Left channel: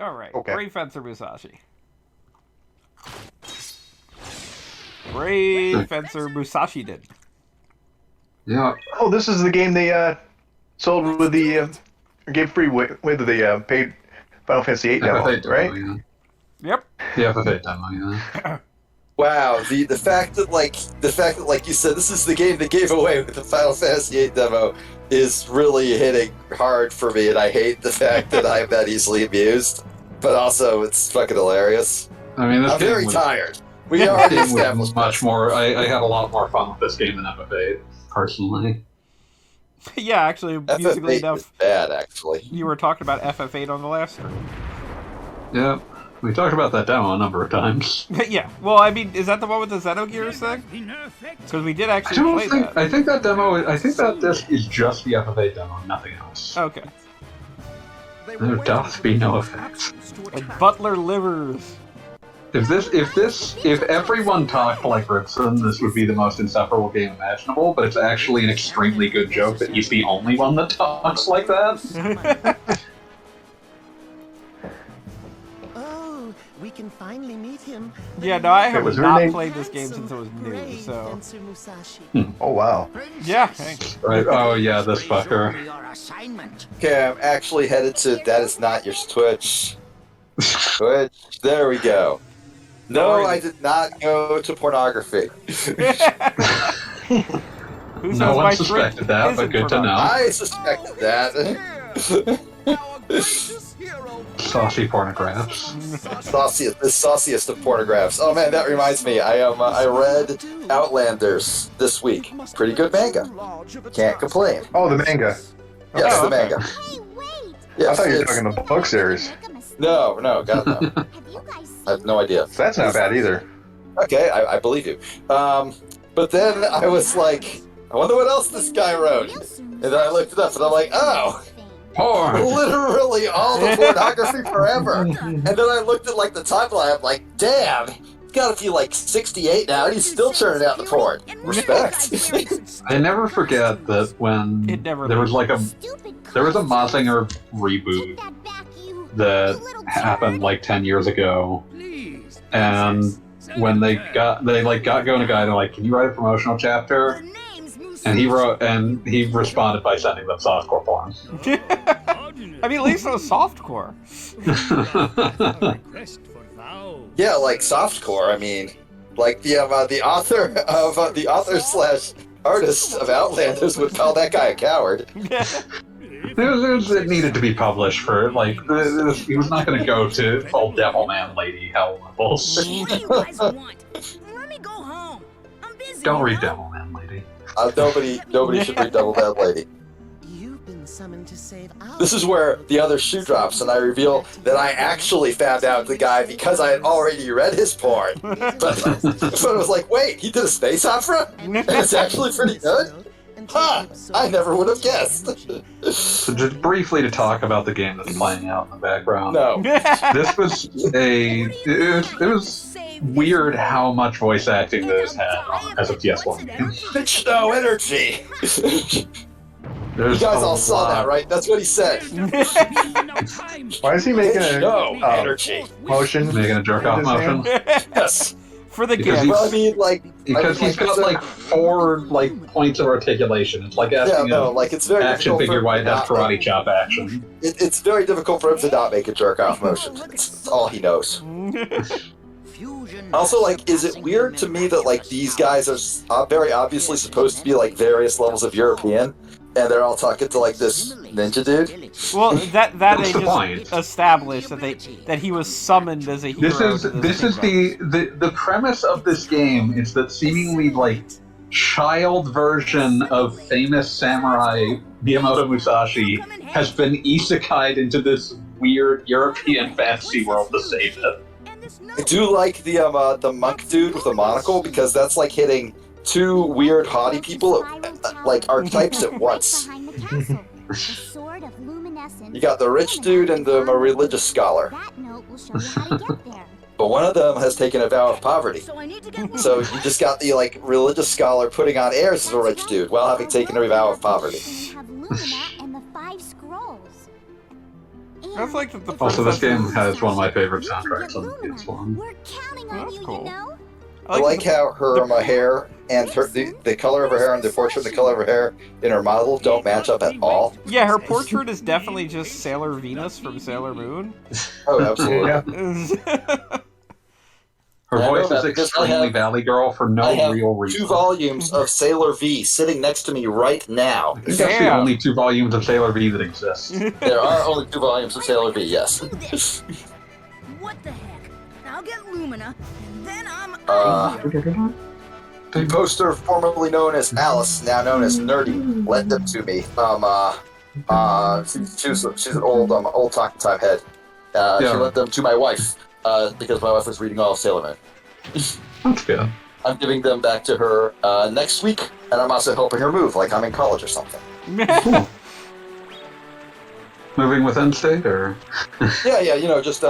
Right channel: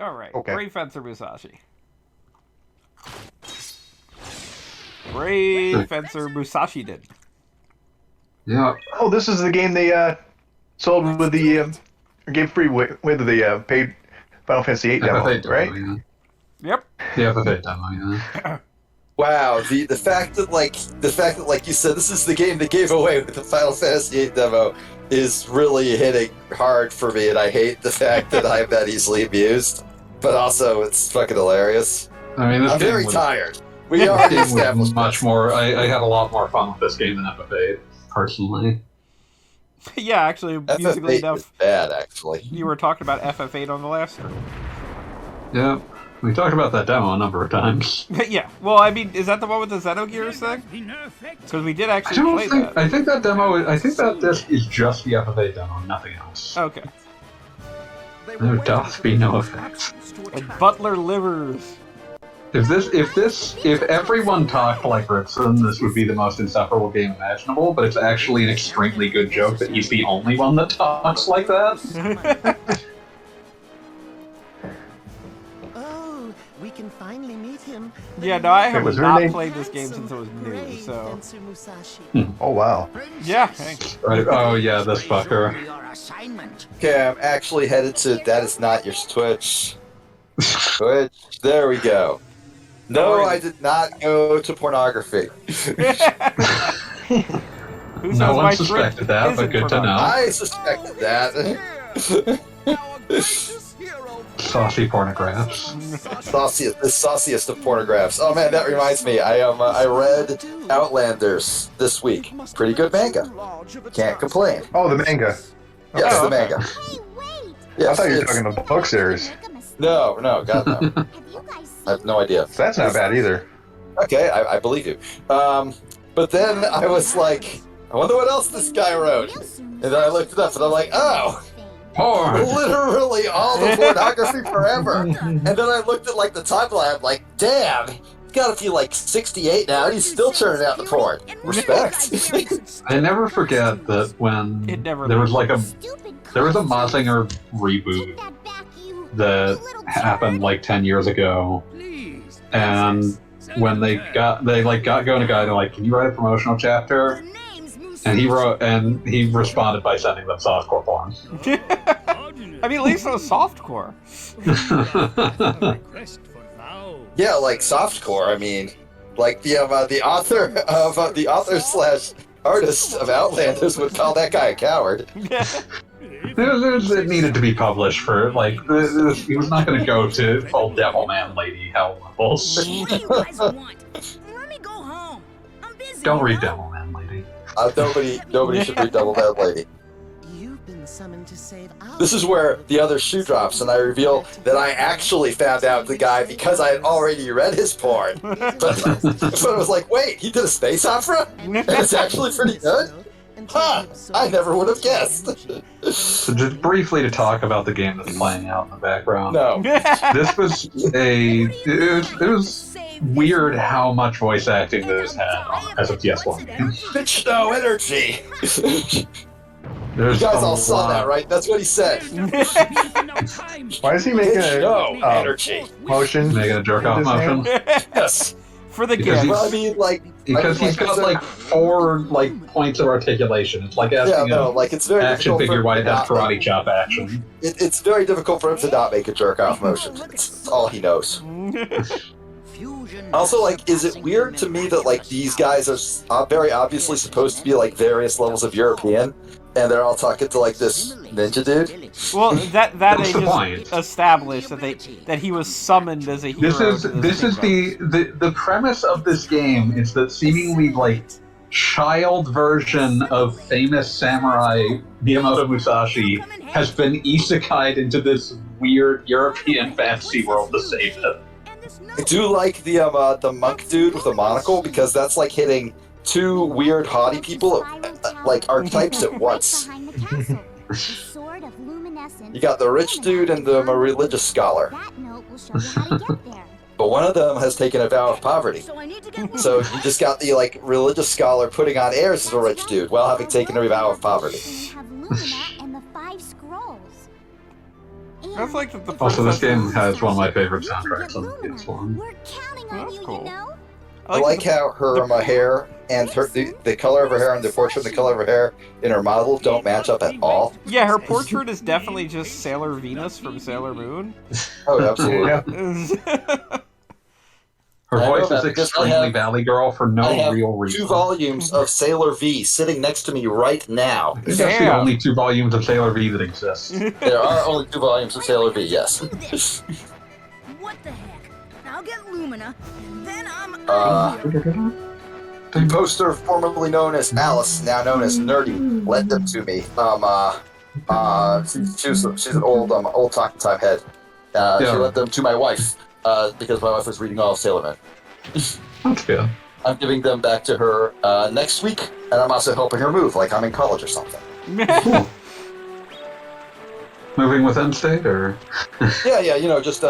Alright, Okay. Brave Fencer Musashi. Brave Fencer Musashi did. Yeah. Oh, this is the game they sold with the game free with the paid Final Fantasy VIII demo, FF8 demo, right? yeah. Yep. The FF8 demo, yeah. Wow, the fact that like you said, this is the game they gave away with the Final Fantasy VIII demo is really hitting hard for me, and I hate the fact that I'm that easily amused. But also, it's fucking hilarious. I mean, this I'm game very was, tired. We already this game established was much this. more. I had a lot more fun with this game than FF8, personally. Yeah, actually, musically FF8 enough, is bad, actually. you were talking about FF8 on the last stream. Yeah. We talked about that demo a number of times. Yeah, well, I mean, is that the one with the Xenogears thing? Because we did actually play that. I think that demo. I think that disc is just the FF8 demo, nothing else. Okay. There doth be no effects. Like Butler Livers. If everyone talked like Ripson, this would be the most insufferable game imaginable. But it's actually an extremely good joke that he's the only one that talks like that. We can finally meet him. Yeah, no, I have was her not name? played this game since it was new, Brave so... Fencer Musashi. Oh wow. Yeah, hey. Right? Oh yeah, this fucker. Okay, I'm actually headed to That Is Not Your Twitch. Twitch. There we go. No, I did not go to pornography. Who says No my one Twitch suspected that, but isn't good to know. I suspected that. Saucy pornographs. The sauciest of pornographs. Oh man, that reminds me. I read Outlanders this week. Pretty good manga. Can't complain. Oh, the manga. Yes, Oh, the okay. manga. Hey, wait! Yes, I thought you were it's- talking the book series. No, God no. Have you guys I have no idea. So that's not bad either. Okay, I believe you. But then I was like, I wonder what else this guy wrote. And then I looked it up, and I'm like, oh, Porn. literally all the pornography forever. And then I looked at like the timeline. I'm like, damn, he's got to be like 68 now, and he's still churning out the porn. Respect. I never forget that when It never there was leaves. like there was a Mazinger reboot that happened like 10 years ago, and when they got going to guy, they're like, "Can you write a promotional chapter?" And he responded by sending them softcore porn. I mean, at least it was softcore. Yeah, like softcore. I mean, like the author slash artist of Outlanders would call that guy a coward. It needed to be published for like he was not going to go to full Devilman Lady hell levels. What do you guys want? Let me go home. I'm busy. Don't read you know? Devilman Lady. Nobody should read Double Bad Lady. You've been summoned to save our This is where the other shoe drops, and I reveal that I actually found out the guy because I had already read his porn. But I was like, wait, he did a space opera? And it's actually pretty good? Huh, I never would have guessed. So just briefly to talk about the game that's playing out in the background. No. This was it was weird how much voice acting this had as a PS1 game. Bitch, no energy. There's You guys a all saw lot- that, right? That's what he said. Why is he making Bitch, a no energy. motion? Making a jerk off His hand? motion. Yes. For the Because game. Well, I mean, like... Because he's got like 4 like points of articulation. It's like Yeah, asking no, an like, it's very action difficult figure for him why to it has not karate make- chop action. It's very difficult for him to not make a jerk-off motion. It's all he knows. Also, like, is it weird to me that, like, these guys are very obviously supposed to be, like, various levels of European, and they're all talking to, like, this ninja dude? Well, that What's they the just point? established that he was summoned as a hero. This is the premise of this game is that seemingly like child version of famous samurai Miyamoto Musashi has been isekai'd into this weird European fantasy world to save it. I do like the monk dude with the monocle, because that's, like, hitting two weird haughty people, like, archetypes at once. You got the rich dude and the religious scholar. That note will show you how to get there. But one of them has taken a vow of poverty. So I need to get So you just got the, like, religious scholar putting on airs as a rich dude while having taken a vow of poverty. You have Lumina and the 5 scrolls. That's like the Also, this game princesses. has one of my favorite You can soundtracks get on the Lumina. PS1. We're counting on That's you, cool. you know? I like the- how her hair and the color of her hair and the portrait and the color of her hair in her model don't match up at all. Yeah, her portrait is definitely just Sailor Venus from Sailor Moon. Oh, absolutely. Yeah. Her I know voice that is because I extremely have- Valley Girl for no I have real reason. 2 volumes of Sailor V sitting next to me right now. I think that's the Damn. only 2 volumes of Sailor V that exist. There are only 2 volumes of Sailor V, yes. Do this. What the heck? I'll get Lumina, and then I'm out Uh, of here. The poster formerly known as Alice, now known as Nerdy, lent them to me. She's an old talking time head. She Yeah. lent them to my wife because my wife was reading all of Sailor Moon. That's good. I'm giving them back to her next week, and I'm also helping her move, like I'm in college or something. Moving within state, or? Yeah, you know, just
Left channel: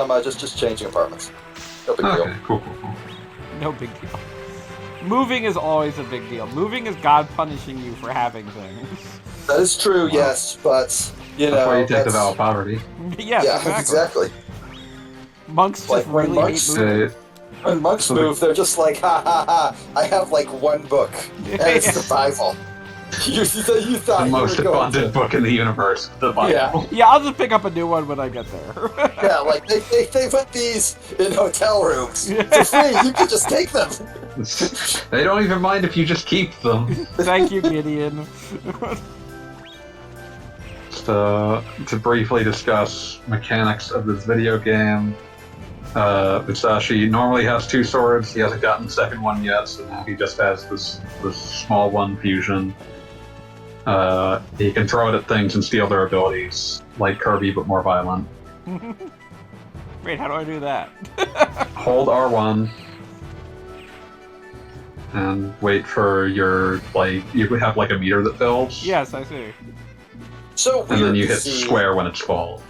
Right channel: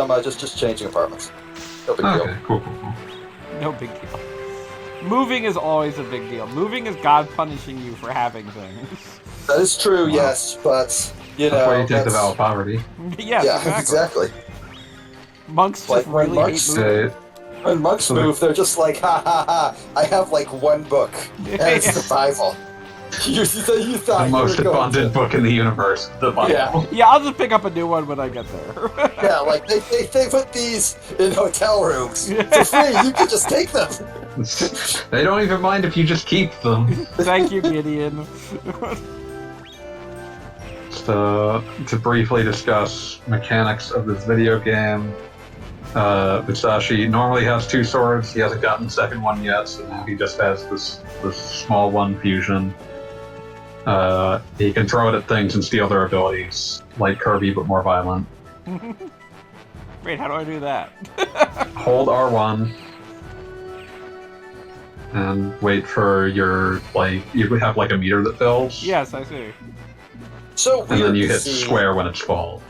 changing apartments. No big Okay, deal. cool. No big deal. Moving is always a big deal. Moving is God punishing you for having things. That is true, yes, but you That's know, why you take the that's- vow of poverty. Yes, yeah, exactly. exactly. Monks Like just when really monks hate moving. When monks move, they're just like, ha ha ha! I have like 1 book, and it's Yeah. the Bible. You thought The you most were going abundant book in the universe, the Bible. Yeah. Yeah, I'll just pick up a new one when I get there. Yeah, like they put these in hotel rooms for free. You can just take them. They don't even mind if you just keep them. Thank you, Gideon. So, to briefly discuss mechanics of this video game, Musashi normally has 2 swords. He hasn't gotten the second one yet, so now he just has this small one fusion. He can throw it at things and steal their abilities, like Kirby, but more violent. Wait, how do I do that? Hold R1 and wait for your, like, you have like a meter that fills. Yes, I see. So And weird then you to hit see. square when it's full.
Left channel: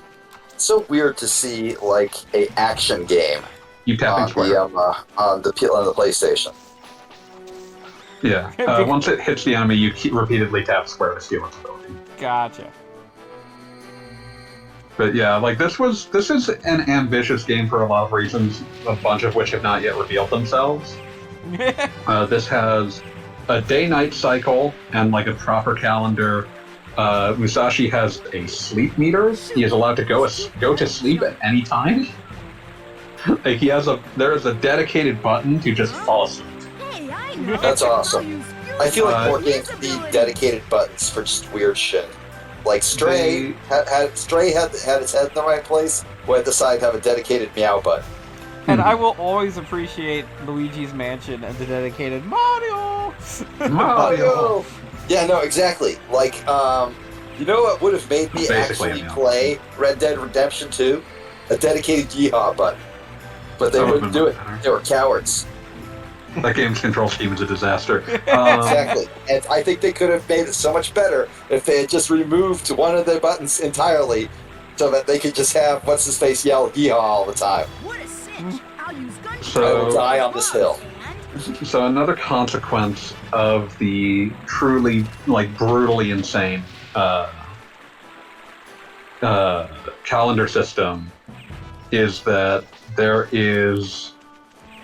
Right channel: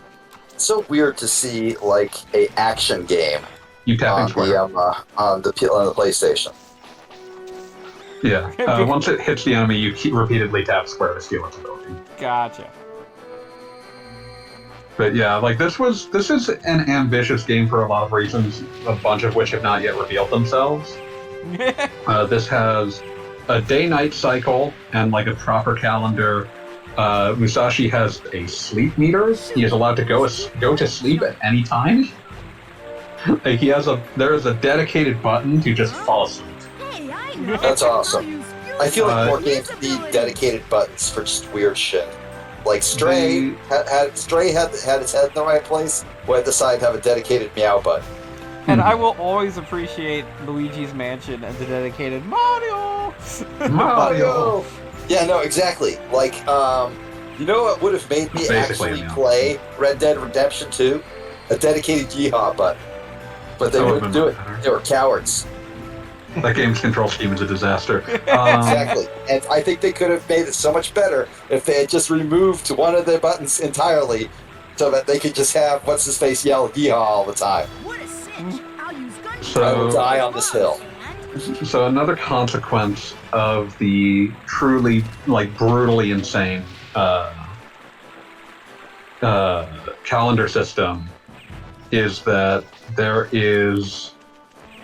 So weird to see like a action game You tapping on square. the on the PlayStation. Yeah. Once it hits the enemy, you keep repeatedly tap square to steal its ability. Gotcha. But yeah, like this is an ambitious game for a lot of reasons, a bunch of which have not yet revealed themselves. This has a day-night cycle and like a proper calendar. Musashi has a sleep meter. He is allowed to go to sleep at any time. Like there is a dedicated button to just fall asleep. Hey, I know. That's awesome. I'll use I feel like more His games need ability. dedicated buttons for just weird shit. Like Stray had its head in the right place, where the side have a dedicated meow button. And I will always appreciate Luigi's Mansion and the dedicated Mario. Mario. Yeah, no, exactly. Like, you know what would have made me Basically, actually yeah. play Red Dead Redemption 2? A dedicated yeehaw button. But they That wouldn't would've do been it. better. They were cowards. That game's control scheme is a disaster. Exactly. And I think they could have made it so much better if they had just removed one of their buttons entirely so that they could just have what's-his-face yell yeehaw all the time. What a cinch. I'll use gun So- I will die on this hill. And So another consequence of the truly, like, brutally insane calendar system is that there is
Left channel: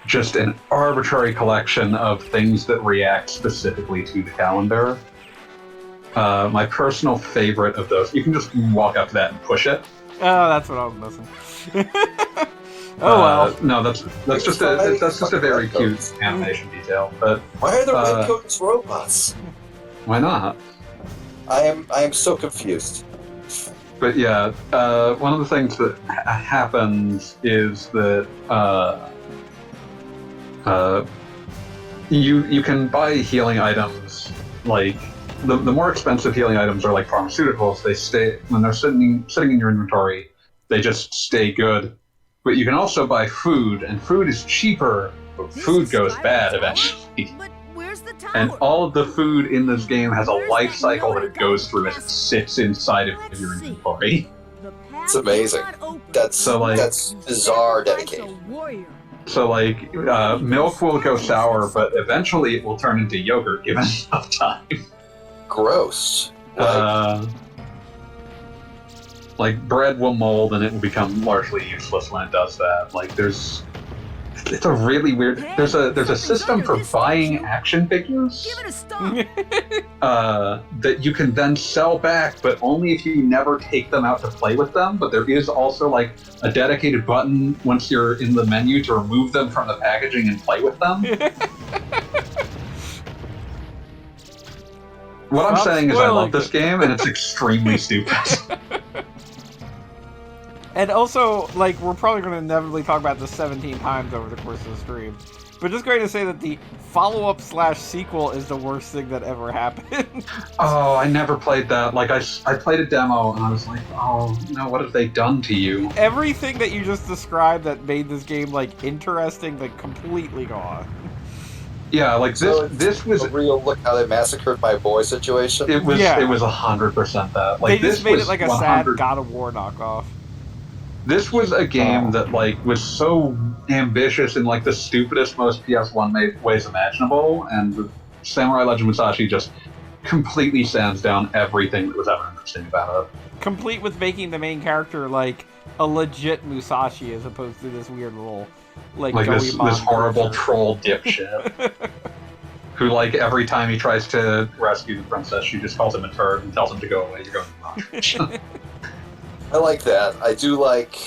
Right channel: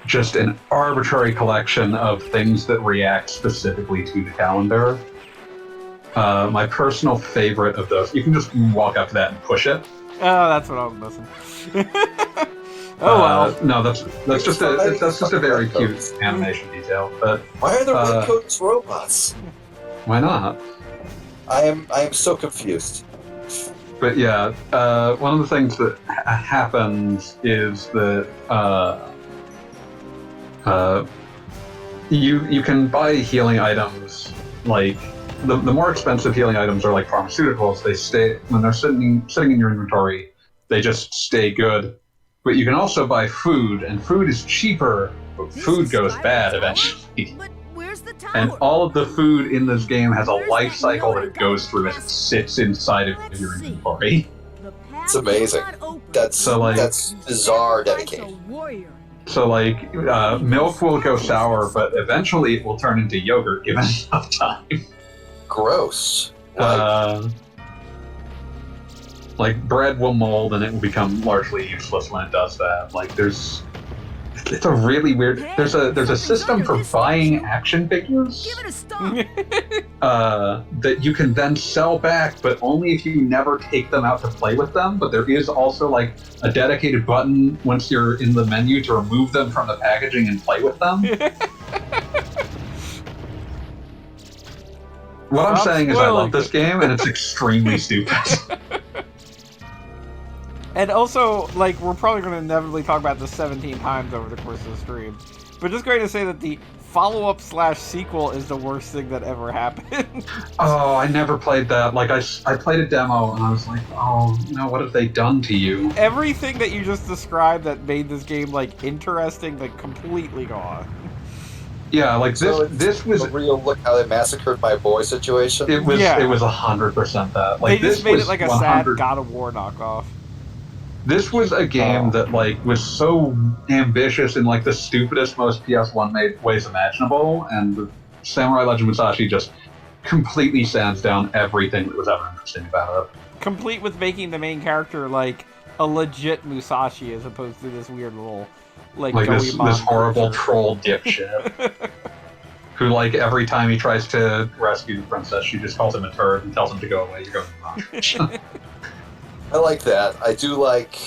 just an arbitrary collection of things that react specifically to the calendar. My personal favorite of those, you can just walk up to that and push it. Oh, that's what I was missing. Oh well. No, that's just a very cute animation detail. But Why are the Uh, redcoats robots? why not? I am so confused. But yeah, one of the things that happens is that you can buy healing items. Like the more expensive healing items are like pharmaceuticals. They stay when they're sitting in your inventory. They just stay good. But you can also buy food, and food is cheaper. But This food is goes Skyrim bad Tower? eventually. But where's the tower? And all of the food in this game has a Where's life that cycle that note it goes through as it castle? sits inside of Let's your see. inventory. The path It's amazing. will not open. That's So, like- that's You bizarre sacrifice a dedication. warrior. So, like, milk will go sour, but eventually it will turn into yogurt given enough time. Gross. Like, Uh, Like, bread will mold and it will become largely useless when it does that. Like, it's a really weird. There's a system for buying action figures. Give it a stop. That you can then sell back, but only if you never take them out to play with them. But there is also like a dedicated button once you're in the menu to remove them from the packaging and play with them. What I'm saying is I love this game, and it's extremely stupid. And also, like, we're probably going to inevitably talk about this 17 times over the course of the stream. But just going to say that the follow-up / sequel is the worst thing that ever happened. Oh, I never played that. Like, I played a demo, and I was like, oh, no, what have they done to you? Everything that you just described that made this game, like, interesting, like, completely gone. Yeah, like, So this was... a real look how they massacred my boy situation. It was Yeah. It was 100% that. Like, They just this made was it like a 100 sad God of War knockoff. This was a game that, like, was so ambitious in, like, the stupidest, most PS1 ways imaginable, and Samurai Legend Musashi just completely sands down everything that was ever interesting about it. Complete with making the main character, like, a legit Musashi as opposed to this weird little, like this Goemon horrible creature. troll dipshit. Who, like, every time he tries to rescue the princess, she just calls him a turd and tells him to go away. You're going I like that. I do like.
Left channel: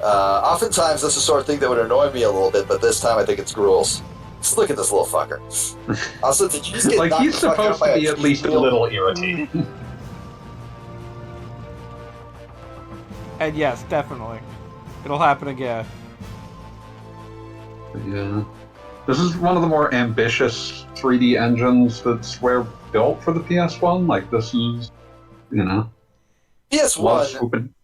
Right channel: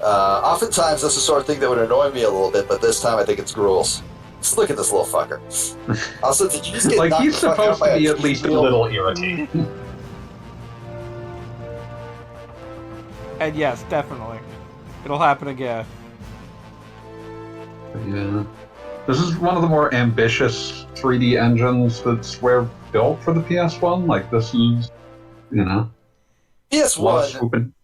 Oftentimes, that's the sort of thing that would annoy me a little bit, but this time I think it's gruels. Just look at this little fucker. Also, did you just get like, knocked he's the fuck out supposed by to be a at least a wheel? little irritating. And yes, definitely. It'll happen again. Yeah. This is one of the more ambitious 3D engines that's built for the PS1. Like, this is, you know, a lot of PS1 swooping.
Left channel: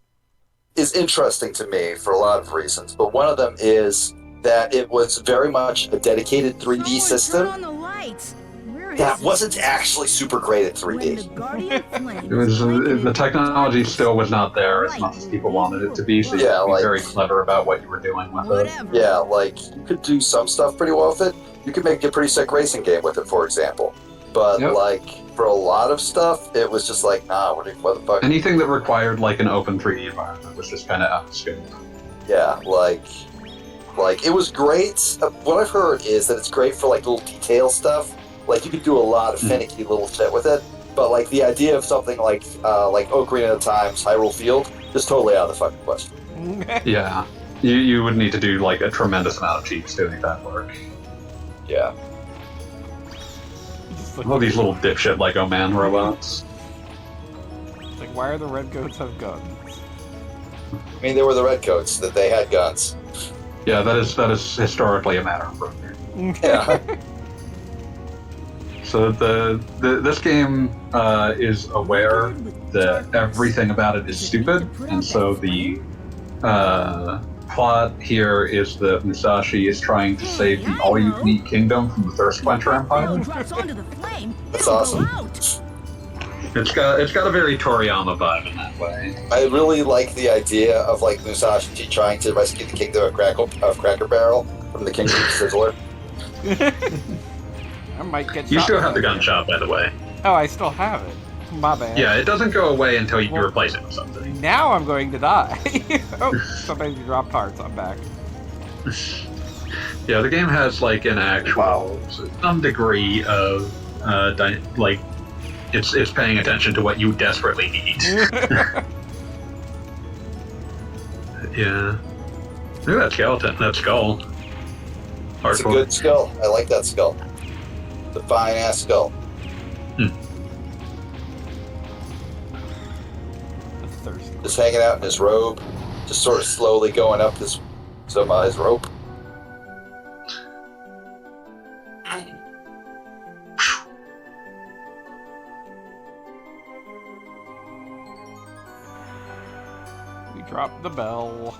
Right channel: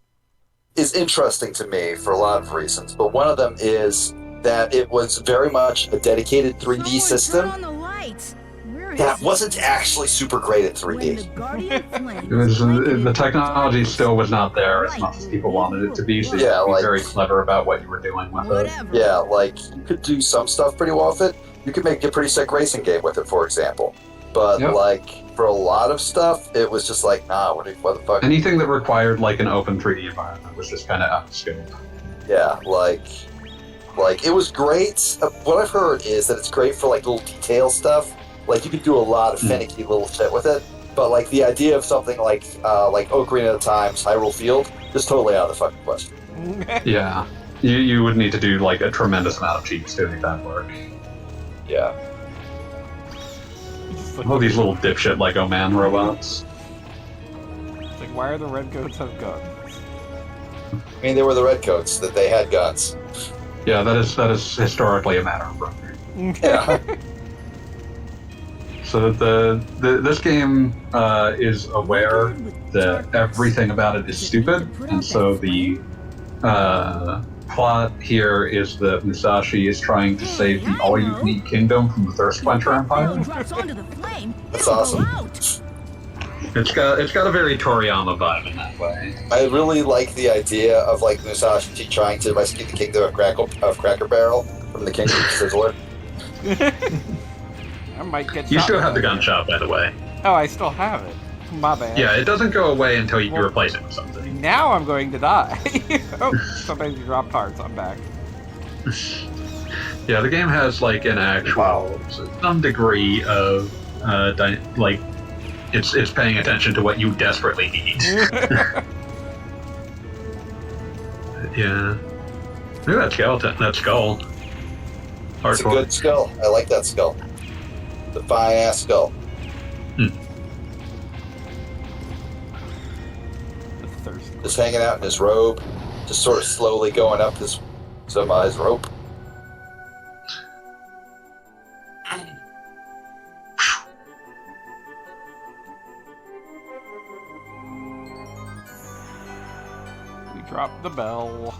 is interesting to me for a lot of reasons, but one of them is that it was very much a dedicated 3D Someone system turn on the lights. Where is that it? wasn't actually super great at When the 3D. Guardian Flame It was, blanketed the in technology darkness. still was not there as much as people wanted it to be, so you Yeah, had to be like- very clever about what you were doing with it. Whatever. Yeah, like, you could do some stuff pretty well with it. You could make a pretty sick racing game with it, for example. But, Yep. like, for a lot of stuff, it was just like, nah, what the fuck? Anything that required, like, an open 3D environment was just kind of out of scope. Yeah, like, it was great. What I've heard is that it's great for, like, little detail stuff. Like, you could do a lot of finicky little shit with it. But, like, the idea of something like Ocarina of Time's Hyrule Field is totally out of the fucking question. Yeah. You would need to do, like, a tremendous amount of cheats to make that work. Yeah. Just like, All these little dipshit Lego Man robots. it's like, why are the redcoats have guns? I mean, they were the Redcoats, that they had guns. Yeah, that is historically a matter of record. Yeah. So this game is aware that everything about it is stupid, and so the plot here is that Musashi is trying to save the all-you-can-eat kingdom from the Thirst Quencher Empire. Drops onto the flame. That's It'll awesome. Go out. It's got a very Toriyama vibe in that way. I really like the idea of, like, Musashi trying to rescue the kingdom of Cracker Barrel from the Kingdom of Sizzler. I might get You shot still with have the that. gun shop, by the way. Oh, I still have it. My bad. Yeah, it doesn't go away until you Well- replace it with something. Now I'm going to die. Oh, sometimes you drop hearts. I'm back. Yeah, the game has like an actual some degree of like it's paying attention to what you desperately need. Yeah. Look at that skeleton, that skull. It's a Hardcore. good skull. I like that skull. The fine-ass skull. The thirst. Just hanging out in his robe. Just sort of slowly going up his rope. We dropped the bell.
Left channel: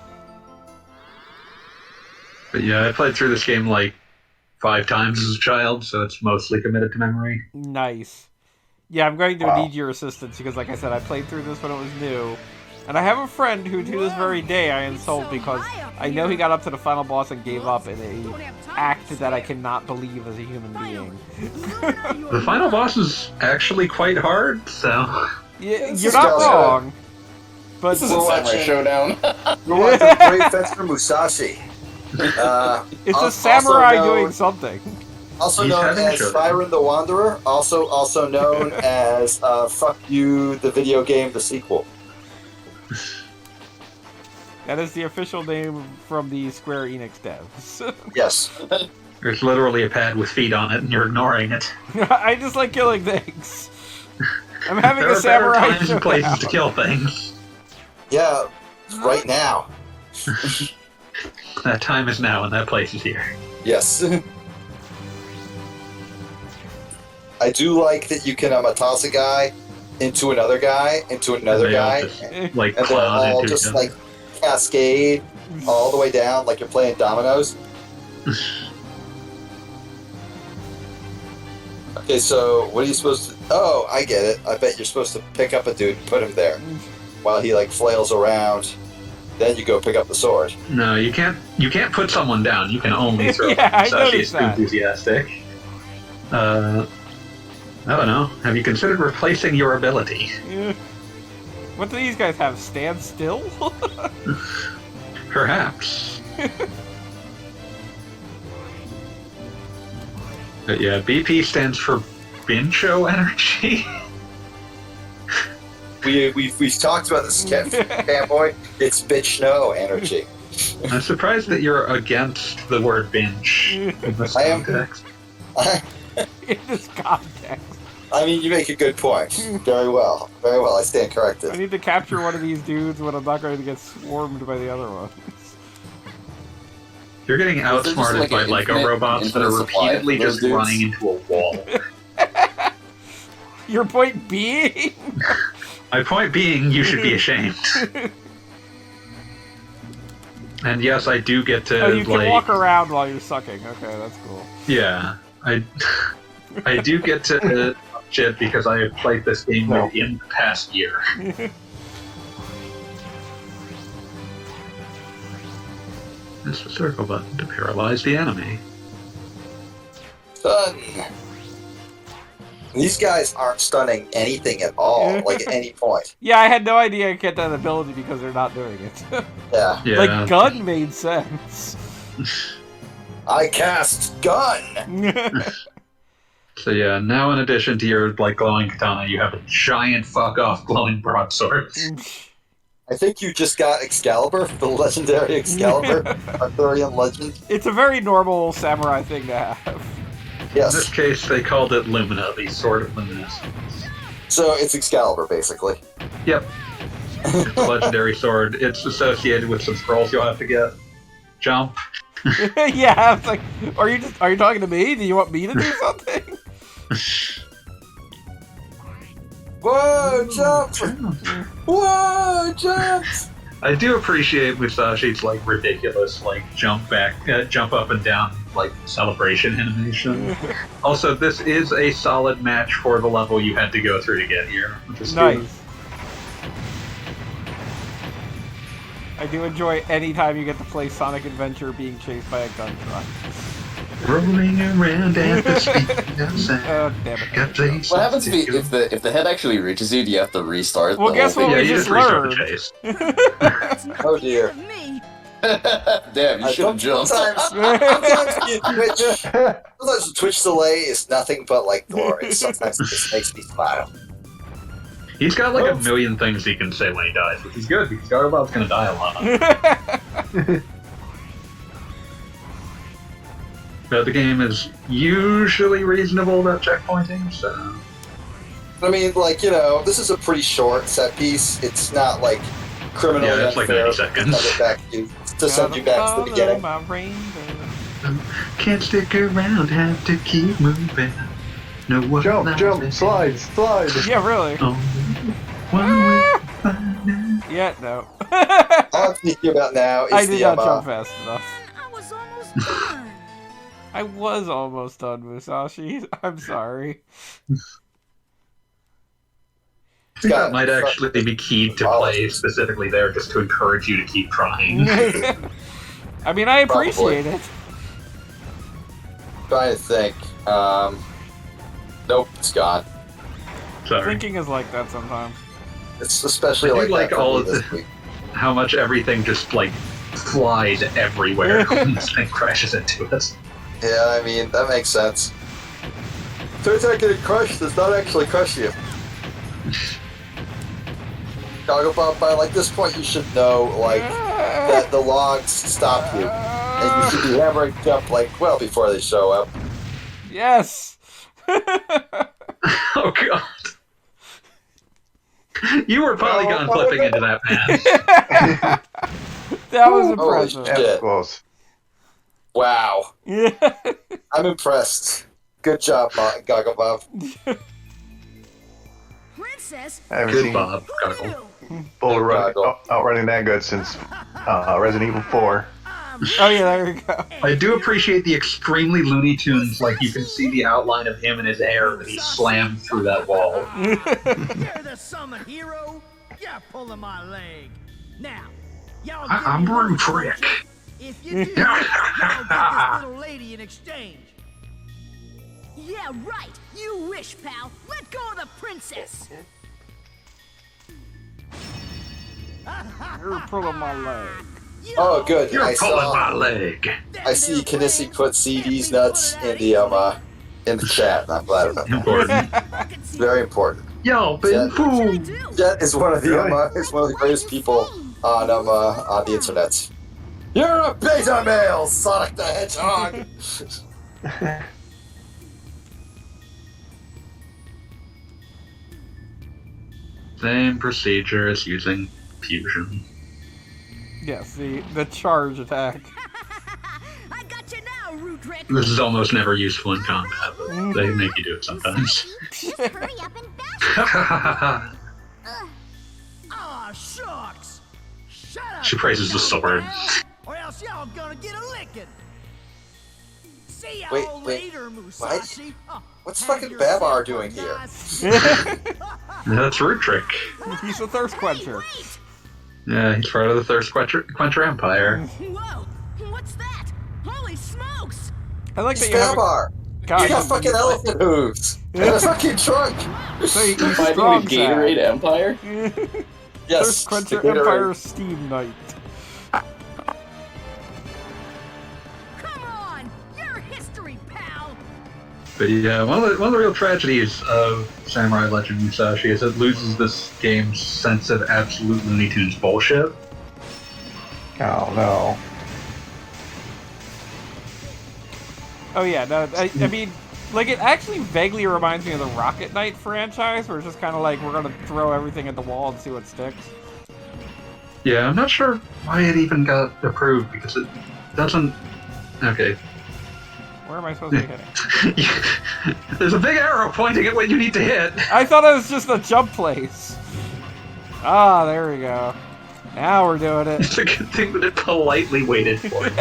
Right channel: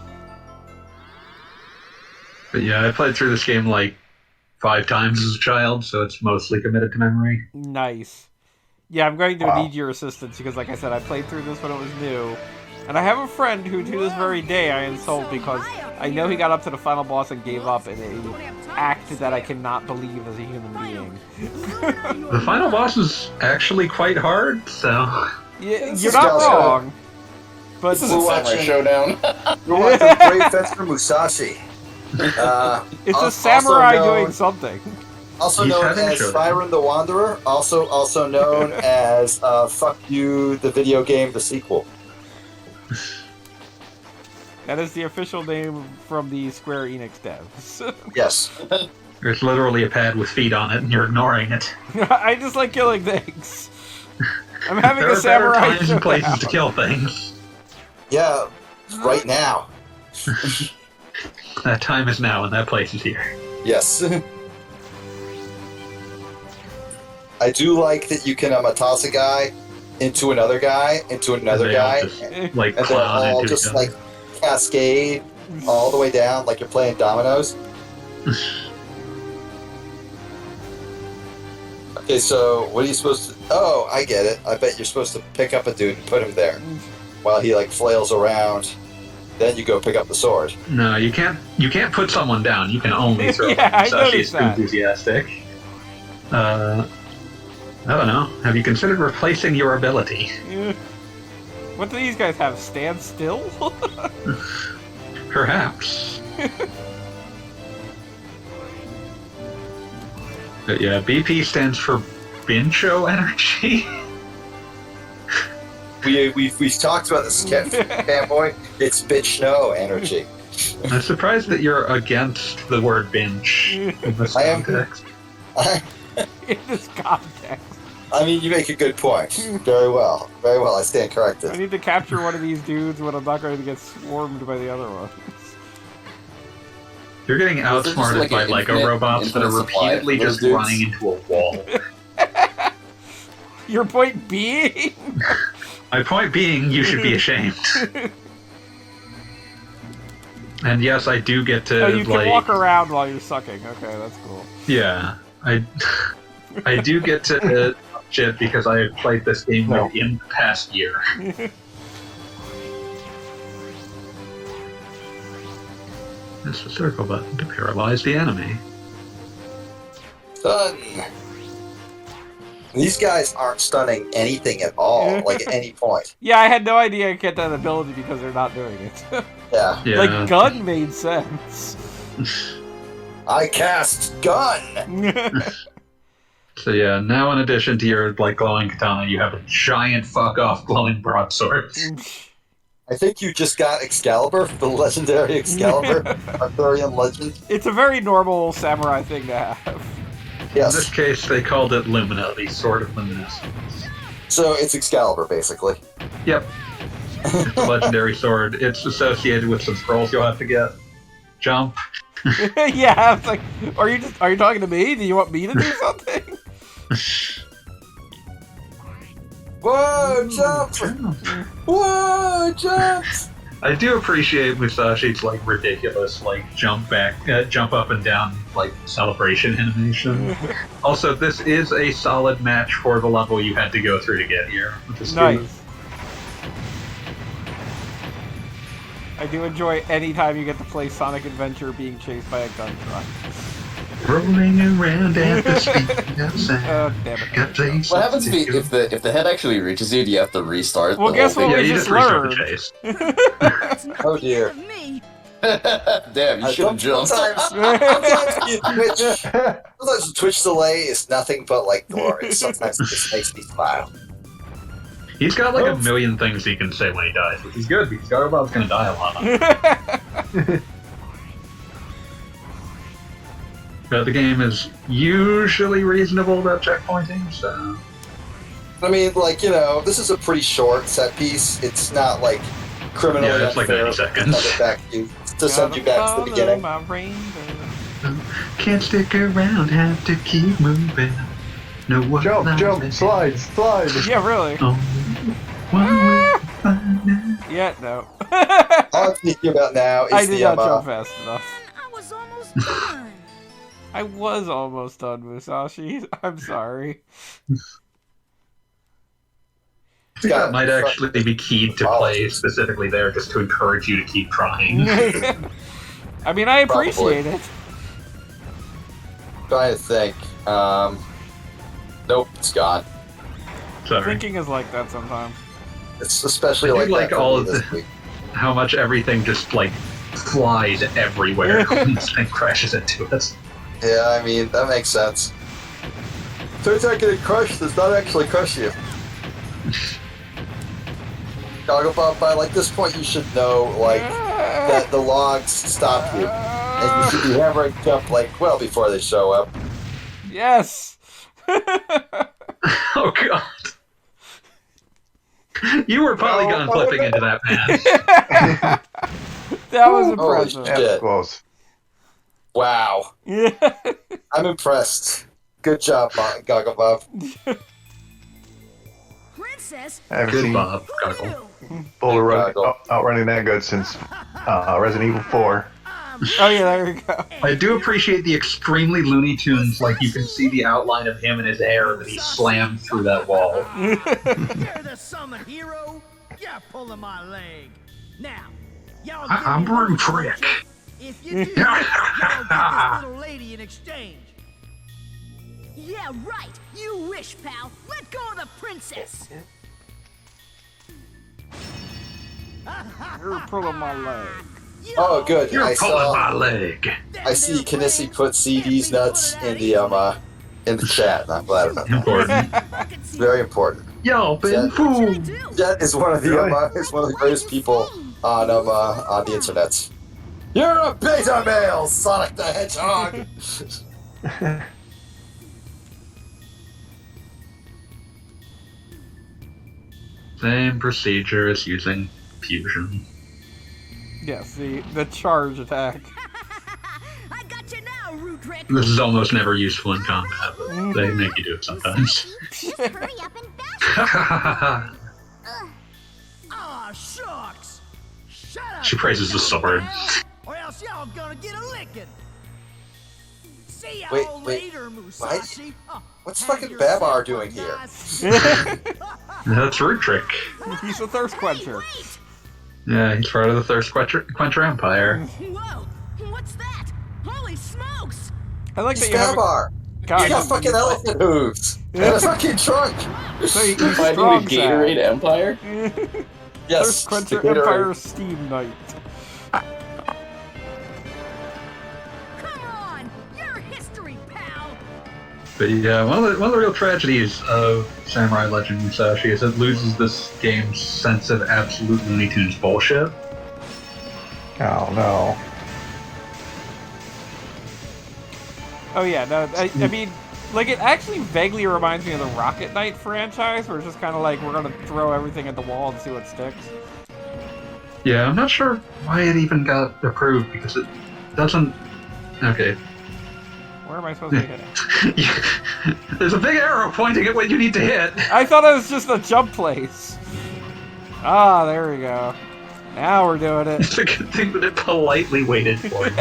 But yeah, I played through this game like 5 times as a child, so it's mostly committed to memory. Nice. Yeah, I'm going to Wow. need your assistance because, like I said, I played through this when it was new. And I have a friend who, to this very day, I insult because I know he got up to the final boss and gave up in a act that I cannot believe as a human being. The final boss is actually quite hard, so Yeah, This you're is not Dallas. wrong. But This is a samurai showdown. We're watching Brave Fencer Musashi. it's also the samurai known- doing something. Also He's known having a as showdown. Siren the Wanderer. Also known as Fuck You, the video game, the sequel. That is the official name from the Square Enix devs. Yes. There's literally a pad with feet on it, and you're ignoring it. I just like killing things. I'm having There a are better samurai times and places to showdown. kill things. Yeah, right now. That time is now, and that place is here. Yes. I do like that you can toss a guy into another guy, into another And they all guy, just, like, and they're clown all into just each other. like cascade all the way down like you're playing dominoes. Okay, so what are you supposed to... Oh, I get it. I bet you're supposed to pick up a dude and put him there while he, like, flails around. Then you go pick up the sword. No, you can't. You can't put someone down. You can only throw. Yeah, I Musashi noticed is that. enthusiastic. I don't know. Have you considered replacing your ability? Yeah. What do these guys have? Stand still? Perhaps. But yeah, BP stands for Bincho Energy. We've talked about this, fanboy. It's bitch no energy. I'm surprised that you're against the word binge in this I am. context. In this context. I mean, you make a good point. Very well. Very well. I stand I corrected. need to capture one of these dudes when I'm not going to get swarmed by the other ones. You're getting Is there just, outsmarted like, by an Lego infinite- robots that are infinite supply repeatedly of those just dudes? running into a wall. Your point being? My point being, you should be ashamed. And yes, I do get to, Oh, you can like... walk around while you're sucking. Okay, that's cool. Yeah, I do get to shit because I have played this game No. in the past year. It's the circle button to paralyze the enemy. Stun. These guys aren't stunning anything at all, like at any point. Yeah, I had no idea I could get that ability because they're not doing it. Yeah. Yeah. Like, gun made sense. I cast gun! So yeah, now in addition to your like glowing katana, you have a giant fuck off glowing broadsword. I think you just got Excalibur, the legendary Excalibur, Arthurian legend. It's a very normal samurai thing to have. In Yes. this case, they called it Lumina, the Sword of Luminescence. So it's Excalibur, basically. Yep. It's a legendary sword. It's associated with some scrolls you'll have to get. Jump. Yeah, I was like, are you talking to me? Do you want me to do something? Whoa, jump! Whoa, jump! I do appreciate Musashi's like ridiculous like jump up and down like celebration animation. Also, this is a solid match for the level you had to go through to get here. Which is good. Nice. I do enjoy any time you get to play Sonic Adventure being chased by a gun truck. Rolling around at the speed of sound. Oh, damn it. Got places What happens to go. if the head actually reaches you? Do you have to restart? Well, the guess whole what Yeah, we you just restart the learned? chase. It's not Oh, the dear. end of me. thing? Damn, you should have jumped. Sometimes the Twitch delay is nothing but like glory. Sometimes it just makes me smile. He's got like a million things he can say when he dies, which is good because Garbob's gonna die a lot. But the game is usually reasonable about checkpointing, so... I mean, like, this is a pretty short set piece. It's not like criminally Yeah, it's like unfair 90 seconds. to send it back to send you back to the beginning. My rainbow. Can't stick around, have to keep moving. No one Jump, lies jump, is slide, slide. Yeah, really. only one way to find out. Yeah, no. All I'm thinking about now is I did the not jump fast enough. I was almost done. I was almost done, Musashi. I'm sorry. I think that might actually be keyed to play specifically there just to encourage you to keep trying. I mean, I appreciate it. trying to think. Nope, it's gone. Sorry. Thinking is like that sometimes. It's especially I do like like that for all me of this the- week. How much everything just like flies everywhere when this thing crashes into it. Yeah, I mean, that makes sense. Turns out getting crushed does not actually crush you. Gogglebop, by like this point you should know like that the logs stop you. And you should be hammering jump like well before they show up. Yes. Oh god. You were polygon Oh, flipping into that patch. That was Holy impressive. That was close. Wow. Yeah. I'm impressed. Good job, Gogglebop. Princess? I haven't Good seen Bob. Who Goggle. knew? Boulder Goggle. outrunning that good since Resident Evil 4. Oh yeah, there you go. I do appreciate the extremely Looney Tunes, like you can see the outline of him and his hair that he slammed through that wall. You're the summon hero. You're pulling my leg. Now, y'all give I'm me one Brave Trick. condition. If you do, y'all get this little lady in exchange. Yeah, right. You wish, pal. Let go of the princess. You're pulling my leg. Oh, good. You're I pulling saw. my leg. I see Kinesis put CD's nuts in the chat, and I'm glad about that. Important. It's very important. Yo, been Yeah. fool. Jet is one of the Really? is one of the greatest people on the internet. You're a beta male, Sonic the Hedgehog. Same procedure as using fusion. Yes, the charge attack. I got you now, Root Trick. This is almost never useful in combat, but they make you do it sometimes. Just hurry up and bash. Aw, shucks. Shut up. She praises the sword. Or else y'all gonna get a licking. See Wait, y'all wait, later, Musashi. Oh, What's have fucking yourself Babar a doing here? nice- That's Root Trick. He's a thirst quencher. Yeah, he's part of the Thirst Quencher Empire. Whoa, what's that? Holy smokes! I like He's that you have Babar. God, He got fucking elephant hooves and a fucking trunk. So he's Fighting strong the Gatorade side. Empire? Yes, Thirst quencher the Gatorade. Empire Steam Knight. Come on, you're history, pal. But yeah, one of the real tragedies of Samurai Legend Musashi is it loses this game's sense of absolute Looney Tunes bullshit. Oh no. Oh yeah, no, I mean, like it actually vaguely reminds me of the Rocket Knight franchise, where it's just kind of like we're gonna throw everything at the wall and see what sticks. Yeah, I'm not sure why it even got approved because it doesn't. Okay. Where am I supposed to be hitting? There's a big arrow pointing at what you need to hit. I thought it was just a jump place. Ah, there we go. Now we're doing it. It's a good thing that it politely waited for you.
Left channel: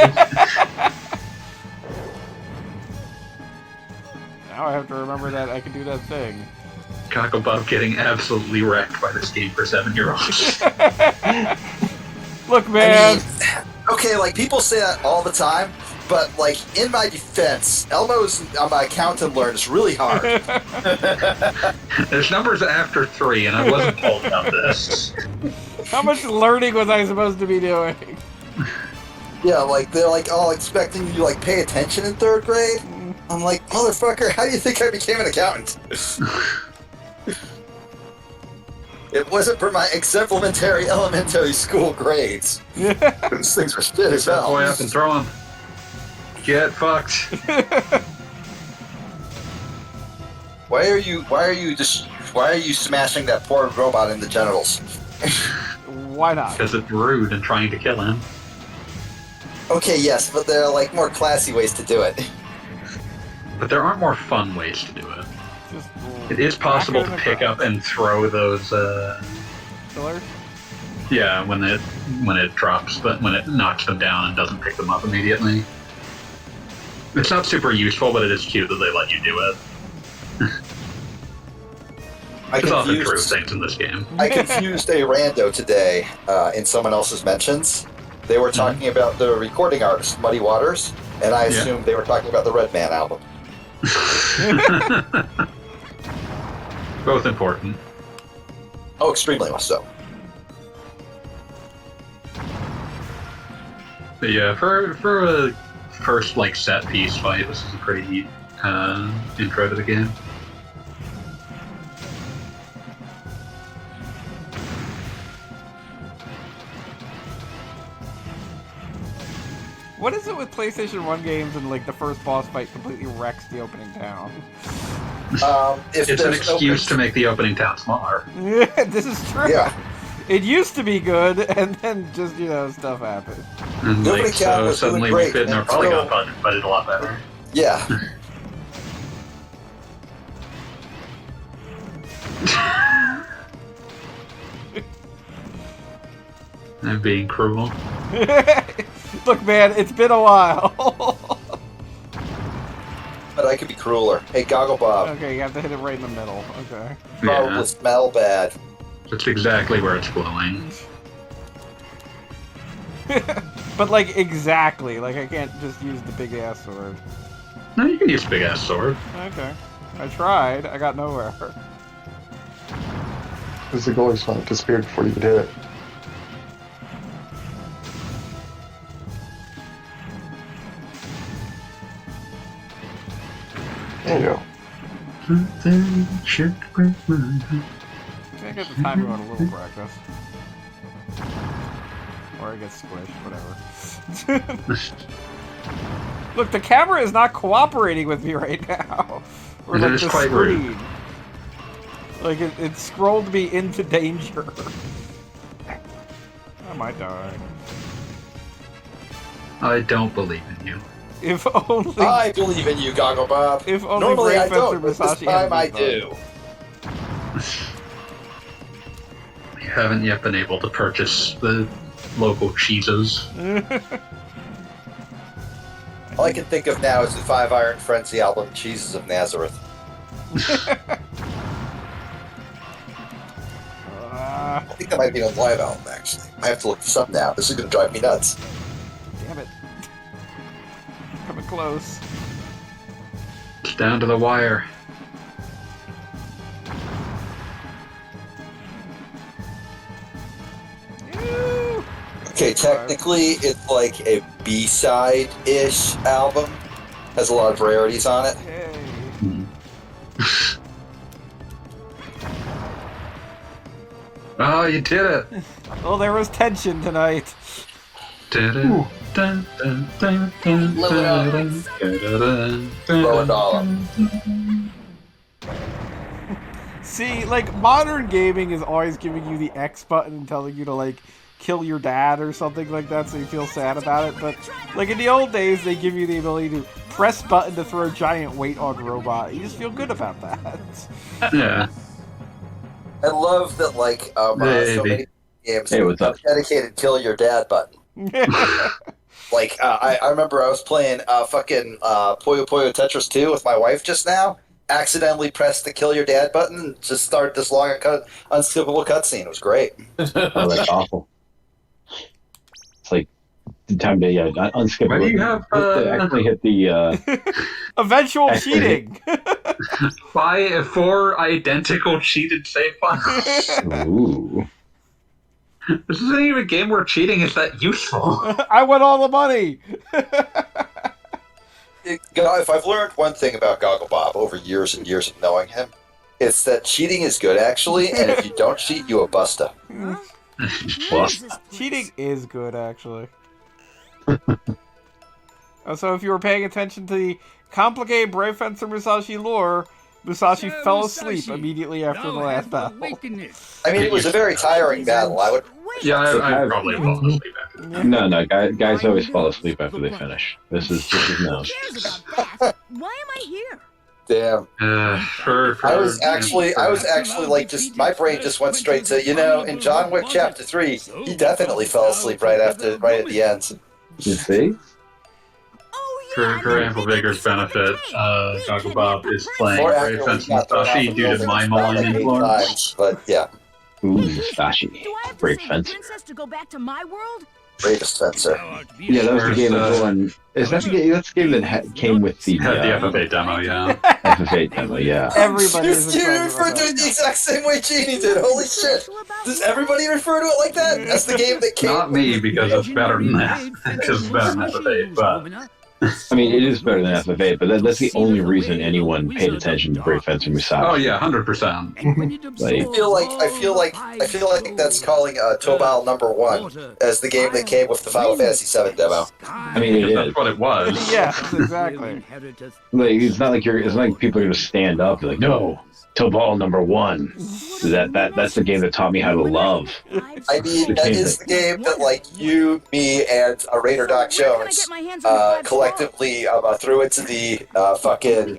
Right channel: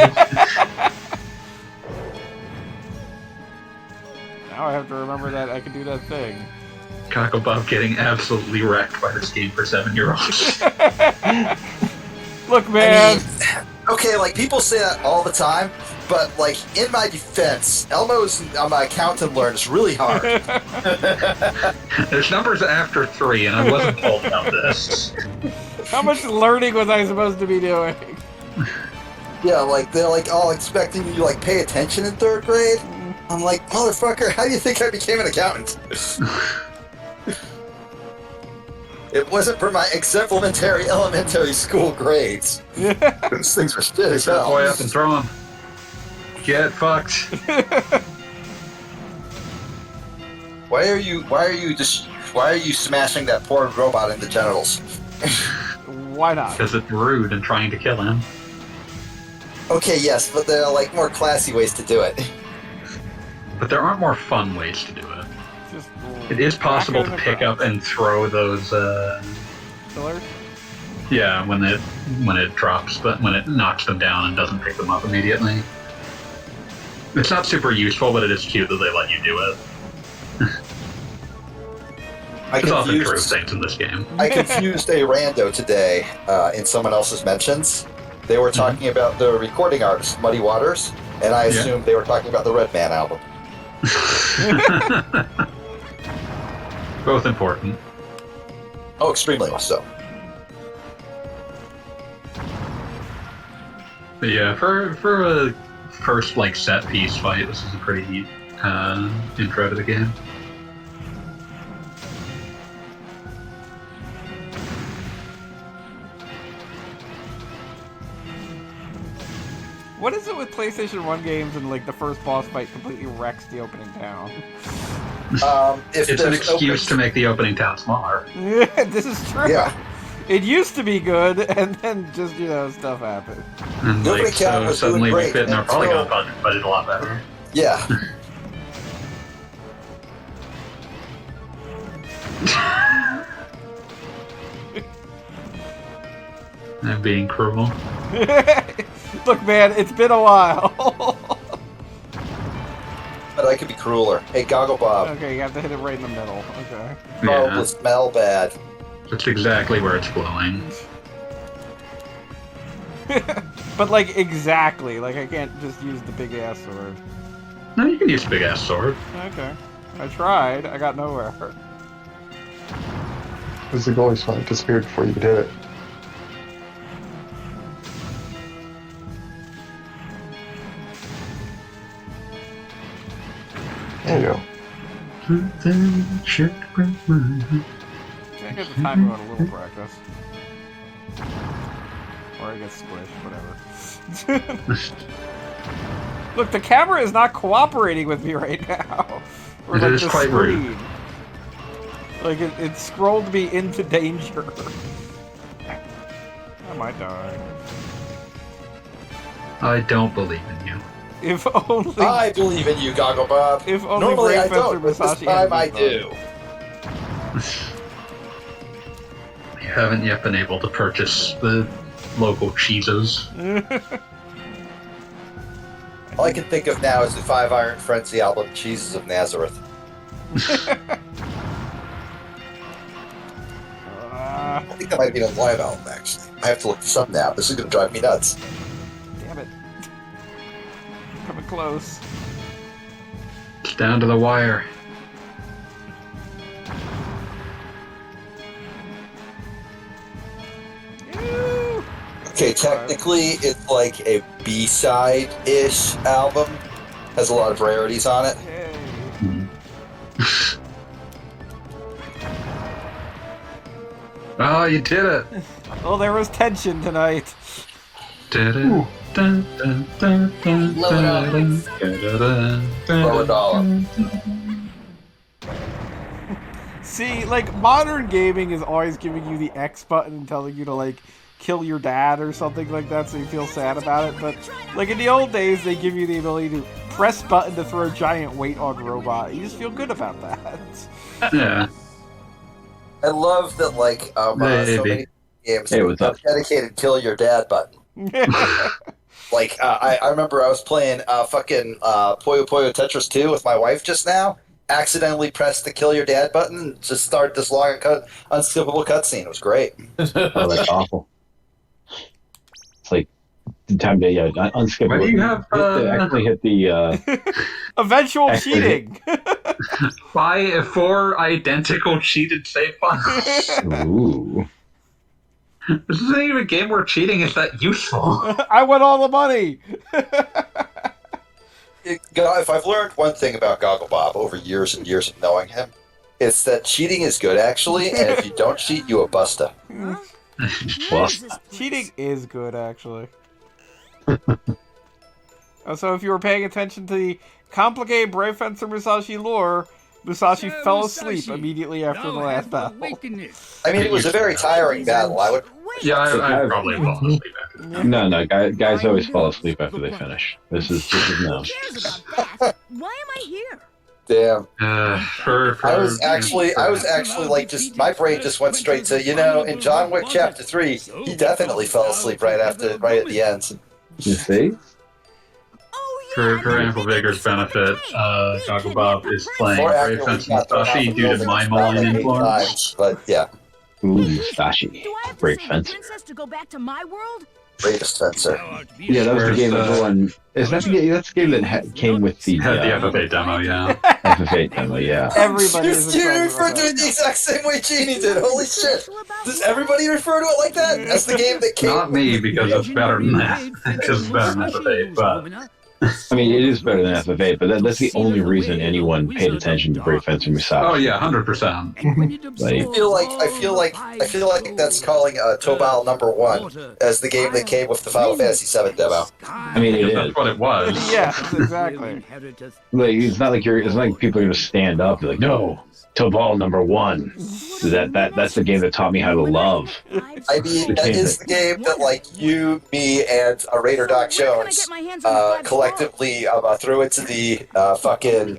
Now I have to remember that I can do that thing. Cocklebop getting absolutely wrecked by this game for 7-year-olds. Look, man. I mean, okay, like people say that all the time, but like in my defense, Elmo's on my count and learn is really hard. There's numbers after 3, and I wasn't told about this. How much learning was I supposed to be doing? Yeah, like they're like all expecting you to like pay attention in 3rd grade. I'm like, motherfucker, how do you think I became an accountant? It wasn't for my exemplimentary elementary school grades. Those things were shit as Set boy hell. up and throw him. Get fucked. Why are you smashing that poor robot in the genitals? Why not? Because it's rude and trying to kill him. Okay, yes, but there are like more classy ways to do it. But there aren't more fun ways to do it. Just It is possible to whack it in the pick up and throw those, Killers? yeah, when it drops, but when it knocks them down and doesn't pick them up immediately. It's not super useful, but it is cute that they let you do it. It's often true of things in this game. I confused a rando today in someone else's mentions. They were talking about the recording artist, Muddy Waters, and I assumed they were talking about the Red Man album. Both important. Oh, extremely much so. But yeah, for a first like set piece fight, this is a pretty neat intro to the game. What is it with PlayStation 1 games and like the first boss fight completely wrecks the opening town? If It's an there's excuse to make the opening town smaller. This is true. Yeah. It used to be good, and then just, stuff happened. And The opening like, town so was doing suddenly we great, fit in our until- polygon budget, but it's a lot better. Yeah. I'm being cruel. Look, man, it's been a while. But I could be crueler. Hey, Goggle Bob. Okay, you have to hit it right in the middle. Okay. Probably Yeah, smell bad. that's exactly where it's flowing. But, like, exactly. Like, I can't just use the big-ass sword. No, you can use a big ass sword. Okay. I tried. I got nowhere. Because the goalie swung disappeared before you could hit it. There you go. Should break my heart. I get the timing on a little practice. Or I get squished, whatever. Look, the camera is not cooperating with me right now. Or It like is the quite screen. rude. Like it scrolled me into danger. I might die. I don't believe in you. If only. I believe in you, Goggle Bob. If only Normally Brave I Fencer don't, but this Musashi time had I me do. You haven't yet been able to purchase the local cheeses. All I can think of now is the Five Iron Frenzy album, Jesus of Nazareth. I think that might be a live album, actually. I have to look this up now. This is going to drive me nuts. Damn it. Coming close. It's down to the wire. Ew. Okay, technically, it's like a B-side-ish album. Has a lot of rarities on it. Hey. Oh, you did it! Oh, there was tension tonight. Dun, dun, dun, dun, dun, Blow it up. dun, dun, dun, Blow a dollar. See, like, modern gaming is always giving you the X button and telling you to, like, kill your dad or something like that so you feel sad about it. But, like, in the old days, they give you the ability to press button to throw giant weight on robot. You just feel good about that. Yeah. I love that, like, so Maybe. many games Hey, what's up? have a dedicated kill your dad button. Like, I remember I was playing fucking Puyo Puyo Tetris 2 with my wife just now. Accidentally pressed the kill your dad button and just started this long unskippable cutscene. It was great. Oh, that's awful. It's like the time to unskip. Why do you have, actually hit the Eventual Actually- cheating. Buy 4 identical cheated save files. ooh. This isn't even a game where cheating is that useful. I want all the money. If I've learned one thing about Goggle Bob over years and years of knowing him, it's that cheating is good, actually, and if you don't cheat, you a busta. Cheating is good, actually. So if you were paying attention to the complicated Brave Fencer Musashi lore, Musashi Sir fell Musashi, asleep immediately after the thou last hast battle. awakened. I mean, it was a very tiring battle. I would. Yeah, I probably fall asleep after that. No, guys always fall asleep after they finish. This is known. Who cares about that? Why am I here? Damn. For I was actually like, just my brain just went straight to, in John Wick Chapter 3, he definitely fell asleep right at the end. You see? Oh, For Ample Vigor's benefit, Goggle Bob is playing Or Brave after we Fencer got thrown Musashi out the due to building my about malign 8 influence. times, but yeah. Ooh, Musashi. Do I have to Brave save the Fencer. princess to go back to my world? Brave Fencer. Yeah, that was the game that won. Is that the game? That's the game that came with the The FFA demo, yeah. FFA demo. Yeah. Everybody You is excited refer about to it that. the exact same way Genie did. Holy shit! Does everybody refer to it like that? As the game that came? Not me, because it's better than that. It's better than FFA, but... I mean, it is better than FFA, but that's the only reason anyone paid attention to Brave Fencer Musashi. Oh yeah, 100%. I feel like that's calling Tobal #1 as the game that came with the Final Fantasy VII demo. I mean, it That's is. what it was. Yeah, exactly. Like, it's not like people are going to stand up and be like, no, Tobal #1. That's the game that taught me how to love. I mean, that is the game that, like, you, me, and Raider Doc Jones collectively threw into the fucking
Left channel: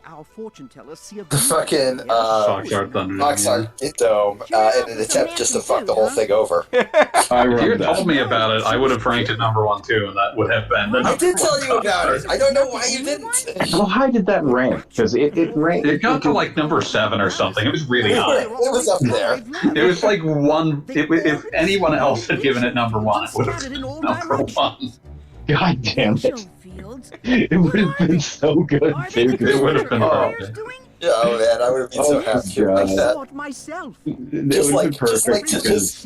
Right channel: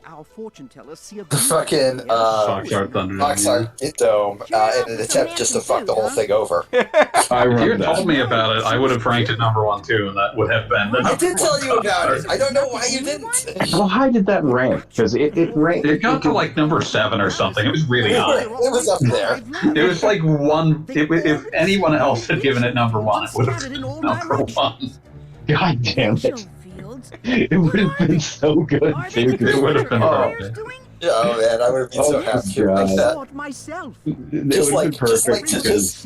Box Art Dome in an attempt just to fuck the whole thing over. I If you remember had told that. me about it, I would have ranked it #1 too, and that would have been the I did tell you about it. I don't know why you didn't. How high did that rank? Because it ranked. It got to like #7 or something. It was really high. It was up there. It was like one. If anyone else had given it #1, it would have been #1. God damn it! It would have been so good too. It would have been perfect. Yeah, oh man, I would have been so happy like that. myself. It would have been perfect because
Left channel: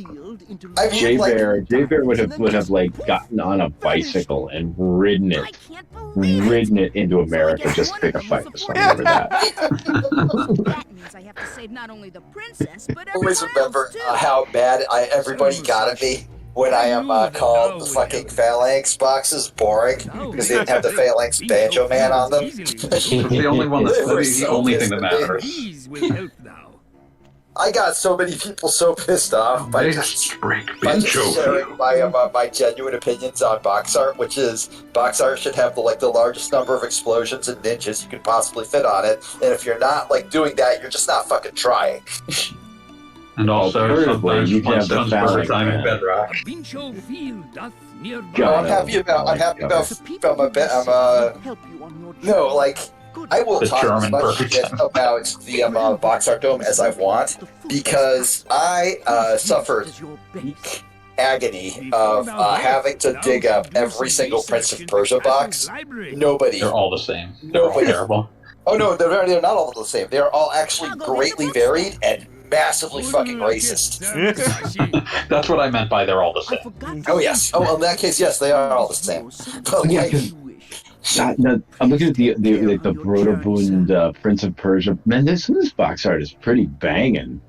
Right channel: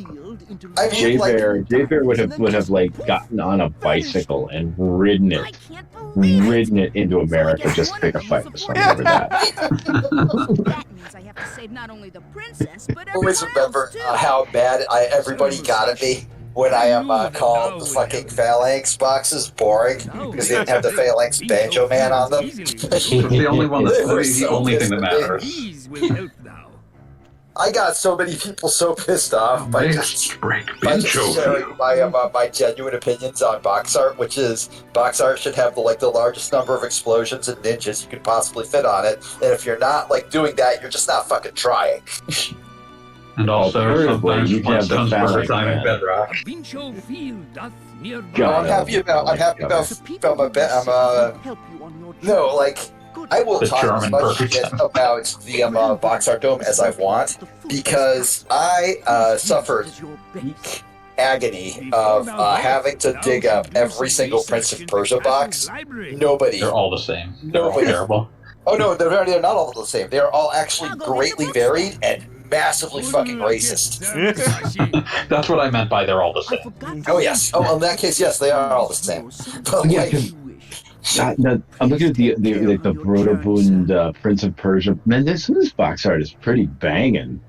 I mean, like, Jay Bear would have like gotten on a bicycle and ridden it into America just to pick a fight with someone over that. That means I have to save not only the princess, but always everyone remember else too. how mad everybody got at me when I am called the fucking Phalanx boxes boring because they didn't have the Phalanx Banjo Man on them. It's the only one. That's the only thing that matters. I got so many people so pissed off by just sharing my genuine opinions on box art, which is box art should have the largest number of explosions and ninjas you could possibly fit on it, and if you're not doing that, you're just not fucking trying. And also, Alternatively, sometimes you can have the Flintstones Phalanx prototype Man. Bedrock. God, I'm happy about no, like, I will The talk as German much version. shit about the Box Art Dome as I want, because I suffered agony of having to dig up every single Prince of Persia box. Nobody. They're all the same. They're all terrible. Oh no, they're not all the same. They're all actually greatly varied and massively fucking racist. That's what I meant by they're all the same. Oh yes. Oh, in that case, yes, they are all the same. But Yeah, like, 'cause I'm looking at the Brotobund Prince of Persia. Man, this box art is pretty banging.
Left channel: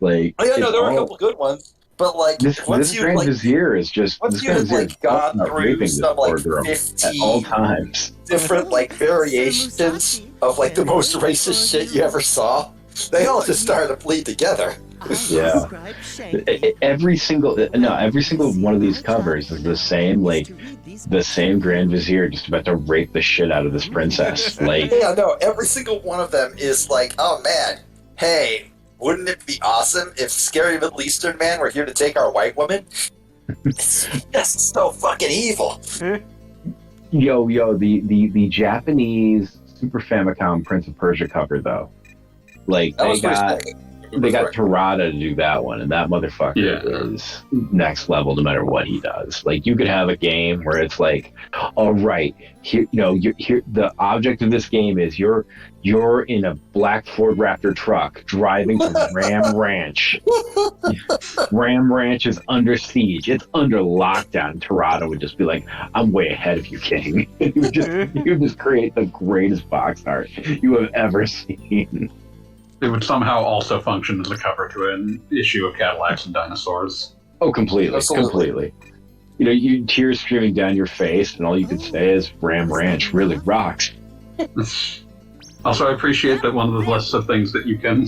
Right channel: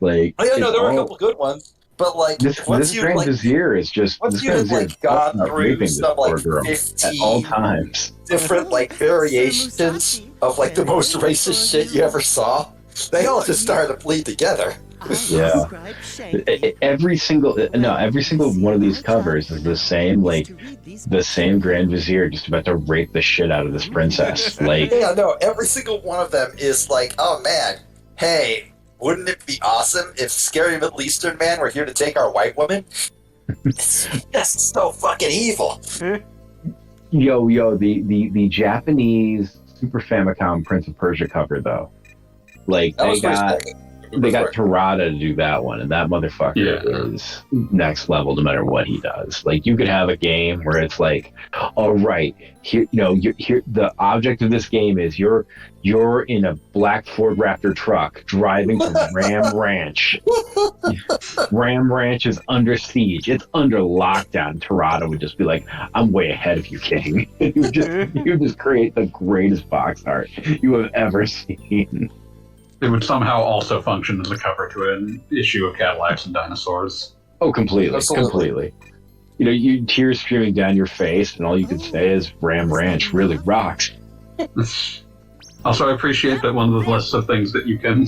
Like, oh yeah, no, it's there were a all- couple good ones. But like, This once you Grand like, Vizier is just once this you Grand had Vizier like is gone not through raping this some poor like girl at all 15 times. different like variations of like the most racist shit you ever saw, they all just started to bleed together. Yeah. Every single one of these covers is the same Grand Vizier just about to rape the shit out of this princess. Like, Yeah, no, every single one of them is like, oh man, hey, wouldn't it be awesome if scary Middle Eastern man were here to take our white woman? That's so fucking evil. the Japanese Super Famicom Prince of Persia cover though, like That was they got Terada to do that one, and that motherfucker is next level no matter what he does. Like, you could have a game where it's like, all right, here, the object of this game is you're in a black Ford Raptor truck driving to Ram Ranch. Ram Ranch is under siege. It's under lockdown. Terada would just be like, I'm way ahead of you, King. you just create the greatest box art you have ever seen. It would somehow also function as a cover to an issue of Cadillacs and Dinosaurs. Oh, completely, Absolutely. completely. You tears streaming down your face, and all you could say is Ram Ranch really rocks. Also, I appreciate that one of the lists of things that you can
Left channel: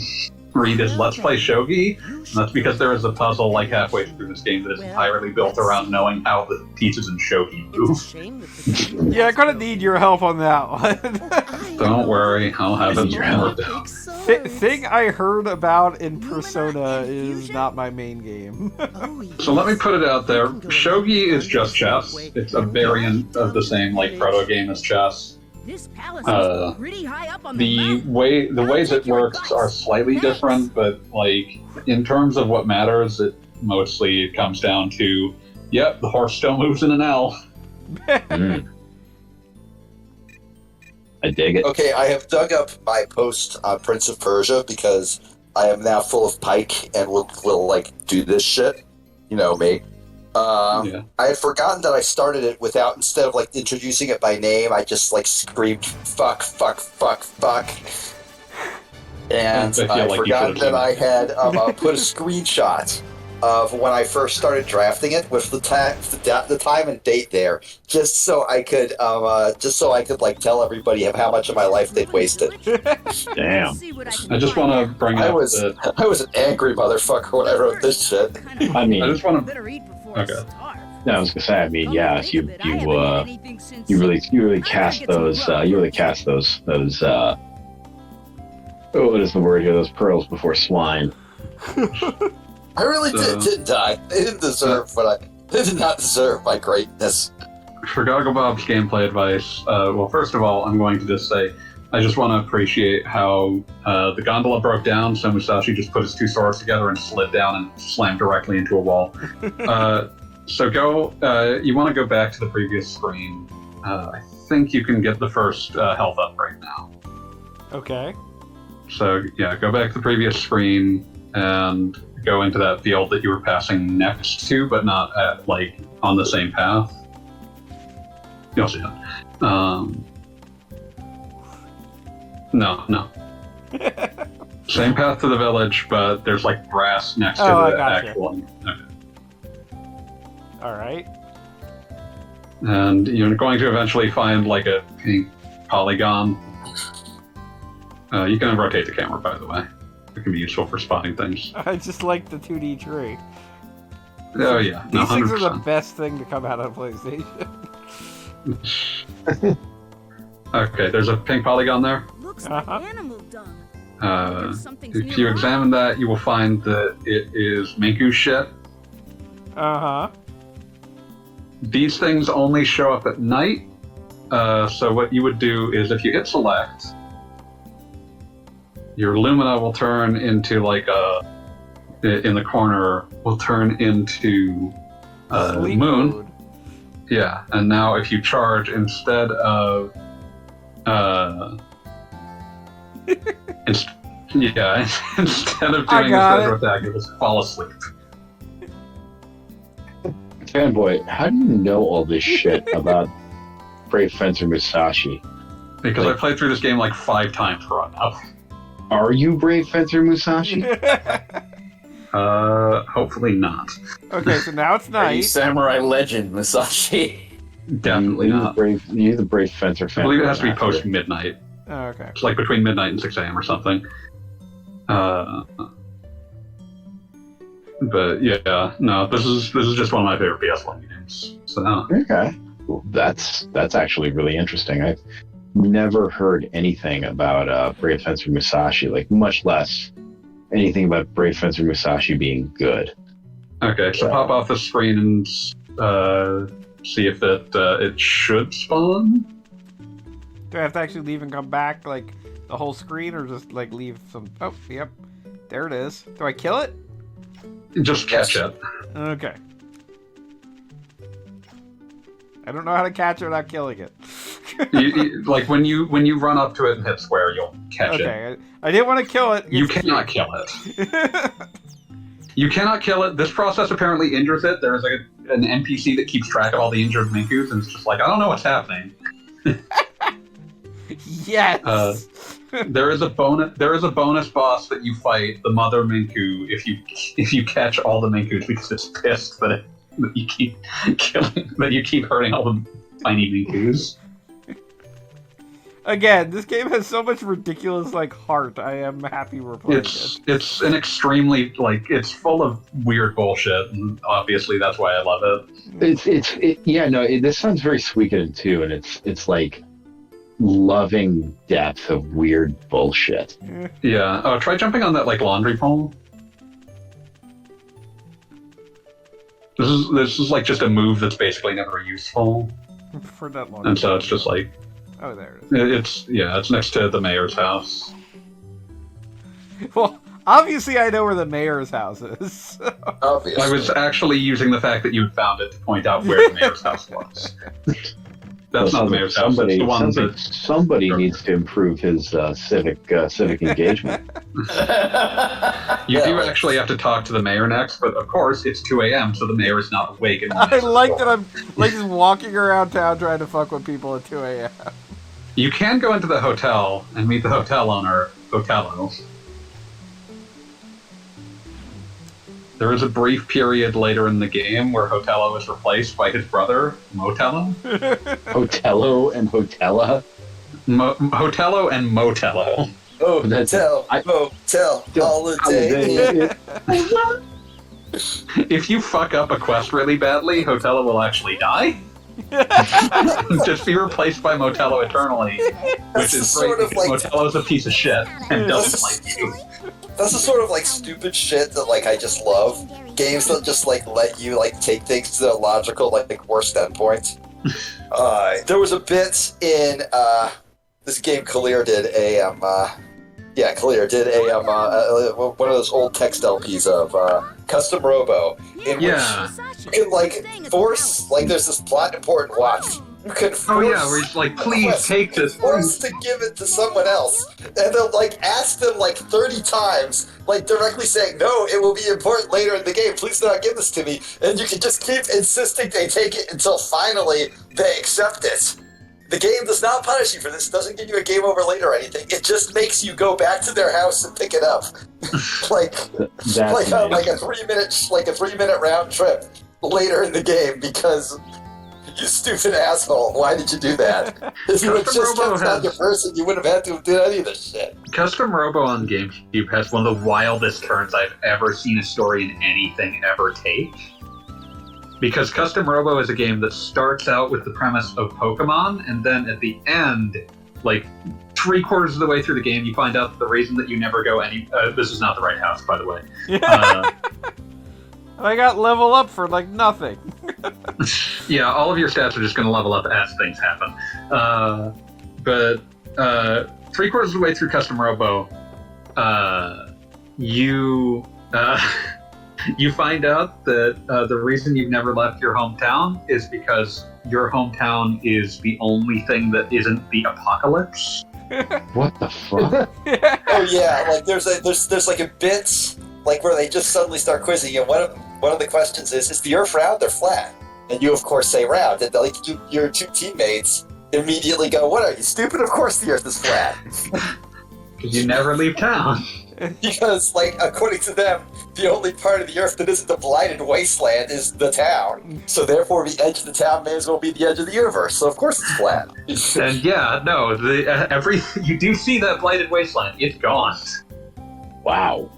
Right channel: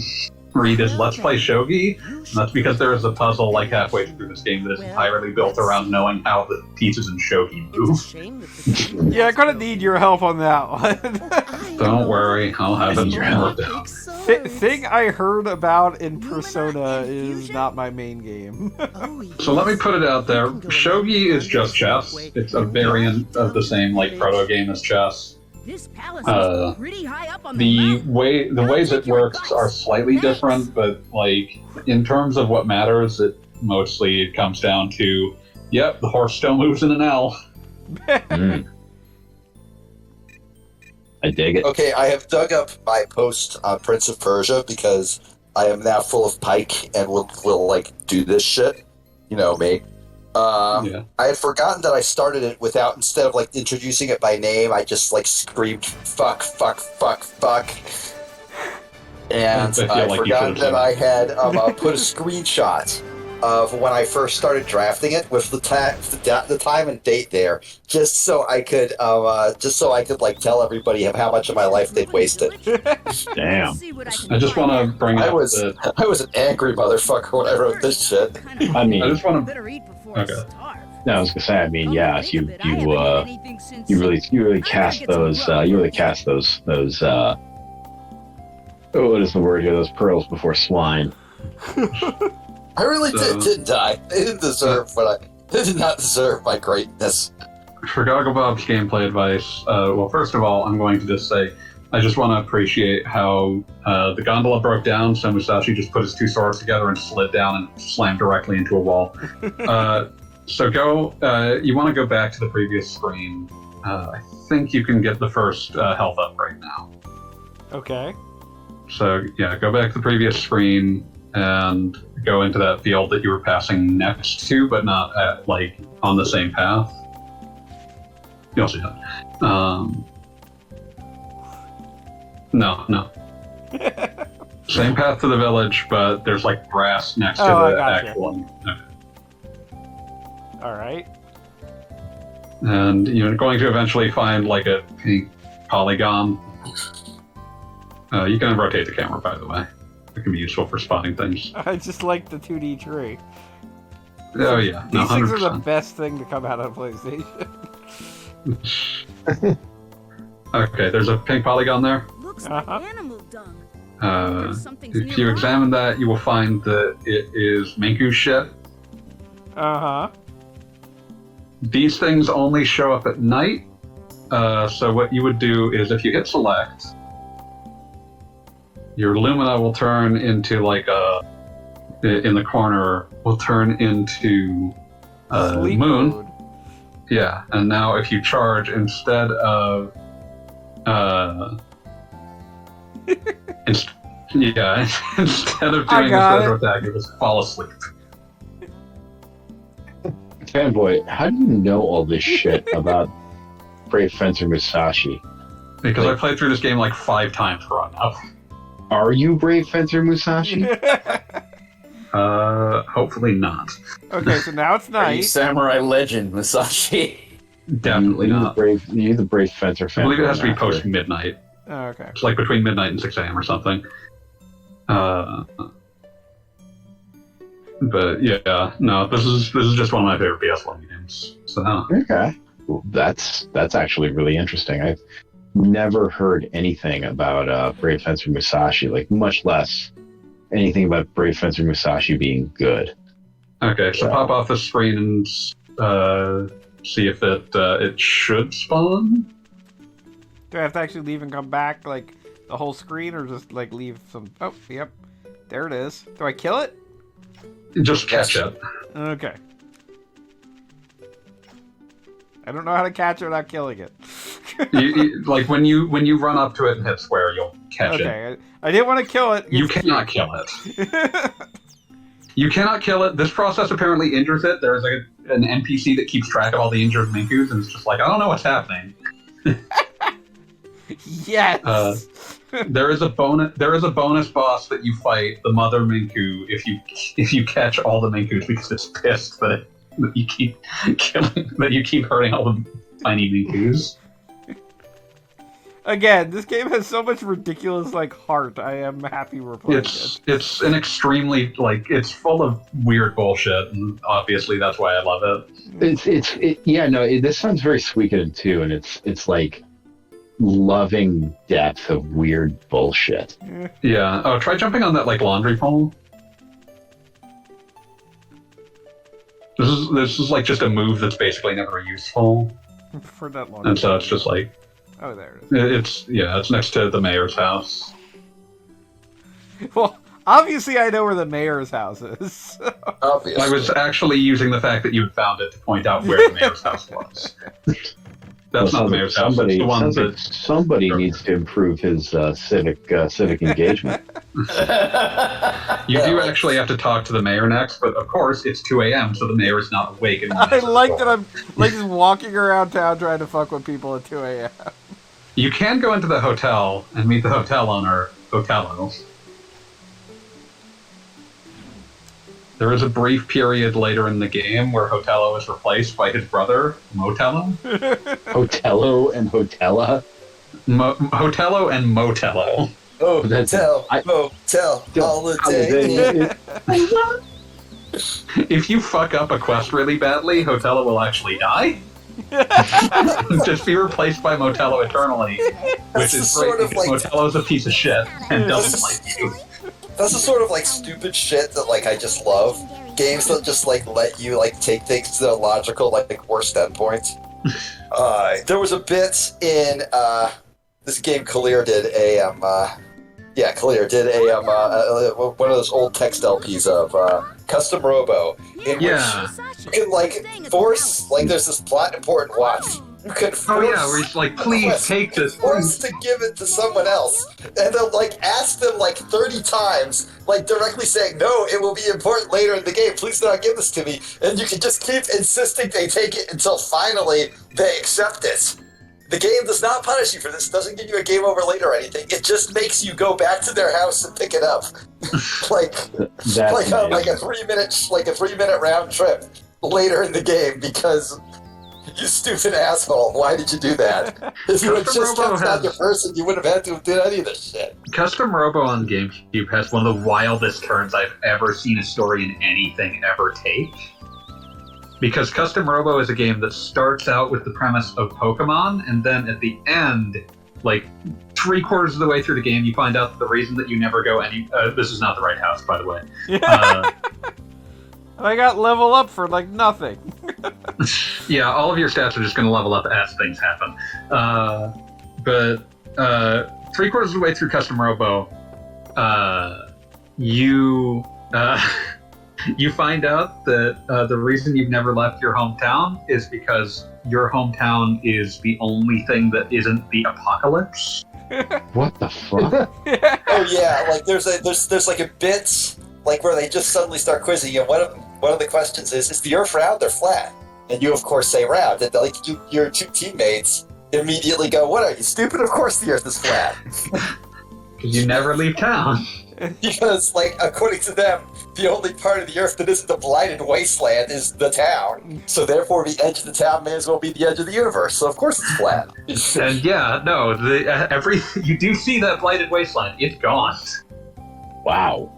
read is Let's Play Shogi, and that's because there is a puzzle like halfway through this game that is entirely built around knowing how the pieces in Shogi move. Yeah, I kind of need your help on that one. Don't worry, I'll have it worked out. Thing I heard about in Persona is not my main game. So let me put it out there. Shogi is just chess. It's a variant of the same like proto game as chess. This palace is pretty high up on the The ways it works are slightly different, but like in terms of what matters, it mostly comes down to Yep, the horse still moves in an L. Mm. I dig it. Okay, I have dug up my post on Prince of Persia because I am now full of pike and will like do this shit. You know me. Yeah. I had forgotten that I started it without, instead of like introducing it by name, I just like screamed fuck, fuck, fuck, fuck. And I feel I like you forgot should've that I had put a screenshot of when I first started drafting it with the time and date there, just so I could like tell everybody how much of my life they'd wasted. Damn. I just want to bring I up was that I was an angry motherfucker when I wrote this shit. I mean, I just want to. Better eat before I Okay. starve. no, I was gonna say. I mean, Come yeah. to So think of it, I haven't had anything since- you really I'm cast gonna get some those. grub You really first. cast those. What is the word here? Those pearls before swine. I really So- didn't I? They didn't deserve they did not deserve my greatness. For Goggle Bob's gameplay advice, well, first of all, I'm going to just say, I just want to appreciate how the gondola broke down, so Musashi just put his two swords together and slid down and slammed directly into a wall. So you want to go back to the previous screen. I think you can get the first health upgrade now. Okay. So, yeah, go back to the previous screen and go into that field that you were passing next to, but not at, like, on the same path. You'll see that. No. Same path to the village, but there's, like, grass next to I the gotcha. actual one. Okay. All right. And you're going to eventually find, like, a pink polygon. You can rotate the camera, by the way. It can be useful for spotting things. I just like the 2D tree. Oh, yeah. These things are the 100%. best thing to come out of PlayStation. Okay, there's a pink polygon there. Looks Uh-huh. like animal dung. Something's If you nearby. examine that, you will find that it is Minku shit. Uh-huh. These things only show up at night. So what you would do is if you hit select, your Lumina will turn into like in the corner, will turn into Sleep moon. mode. Yeah, and now if you charge instead of instead of I doing a got photo it. attack, you just fall asleep. Fanboy, how do you know all this shit about Brave Fencer Musashi? Because I played through this game like 5 times growing up. Are you Brave Fencer Musashi? Hopefully not. Okay, so now it's Are you night. Samurai Legend, Musashi? Definitely you not. You're the Brave Fencer I fan. believe it has to be post midnight. Oh, okay. It's like between midnight and 6 a.m. or something. But yeah, no, this is just one of my favorite PS1 games. So Okay. Well, that's actually really interesting. I've never heard anything about Brave Fencer Musashi, like much less anything about Brave Fencer Musashi being good. okay, so pop off the screen and see if it should spawn. Do I have to actually leave and come back, like, the whole screen, or just, like, leave some... Oh, yep. There it is. Do I kill it? Just catch it. Okay. I don't know how to catch it without killing it. Like when you run up to it and hit square, you'll catch it. Okay, I didn't want to kill it. You cannot kill it. You cannot kill it. This process apparently injures it. There's like an NPC that keeps track of all the injured Minkus, and it's just like, I don't know what's happening. Yes. There is a bonus boss that you fight, the Mother Minku, if you catch all the Minkus, because it's pissed that you keep killing, that you keep hurting all the tiny Minkus. Again, this game has so much ridiculous, like, heart. I am happy we're playing it. It's an extremely, like, it's full of weird bullshit, and obviously that's why I love it. This sounds very Suikoden too, and it's like loving depth of weird bullshit. Yeah. Oh, try jumping on that like laundry pole. This is like just a move that's basically never useful, For that long. and so it's just like Oh, there it is. it's next to the mayor's house. Well, Obviously, I know where the mayor's house is. Obviously. I was actually using the fact that you had found it to point out where the mayor's house was. That's not the mayor's house. It's the one that Somebody needs to improve his civic engagement. you do actually have to talk to the mayor next, but of course it's 2 a.m., so the mayor is not awake. I like that I'm like just walking around town trying to fuck with people at 2 a.m. You can go into the hotel and meet the hotel owner, Hotello. There is a brief period later in the game where Hotello is replaced by his brother, Motello. Hotello and Hotella? Hotello and Motello. Oh, motel, holiday. If you fuck up a quest really badly, Hotello will actually die. Just be replaced by Motello eternally, which is great because Motello's a piece of shit and doesn't like you. That's the sort of like stupid shit that like I just love. Games that just like let you like take things to their logical like worst endpoint. There was a bit in this game Kalir did a one of those old text LPs of Custom Robo in which you can like force like there's this plot important watch. You could force where he's like, please take this. Force to give it to someone else. And they'll like ask them like 30 times, like directly saying, no, it will be important later in the game. Please do not give this to me. And you can just keep insisting they take it until finally they accept it. The game does not punish you for this. It doesn't give you a game over later or anything. It just makes you go back to their house and pick it up. like a 3-minute round trip later in the game because you stupid asshole. Why did you do that? If you had just kept on your person, you wouldn't have had to do any of this shit. Custom Robo on GameCube has one of the wildest turns I've ever seen a story in anything ever take. Because Custom Robo is a game that starts out with the premise of Pokemon, and then at the end, like 3/4 of the way through the game, you find out that the reason that you never go this is not the right house, by the way. I got level up for like nothing. Yeah, all of your stats are just going to level up as things happen. But 3/4 of the way through Custom Robo, you find out that the reason you've never left your hometown is because your hometown is the only thing that isn't the apocalypse. What the fuck? Oh yeah, like there's like a bit like where they just suddenly start quizzing you. One of the questions is the Earth round or flat? And you of course say round. And like your two teammates immediately go, "What are you, stupid? Of course the Earth is flat." You never leave town. Because, like, according to them, the only part of the Earth that isn't a blighted wasteland is the town. So therefore, the edge of the town may as well be the edge of the universe. So of course it's flat. And yeah, no, you do see that blighted wasteland. It's gone. Wow.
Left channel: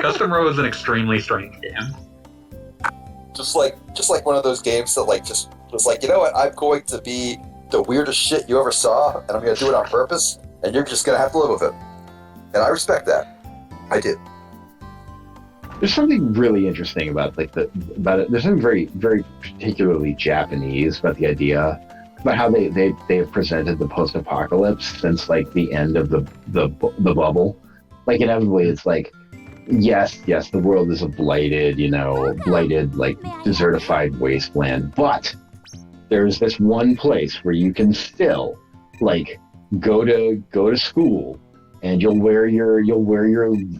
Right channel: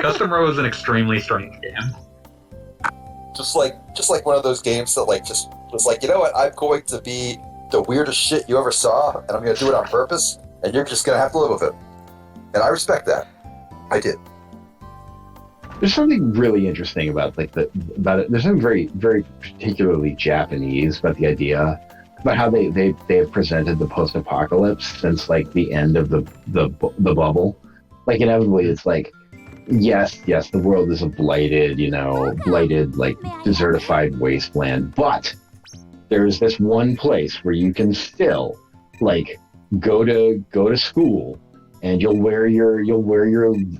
Custom Row is an extremely strange game. Just like one of those games that like just was like, you know what? I'm going to be the weirdest shit you ever saw, and I'm going to do it on purpose, and you're just going to have to live with it. And I respect that. I did. There's something really interesting about it. There's something very, very particularly Japanese about the idea about how they have presented the post-apocalypse since like the end of the bubble. Like inevitably, it's like, yes, the world is a blighted, like desertified wasteland, but there's this one place where you can still like go to school. And you'll wear your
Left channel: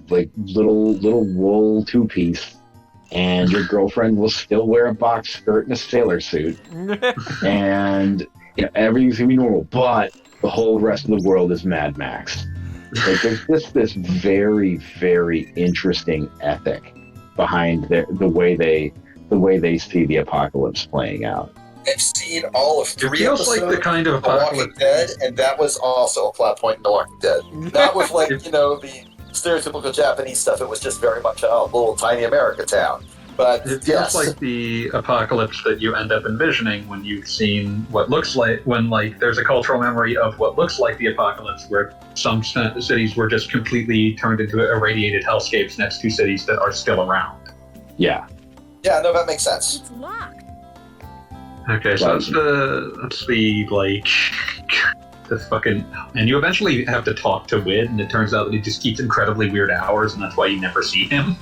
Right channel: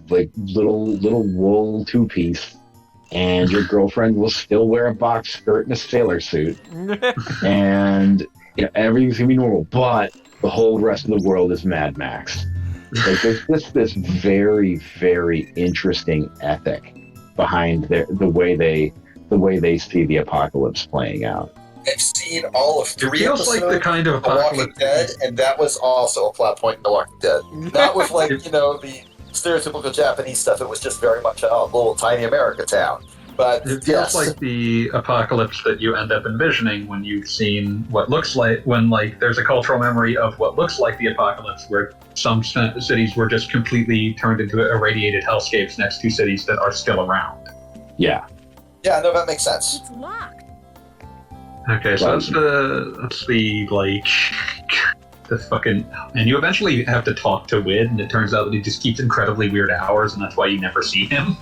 like little wool 2-piece, and your girlfriend will still wear a box skirt and a sailor suit, and everything's gonna be normal. But the whole rest of the world is Mad Max. Like there's this very, very interesting ethic behind the way they see the apocalypse playing out. I've seen all of 3 It feels episodes like the kind of of The Walking apocalypse. Dead, and that was also a plot point in The Walking Dead. Not with like, the stereotypical Japanese stuff. It was just very much a little tiny America town. But It feels yes, like the apocalypse that you end up envisioning when you've seen what looks like, when like there's a cultural memory of what looks like the apocalypse, where some cities were just completely turned into irradiated hellscapes next to cities that are still around. Yeah. yeah, no, that makes sense. It's locked. Okay, so that's the like And you eventually have to talk to Wid, and it turns out that he just keeps incredibly weird hours, and that's why you never see him.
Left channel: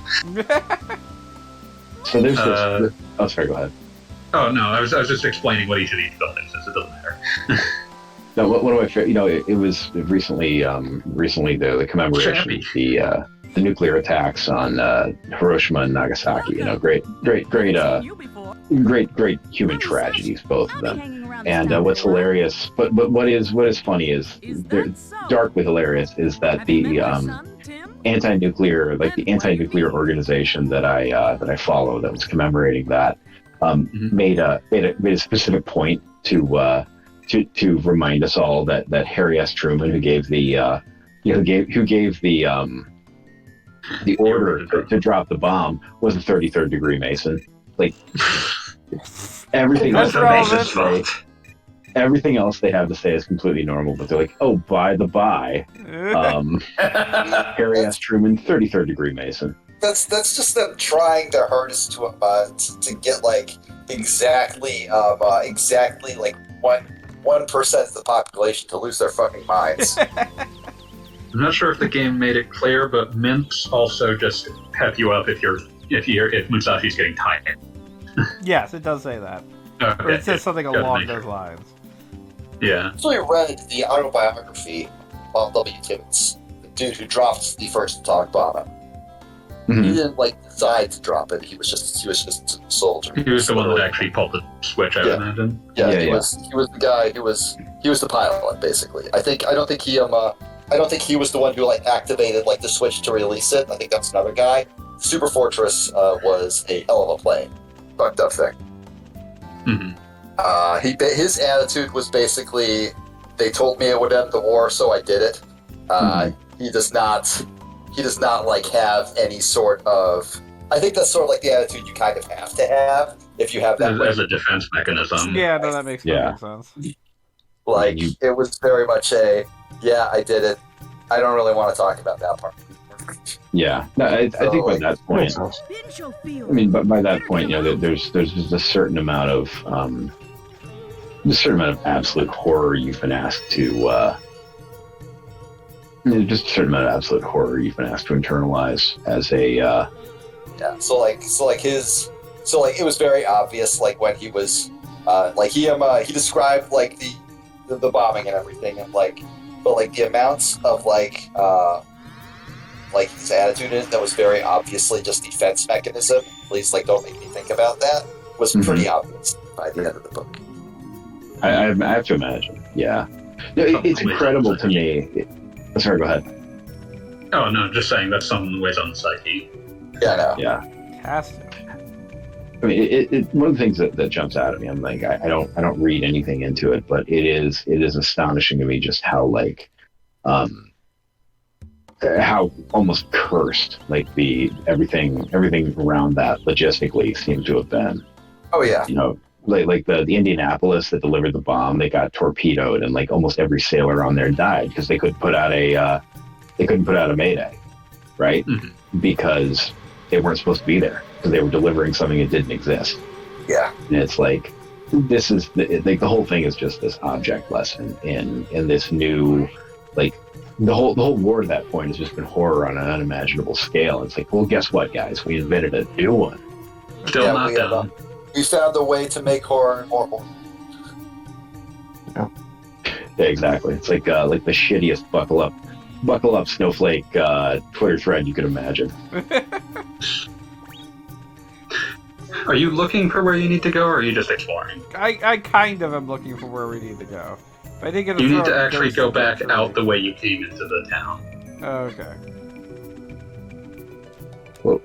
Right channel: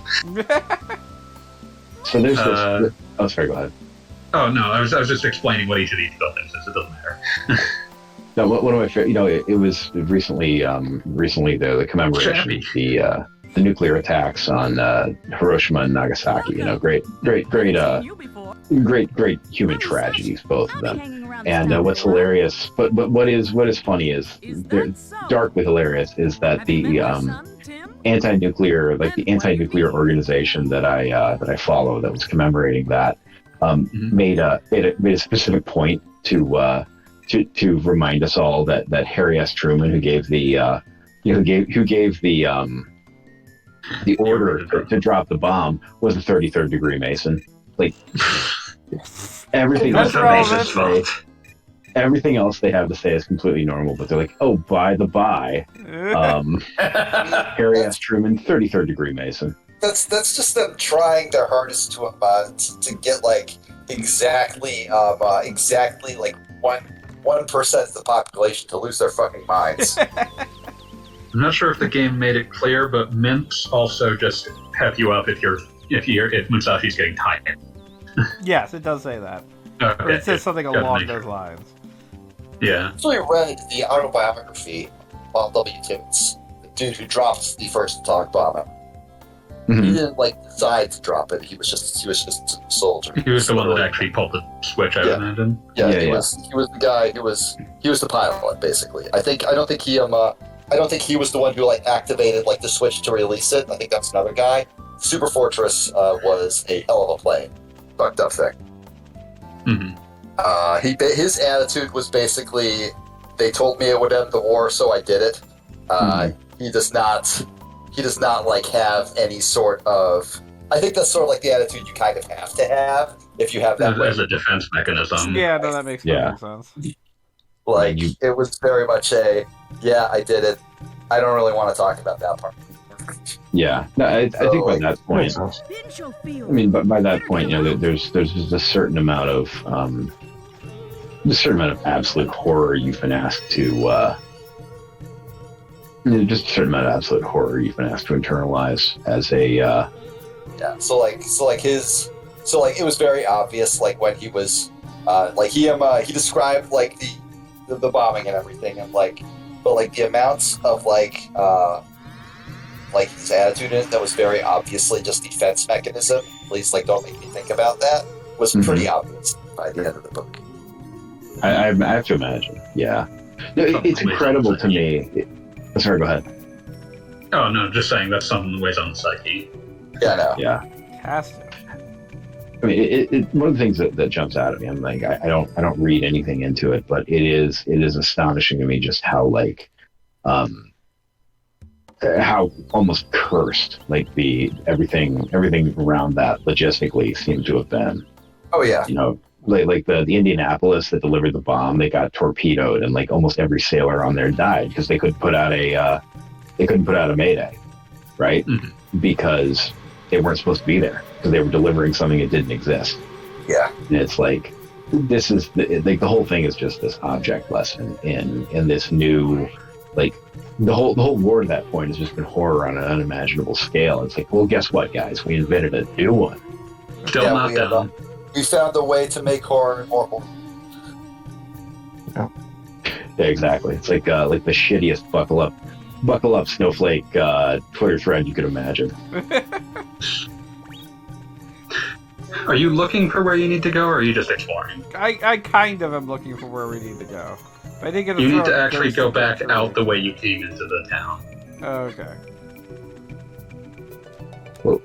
So there's this. Oh, sorry. Go ahead. Oh no, I was just explaining what each of these buildings is. It doesn't matter. No, what do I feel? It was recently the commemoration of the nuclear attacks on Hiroshima and Nagasaki. Great human tragedies, both of them. And what's hilarious, but what is funny is darkly hilarious is that the anti-nuclear organization that I follow that was commemorating that made a specific point to remind us all that Harry S. Truman, who gave the order to drop the bomb, was a 33rd degree Mason. Like everything else they have to say is completely normal, but they're like, oh, by the by, Harry S. Truman, 33rd degree Mason. That's just them trying their hardest to get like exactly like 1% of the population to lose their fucking minds. I'm not sure if the game made it clear, but mints also just pep you up if Musashi's getting tired. Yes, it does say that. Okay, or it says something along those lines. Yeah. I actually read the autobiography of W2. It's the dude who dropped the first atomic bomb. Mm-hmm. He didn't decide to drop it. He was just a soldier. He was the one that actually pulled the switch, I would imagine. Yeah, he was the guy who was the pilot, basically. I don't think he was the one who activated the switch to release it. I think that's another guy. Super Fortress was a hell of a plane. Fucked up thing. Mm-hmm. His attitude was basically, they told me it would end the war, so I did it. He does not have any sort of. I think that's sort of the attitude you kind of have to have if you have that as a defense mechanism. Yeah, no, that makes perfect sense. It was very much I did it. I don't really want to talk about that part. Yeah, no, I think by that point, but by that point, there's just a certain amount of absolute horror you've been asked to. Just a certain amount of absolute horror you've been asked to internalize as a. So it was very obvious when he was he described the bombing and everything, and but the amounts of his attitude in it that was very obviously just defense mechanism. Please don't make me think about that. Was pretty obvious by the end of the book. I have to imagine. Yeah, it's incredible to me. Sorry, go ahead. Oh no, just saying that's some ways on the psyche. Yeah, no. Yeah. Has to. I mean, one of the things that jumps out at me, I'm I don't read anything into it, but it is astonishing to me just how how almost cursed the everything around that logistically seemed to have been. Oh yeah. The Indianapolis that delivered the bomb, they got torpedoed, and almost every sailor on there died because they couldn't put out a mayday, right? Mm-hmm. Because they weren't supposed to be there because they were delivering something that didn't exist. Yeah, and it's this is the whole thing is just this object lesson in this new the whole war to that point has just been horror on an unimaginable scale. It's well, guess what, guys? We invented a new one. Still not done. We found a way to make horror more horror. Yeah, exactly. It's the shittiest buckle up snowflake Twitter thread you could imagine. Are you looking for where you need to go, or are you just exploring? I kind of am looking for where we need to go. I didn't get you need to actually go back out the way you came into the town. Okay. Well,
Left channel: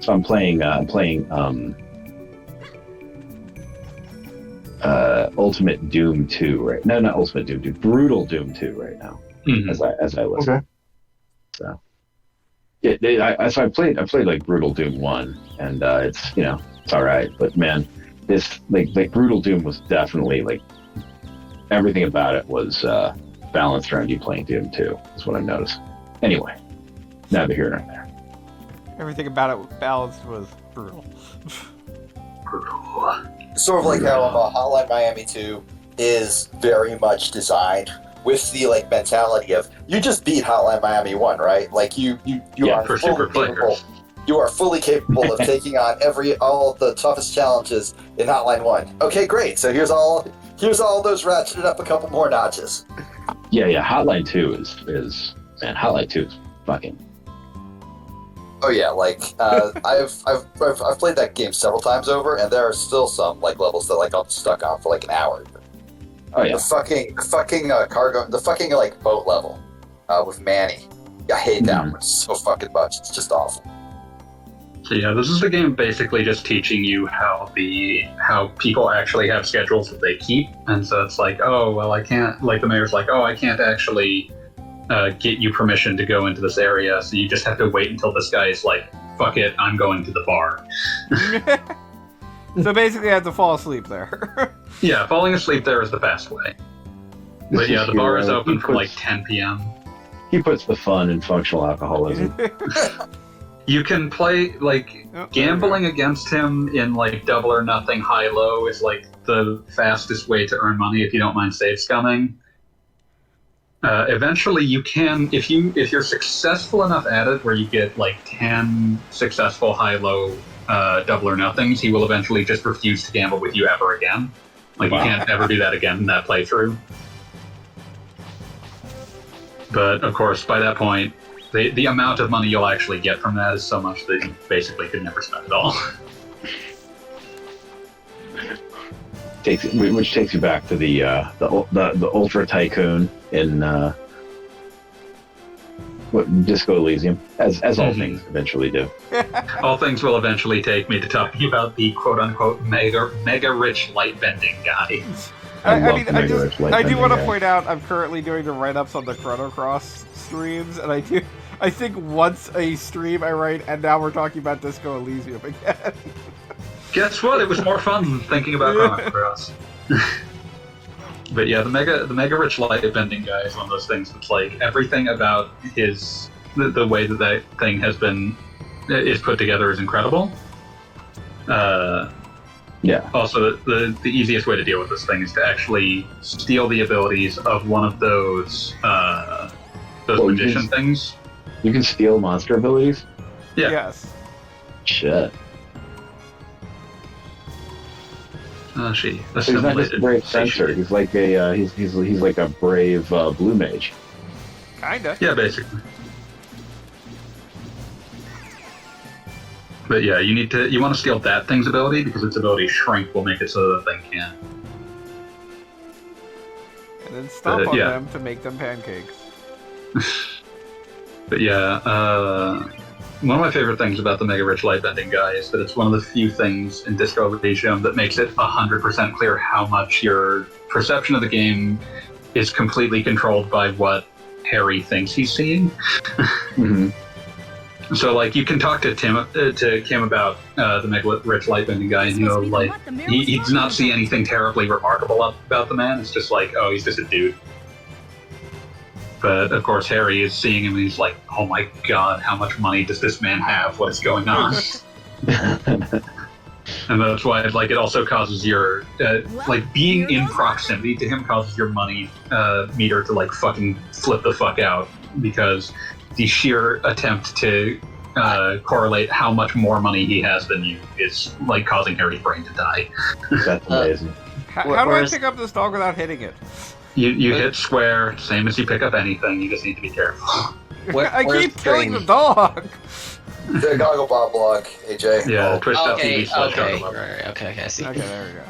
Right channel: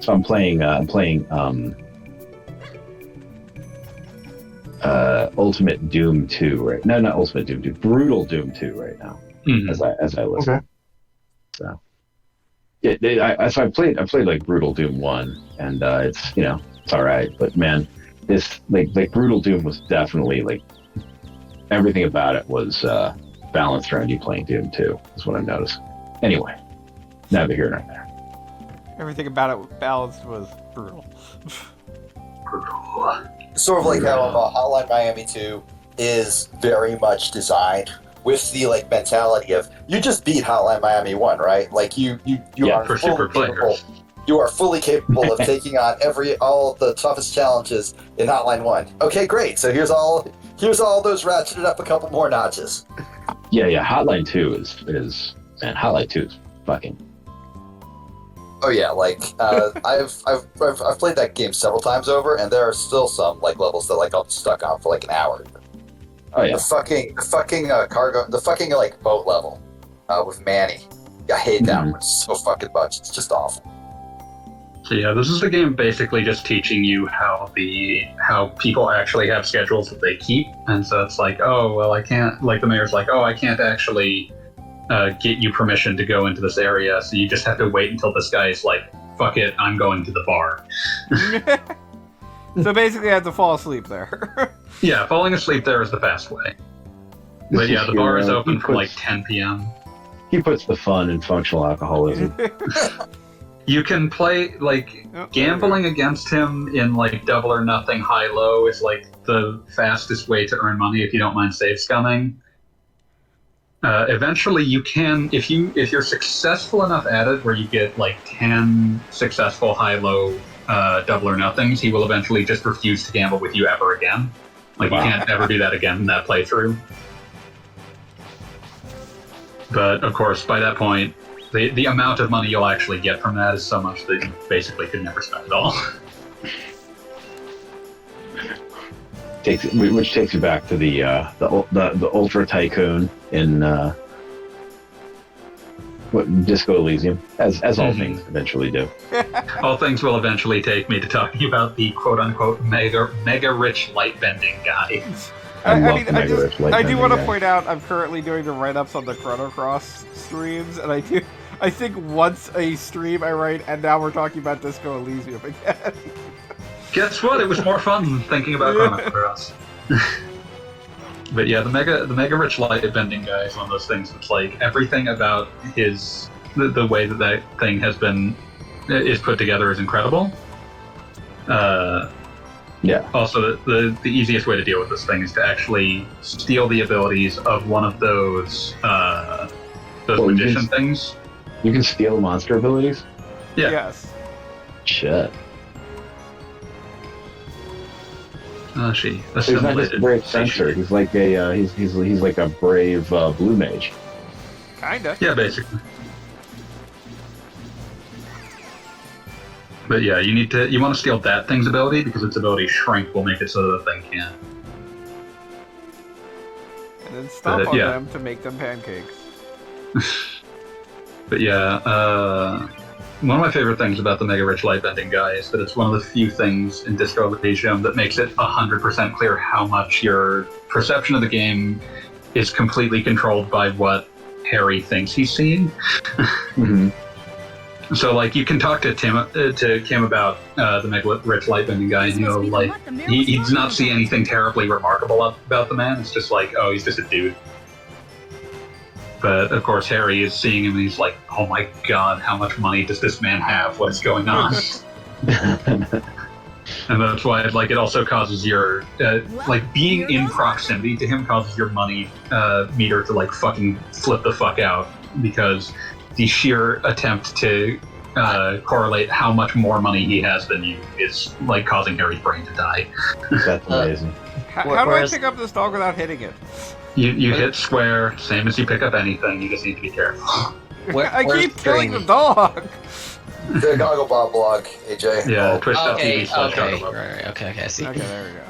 so I'm playing Ultimate Doom 2 right? No, not Ultimate Doom 2. Brutal Doom 2 right now. Mm-hmm. As I listen. Okay. So I played Brutal Doom 1, and it's it's all right, but man, this Brutal Doom was definitely everything about it was balanced around you playing Doom 2. That's what I noticed. Anyway, neither here nor there. Everything about it balanced was brutal. Sort of how Hotline Miami 2 is very much designed with the like mentality of you just beat Hotline Miami 1, right? Like you are for fully super capable. players. You are fully capable of taking on all the toughest challenges in Hotline 1. Okay, great. So here's all those ratcheted up a couple more notches. Yeah. Hotline 2 is man. Hotline 2 is fucking. Oh yeah, like I've played that game several times over, and there are still some like levels that like I'm stuck on for like an hour. Oh yeah. The fucking cargo, the fucking like boat level with Manny. I hate that one so fucking much. It's just awful. So yeah, this is the game basically just teaching you how people actually have schedules that they keep, and so it's like, oh well, I can't. Like the mayor's like, oh, I can't actually get you permission to go into this area, so you just have to wait until this guy's like, fuck it, I'm going to the bar. So basically, I have to fall asleep there. Yeah, falling asleep there is the best way. But yeah, the bar is open from like 10 p.m. He puts the fun in functional alcoholism. You can play, like, gambling against him in, like, double or nothing high-low is, like, the fastest way to earn money if you don't mind save scumming. Eventually you can, if you're successful enough at it where you get, like, 10 successful high-low double or nothings, he will eventually just refuse to gamble with you ever again. Like, you can't ever do that again in that playthrough. But, of course, by that point, the amount of money you'll actually get from that is so much that you basically could never spend it all. Which takes you back to the Ultra Tycoon in Disco Elysium, as all things eventually do. All things will eventually take me to talking about the quote-unquote mega rich light bending guy. I do want to point out I'm currently doing the write-ups on the Chrono Cross streams, and I think once a stream I write, and now we're talking about Disco Elysium again. Guess what? It was more fun than thinking about Chrono Cross. But yeah, the mega rich light bending guy is one of those things that's like everything about the way that thing is put together is incredible. Yeah. Also, the easiest way to deal with this thing is to actually steal the abilities of one of those magician things. You can steal monster abilities? Yeah. Yes. Shit. She He's not just a brave fencer. He's like a he's like a brave blue mage. Kinda. Yeah, basically. But yeah, you want to steal that thing's ability because its ability shrink will make it so that the thing can't. And then stomp on them to make them pancakes. But yeah, one of my favorite things about the Mega Rich Lightbending guy is that it's one of the few things in Disco Elysium that makes it 100% clear how much your perception of the game is completely controlled by what Harry thinks he's seeing. Mm-hmm. So, like, you can talk to Kim about the Mega Rich Lightbending guy, and he does not see anything terribly remarkable about the man. It's just like, oh, he's just a dude. But, of course, Harry is seeing him, and he's like, oh my god, how much money does this man have? What is going on? And that's why, like, it also causes your, being in proximity to him causes your money meter to, like, fucking flip the fuck out, because the sheer attempt to correlate how much more money he has than you is, like, causing Harry's brain to die. That's amazing. How do I pick up this dog without hitting it? You hit square, same as you pick up anything, you just need to be careful. I keep killing the dog! The Goggle Bob blog, AJ. Yeah, Okay, twitch.tv/Gogglebob. okay, I see. Okay, there we go.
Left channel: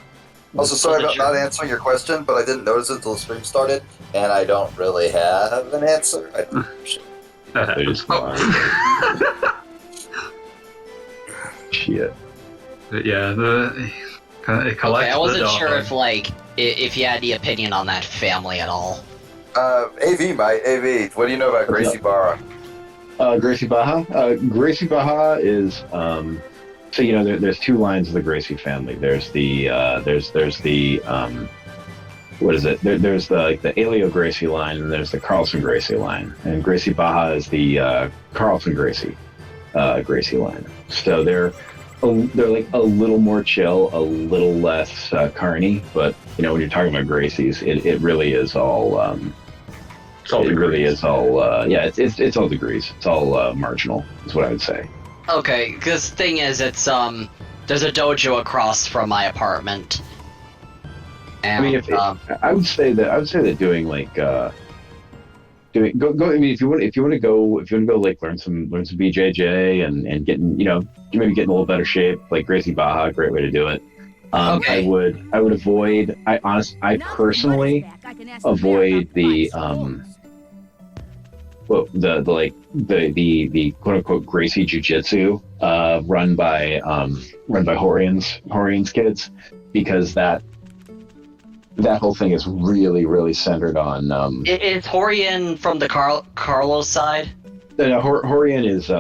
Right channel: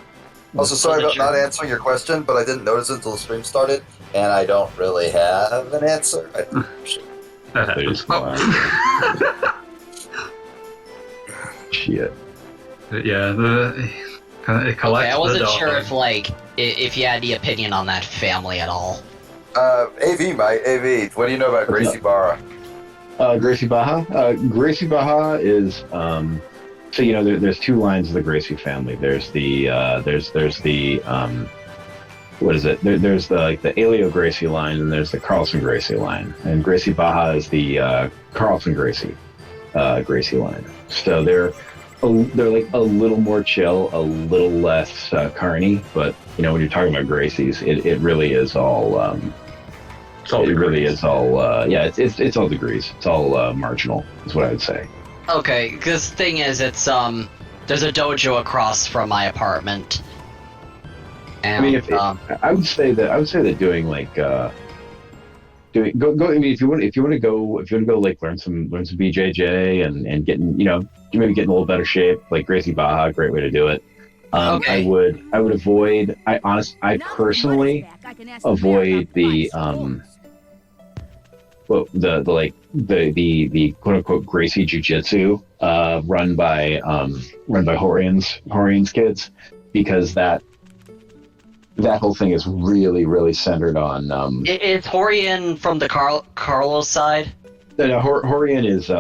Also, sorry about not answering your question, but I didn't notice it until the stream started, and I don't really have an answer. That happens. Shit. Yeah, it collects Okay, I wasn't the dog. sure if you had any opinion on that family at all. AV, mate, AV. What do you know about Gracie Barra? Gracie Baja? Gracie Baja is, so, you know, there's two lines of the Gracie family. There's the, what is it? There's the Elio Gracie line, and there's the Carlson Gracie line. And Gracie Baja is the Carlson Gracie line. So they're they're like a little more chill, a little less carny. But you know, when you're talking about Gracie's, it really is all. It really is all. Yeah, it's all degrees. It's all marginal. Is what I would say. Okay, because the thing is, it's there's a dojo across from my apartment. And, I mean, I would say that doing like doing go. I mean, if you want to go like learn some BJJ and getting maybe getting a little better shape, like Gracie Baja, great way to do it. Okay. I would avoid. I personally avoid the the quote unquote Gracie Jiu-Jitsu run by Horian's kids, because that whole thing is really centered on. Is Horian from the Carlos side? No, Horian is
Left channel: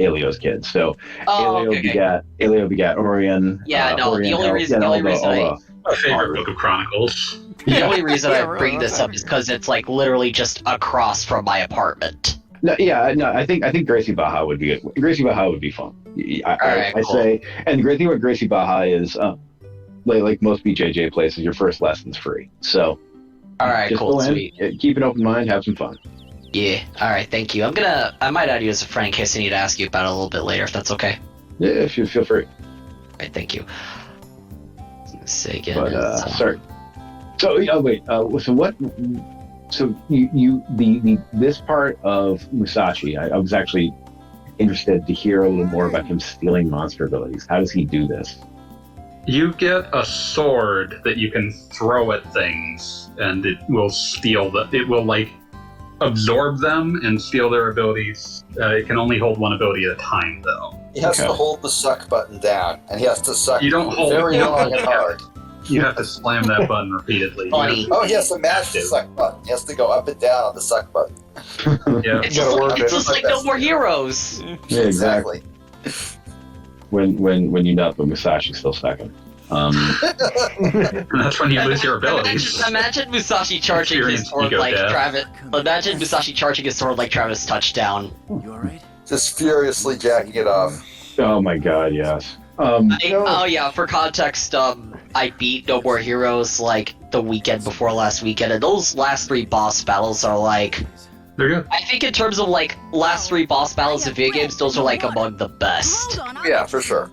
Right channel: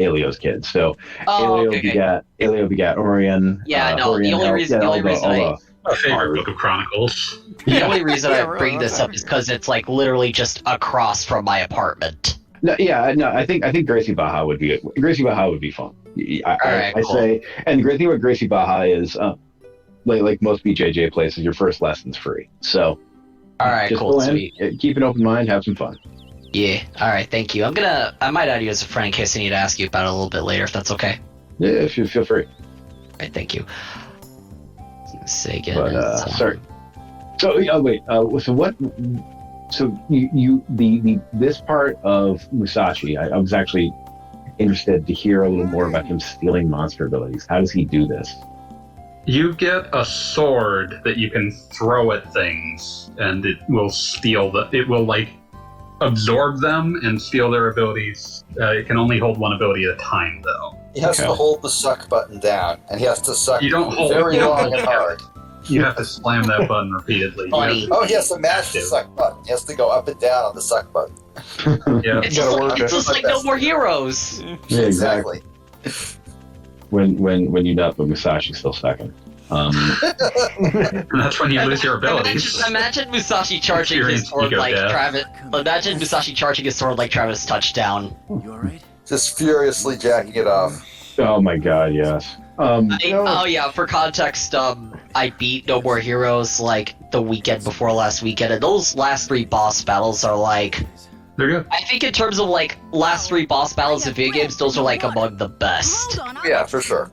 Elio's kid. So Elio begat Orion. Yeah, no. Orion, the only reason I My favorite book of Chronicles. the only reason Yeah, I bring really, this up is because it's like literally just across from my apartment. No, I think Gracie Baja would be Gracie Baja would be fun. I cool. say, and the great thing about Gracie Baja is, like most BJJ places, your first lesson's free. So, All right, just cool, go in, sweet. keep an open mind, have some fun. Yeah. All right, thank you. I might add you as a friend in case I need to ask you about it a little bit later, if that's okay. Yeah, if you feel free. All right, thank you. Say again. But sorry. So wait. So what? So this part of Musashi, I was actually interested to hear a little more about him stealing monster abilities. How does he do this? You get a sword that you can throw at things, and it will steal it will like absorb them and steal their abilities. It can only hold one ability at a time, though. He has to hold the suck button down, and he has to suck You don't hold very it. long and hard. You have to slam that button repeatedly. Funny. Oh, he has to mash the suck button. He has to go up and down on the suck button. Yeah. It's gotta just, work like, it. it's just like No More Heroes. Yeah, exactly. When you nut, but Musashi's still second. That's when you lose your abilities. Imagine Musashi charging his Experience sword ego like death. Travis. Imagine Musashi charging his sword like Travis touchdown. You alright? Just furiously jacking it off. Oh my God, yes. Oh yeah, for context, I beat No More Heroes like the weekend before last weekend, and those last 3 boss battles are like, They're good. I think in terms of like last 3 boss battles in video games, those are like among the best. Hold on, I'll Yeah, get for you. sure.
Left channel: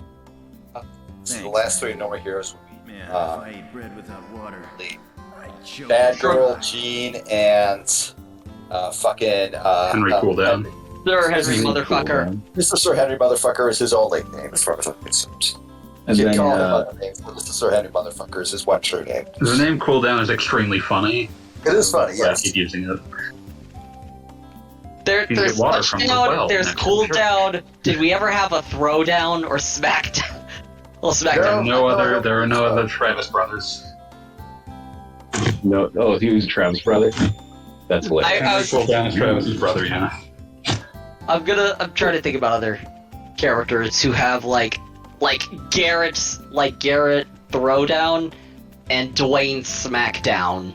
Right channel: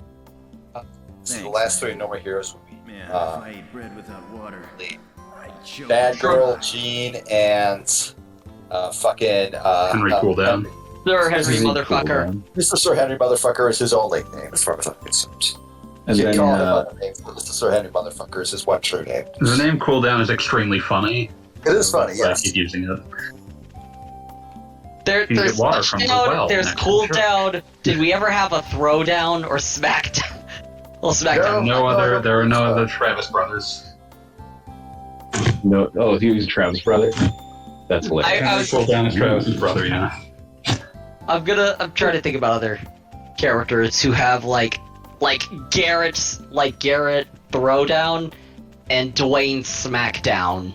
So the last 3 No More Heroes would be Man, if I eat bread without water, I'd choke. Bad Girl, Jean, and fucking Henry Cooldown. Sir Henry motherfucker. Mr. Sir Henry Motherfucker is his only name as far as I'm concerned. And You can then, call him other names, but Mr. Sir Henry Motherfucker is his one true name. The name Cooldown is extremely funny. It is funny, So I yes. keep using it. There's You get water from the touchdown, well there's next, cooldown. Did we ever have a throwdown or smackdown? Well, smackdown. There are no other Travis brothers. No, oh, he was Travis' brother. That's hilarious. I was- Cooldown is Travis's brother, yeah. I'm trying to think about other characters who have like Garrett throwdown and Dwayne smackdown.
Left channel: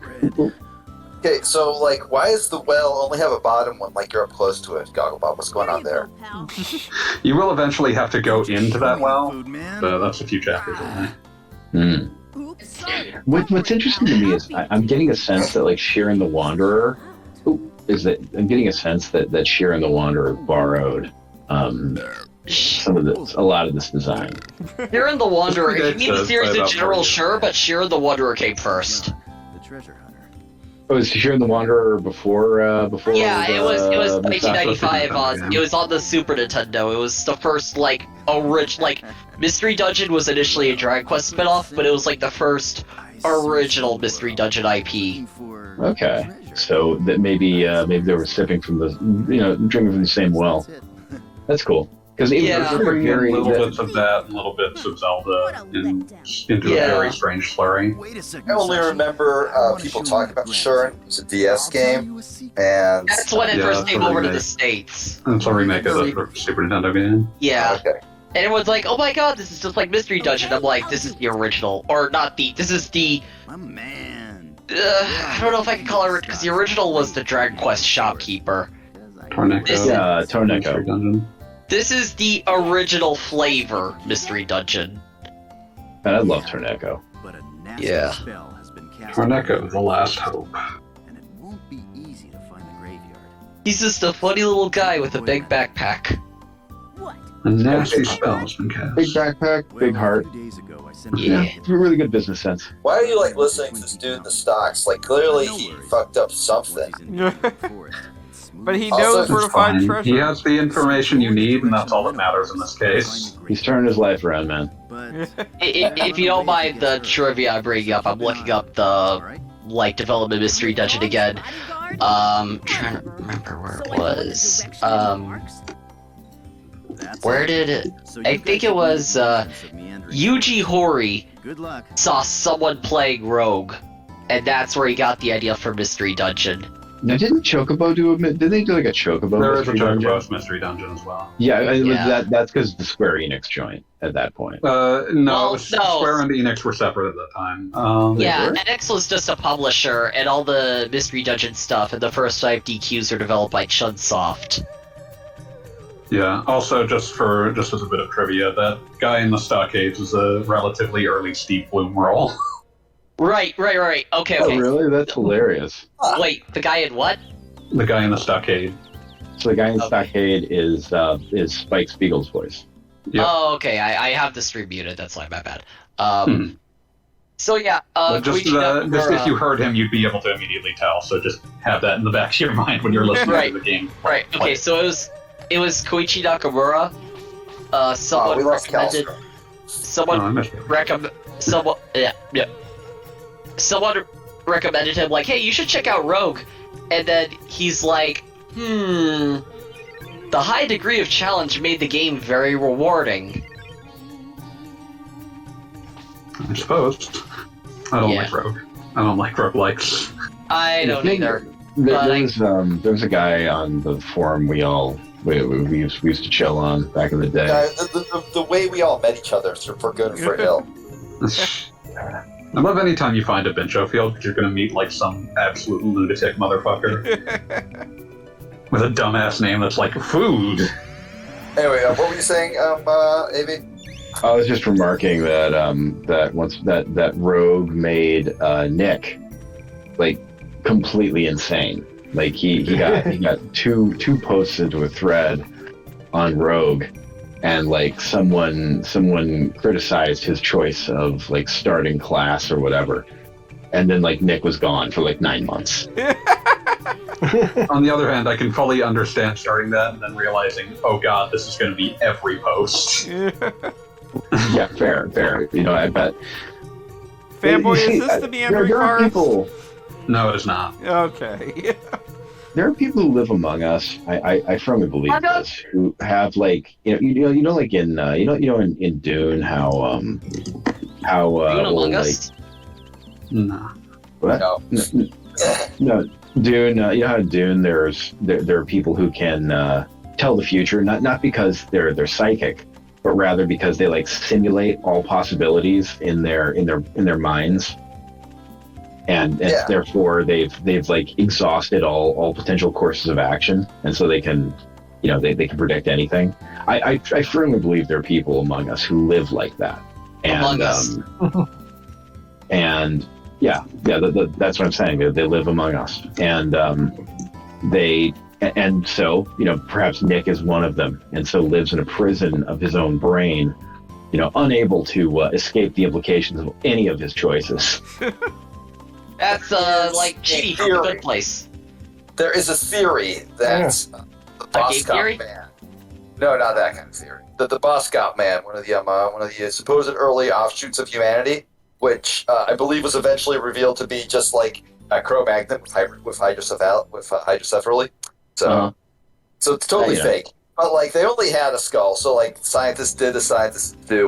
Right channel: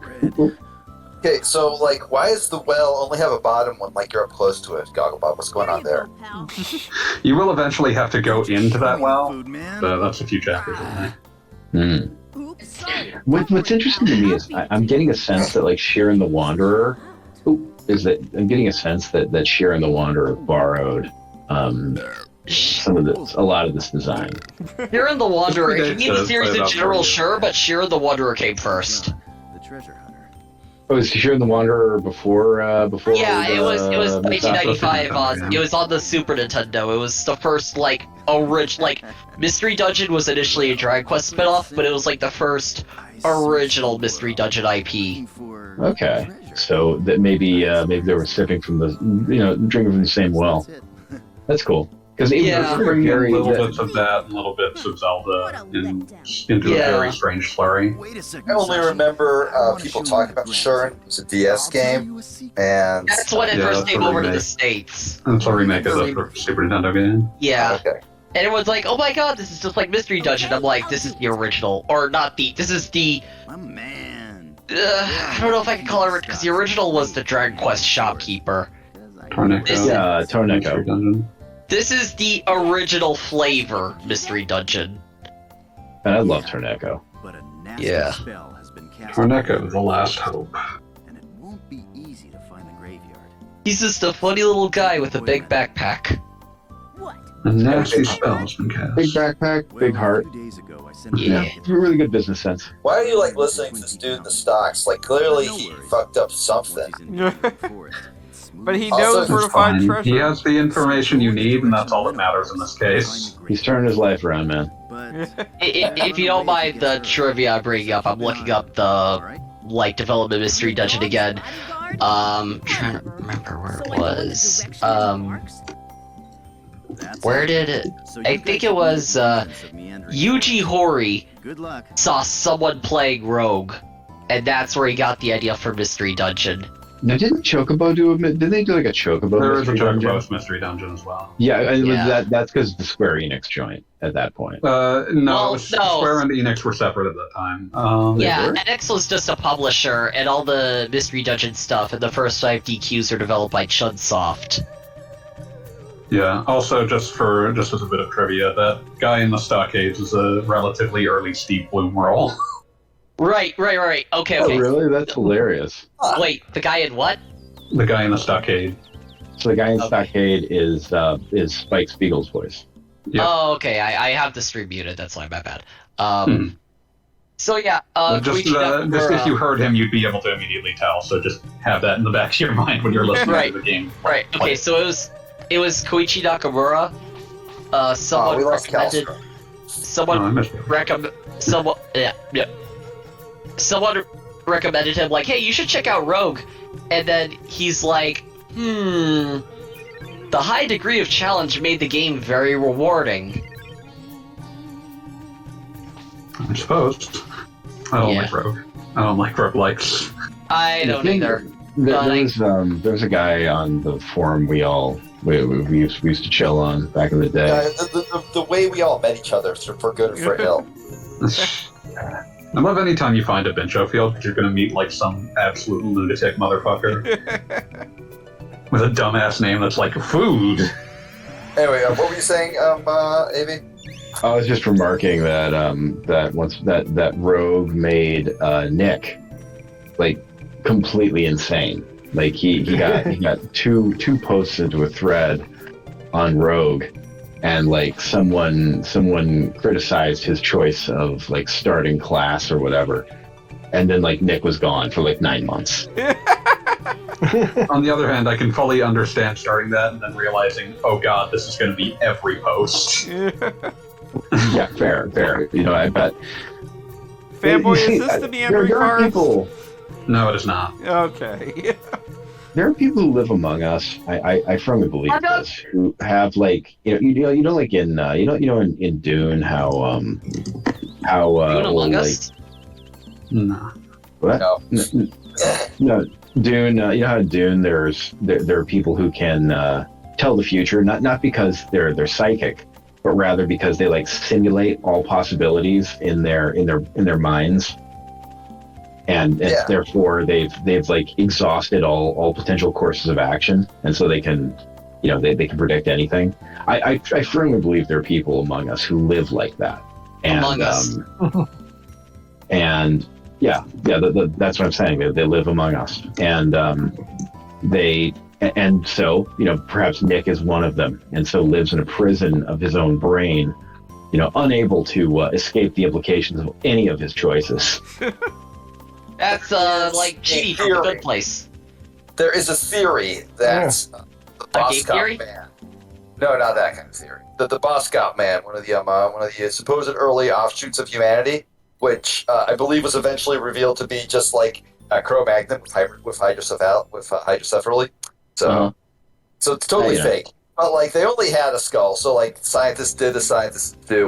Bread. Okay, so, like, why does the well only have a bottom one like you're up close to it, Gogglebot? What's going on there? Pal. You will eventually have to go into that well. Food, man. So that's a few chapters away. Hmm. Oops, sorry. What's interesting to me is I'm getting a sense that like Sheeran the Wanderer, I'm getting a sense that Sheeran the Wanderer borrowed a lot of this design. Sheeran the Wanderer. If you mean the That's series in about general, 4 years. sure, but Sheeran the Wanderer came first. The treasure hunter. Oh, is Sheeran the Wanderer before? Yeah, it was Musashi? 1995. It was on the Super Nintendo. It was the first Mystery Dungeon was initially a Dragon Quest spinoff, but it was like the first original Mystery Dungeon IP. Okay, so that maybe they were sipping from the drinking from the same well. That's cool. Because Yeah. Bringing very little bits of that and little bits of Zelda into Yeah. a very strange slurry. Wait a second. I only Musashi. remember I wanna people show talking you about my Sheeran. grandfather. It's a DS I'll tell game, you a secret. and... That's when it Yeah, first that's came what over to they the make. States. It's a remake of the Super Nintendo game. Yeah. Okay. And everyone's like, oh my god, this is just like Mystery Dungeon. I'm like, this is the original. Or not the, this is the, My man. I don't know if I can call it, because the original was the Dragon Quest Shopkeeper. Torneko. Yeah, Torneko. Mystery Dungeon. This is the original flavor Mystery Dungeon. And I love Torneko. But a nasty Yeah. spell has been cast Torneko, the last hope. and it won't be easy to find the graveyard. He's just a funny little guy with a big backpack. What? A nasty spell has been cast. Big backpack, big Well, heart. A few days ago, I sent Yeah. It's a really good business sense. Why are you like listening to this dude in the stocks? Like clearly he fucked up something. But he Also, knows where to It's find fine. treasure. He has the information you need, and that's all that matters in this case. He's turned his life around, man. But If you don't mind the trivia I'm bringing up, I'm looking up the like development mystery dungeon again. Trying to remember where it was. Where did it? I think it was Yuji Horii Good luck. saw someone playing Rogue, and that's where he got the idea for mystery dungeon. Now, didn't Chocobo do a? Did they do like a Chocobo? There is a mystery dungeon? Chocobo's Mystery Dungeon as well. Yeah, Yeah. that's because the Square Enix joint at that point. No, Well, it was no. Square and Enix were separate at that time. Yeah, were? NX was just a publisher, and all the mystery dungeon stuff and the first 5 DQs are developed by Chunsoft. Yeah. Also, just as a bit of trivia, that guy in the stockades is a relatively early Steve Bloom role. Right. Okay, Oh, okay. really? That's hilarious. Wait, the guy in what? The guy in the stockade. So the guy in Okay. Stockade is Spike Spiegel's voice. Yep. Oh, okay. I have the stream muted. That's why my bad. Hmm. So yeah, Just if you heard him, you'd be able to immediately tell. So just have that in the back of your mind when you're listening Right. to the game. Right. Okay. So it was Koichi Nakamura. Someone we lost recommended. Calstrom. Someone Oh, I missed it. Someone recommended him like, hey, you should check out Rogue, and then he's like, the high degree of challenge made the game very rewarding. I suppose. I don't Yeah. like Rogue. I don't like roguelikes. I don't either. There was a guy on the forum we used to chill on back in the day. The way we all met each other for good or for ill. I love any time you find a Bincho field because you're going to meet like some absolute lunatic motherfucker with a dumbass name that's like food. Anyway, what were you saying, Amy? I was just remarking that that Rogue made Nick like completely insane. Like he got two posts into a thread on Rogue, and like someone criticized his choice of like starting class or whatever, and then like Nick was gone for like 9 months. On the other hand, I can fully understand starting that and then realizing, oh god, this is going to be every post. Yeah, fair. You know, I bet. Fanboy, is this the meandering there are forest? people. No, it is not. Okay. There are people who live among us. I firmly believe this. Who have like like in in Dune how Dune like Among Us? No. what? No. No, Dune. You know how in Dune there are people who can tell the future, not because they're psychic, but rather because they like simulate all possibilities in their minds. And therefore they've like exhausted all potential courses of action, and so they can, they can predict anything. I firmly believe there are people among us who live like that. And, Among us. And that's what I'm saying. They live among us, and so perhaps Nick is one of them, and so lives in a prison of his own brain, unable to escape the implications of any of his choices. That's like cheating from the good place. There is a theory that the boss cop theory? man. No, not that kind of theory. The boss cop man, one of the supposed early offshoots of humanity, which I believe was eventually revealed to be just like Cro-Magnon with hydrocephaly. So it's totally fake. But like they only had a skull, so like scientists do,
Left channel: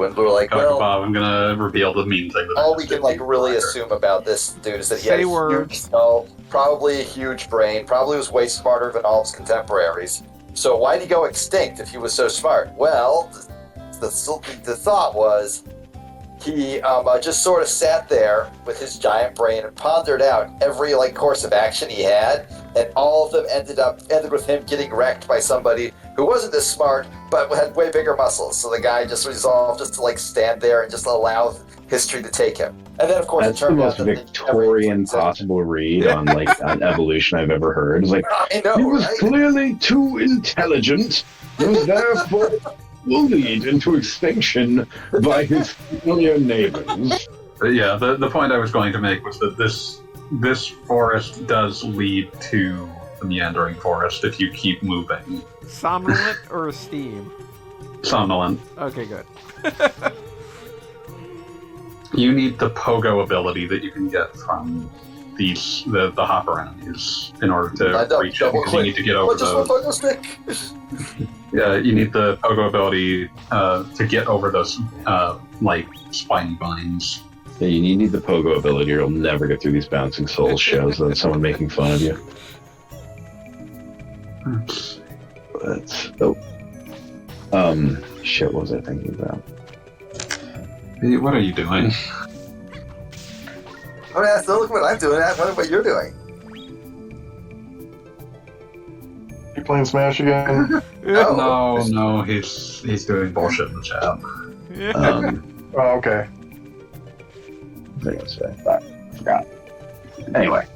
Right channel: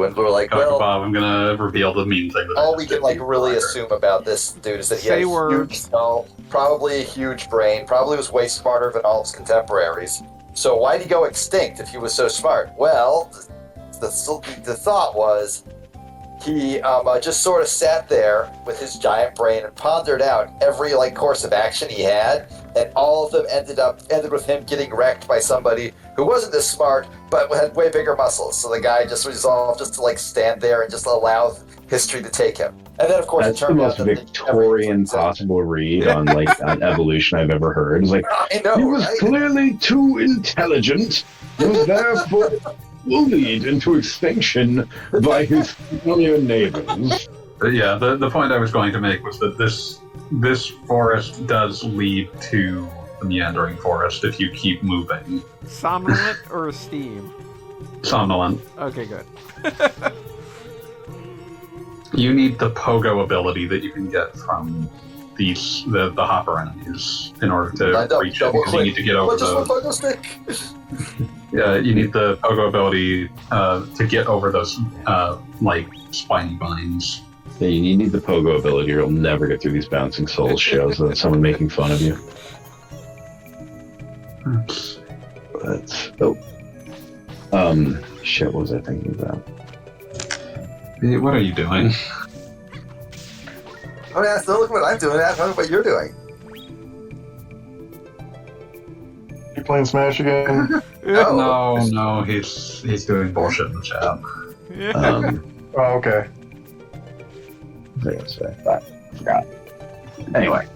and we were like, well, Bob, I'm gonna reveal the mean thing. all we can like really assume about this dude is that he had a huge skull, probably a huge brain, probably was way smarter than all his contemporaries. So why'd he go extinct if he was so smart? Well, the thought was he just sort of sat there with his giant brain and pondered out every like course of action he had, and all of them ended with him getting wrecked by somebody who wasn't as smart, but had way bigger muscles. So the guy just resolved just to like stand there and just allow history to take him. And then, of course, That's it the turned most out that Victorian possible read on on evolution I've ever heard. It's like, I know, he was right? clearly too intelligent, was therefore bullied into extinction by his familiar neighbors. But yeah, the point I was going to make was that this forest does lead to the meandering forest if you keep moving. Somnolent or steam? Somnolent. Okay, good. You need the pogo ability that you can get from the hopper enemies in order to reach it, because you need to get over just one pogo stick. Yeah, you need the pogo ability to get over those like spiny vines. Yeah, you need the pogo ability, or you'll never get through these Bouncing Souls shows without someone making fun of you. Shit, what was I thinking about? What are you doing? Oh yeah, so look what I'm doing. I wonder what you're doing. You playing Smash again? No, he's doing bullshit in the chat. Oh, okay. What was I gonna say? I forgot. Anyway.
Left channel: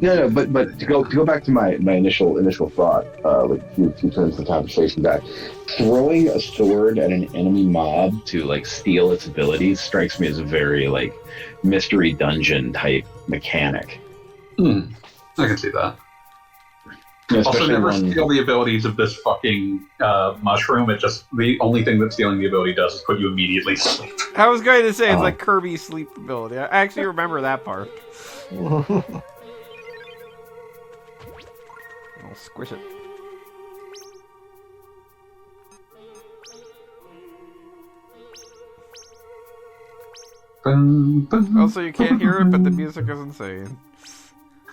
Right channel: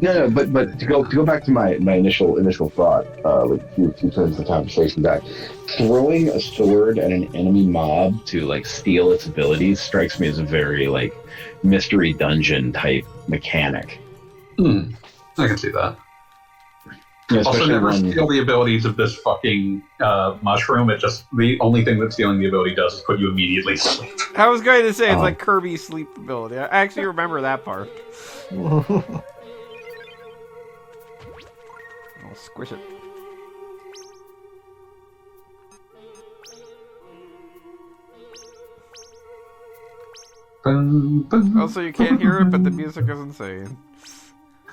No, but to go back to my initial thought, like two turns of the conversation back, throwing a sword at an enemy mob to like steal its abilities strikes me as a very like mystery dungeon type mechanic. I can see that. Yeah, Also, never when... steal the abilities of this fucking mushroom. It just, the only thing that stealing the ability does is put you immediately to sleep. I was going to say it's like Kirby's sleep ability. I actually remember that part. I'll squish it. Also, you can't hear it, but the music is insane.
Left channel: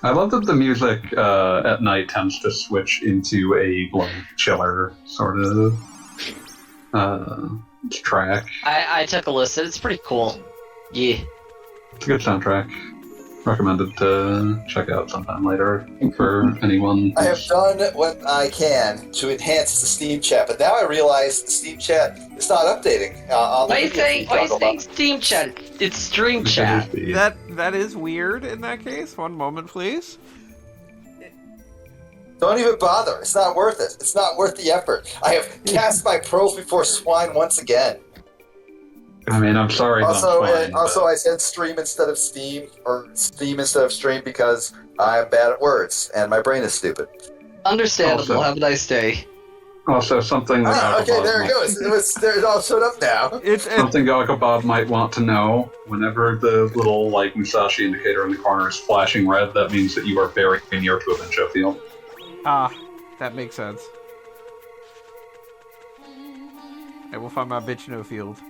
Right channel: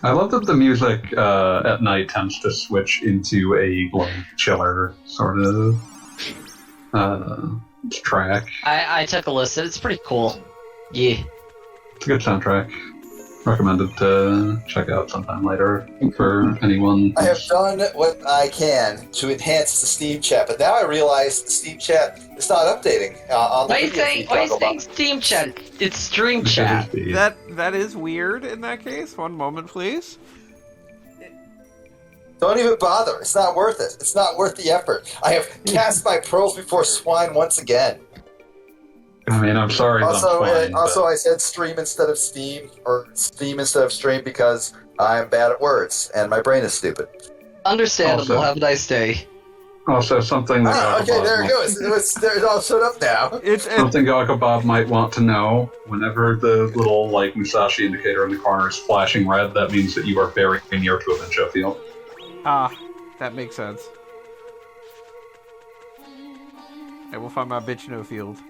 I love that the music at night tends to switch into a like chiller sort of track. I took a listen. It's pretty cool. Yeah. It's a good soundtrack. Recommended to check out sometime later for anyone. I have done what I can to enhance the Steam chat, but now I realize the Steam chat is not updating. Why are you saying Steam chat? It's Stream chat. That is weird in that case. One moment, please. Don't even bother. It's not worth it. It's not worth the effort. I have cast my pearls before swine once again. I mean, I'm sorry. Also, I said stream instead of Steam, or Steam instead of stream, because I'm bad at words and my brain is stupid. Understandable. Also, have a nice day. Also, something that okay, there it goes. It all showed up now. Something Gagabob might want to know: whenever the little like Musashi indicator in the corner is flashing red, that means that you are very near to a Bencho field. Ah, that makes sense. I will find my Bencho field.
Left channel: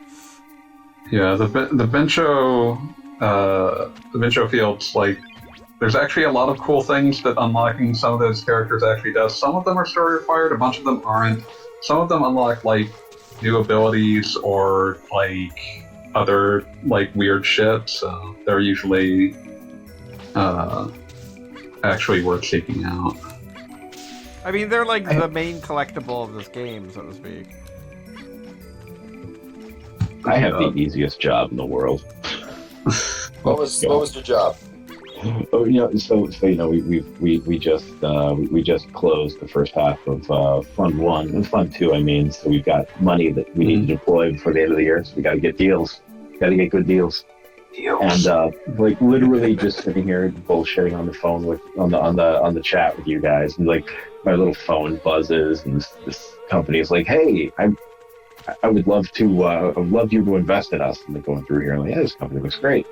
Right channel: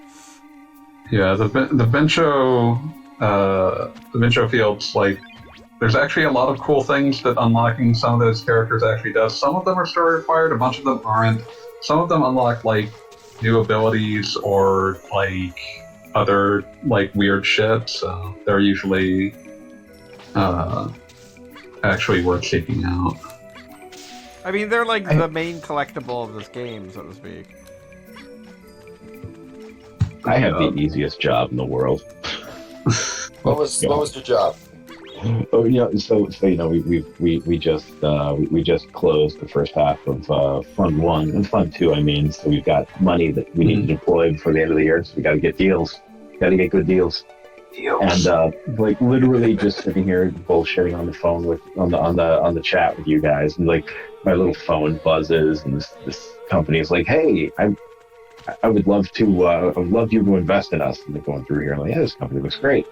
Yeah, the Bencho fields, like, there's actually a lot of cool things that unlocking some of those characters actually does. Some of them are story required, a bunch of them aren't. Some of them unlock, like, new abilities or, like, other, like, weird shit, so they're usually actually worth seeking out. I mean, they're like the main collectible of this game, so to speak. I have the easiest job in the world. What was your job? Oh, we just closed the first half of Fund 1 and Fund 2. I mean, so we've got money that we need to deploy before the end of the year. So we got to get deals. Got to get good deals. And like literally just sitting here bullshitting on the phone on the chat with you guys, and like my little phone buzzes, and this company is like, "Hey, I would love you to invest in us." And they're going through here, and I'm like, "Yeah, this company looks great."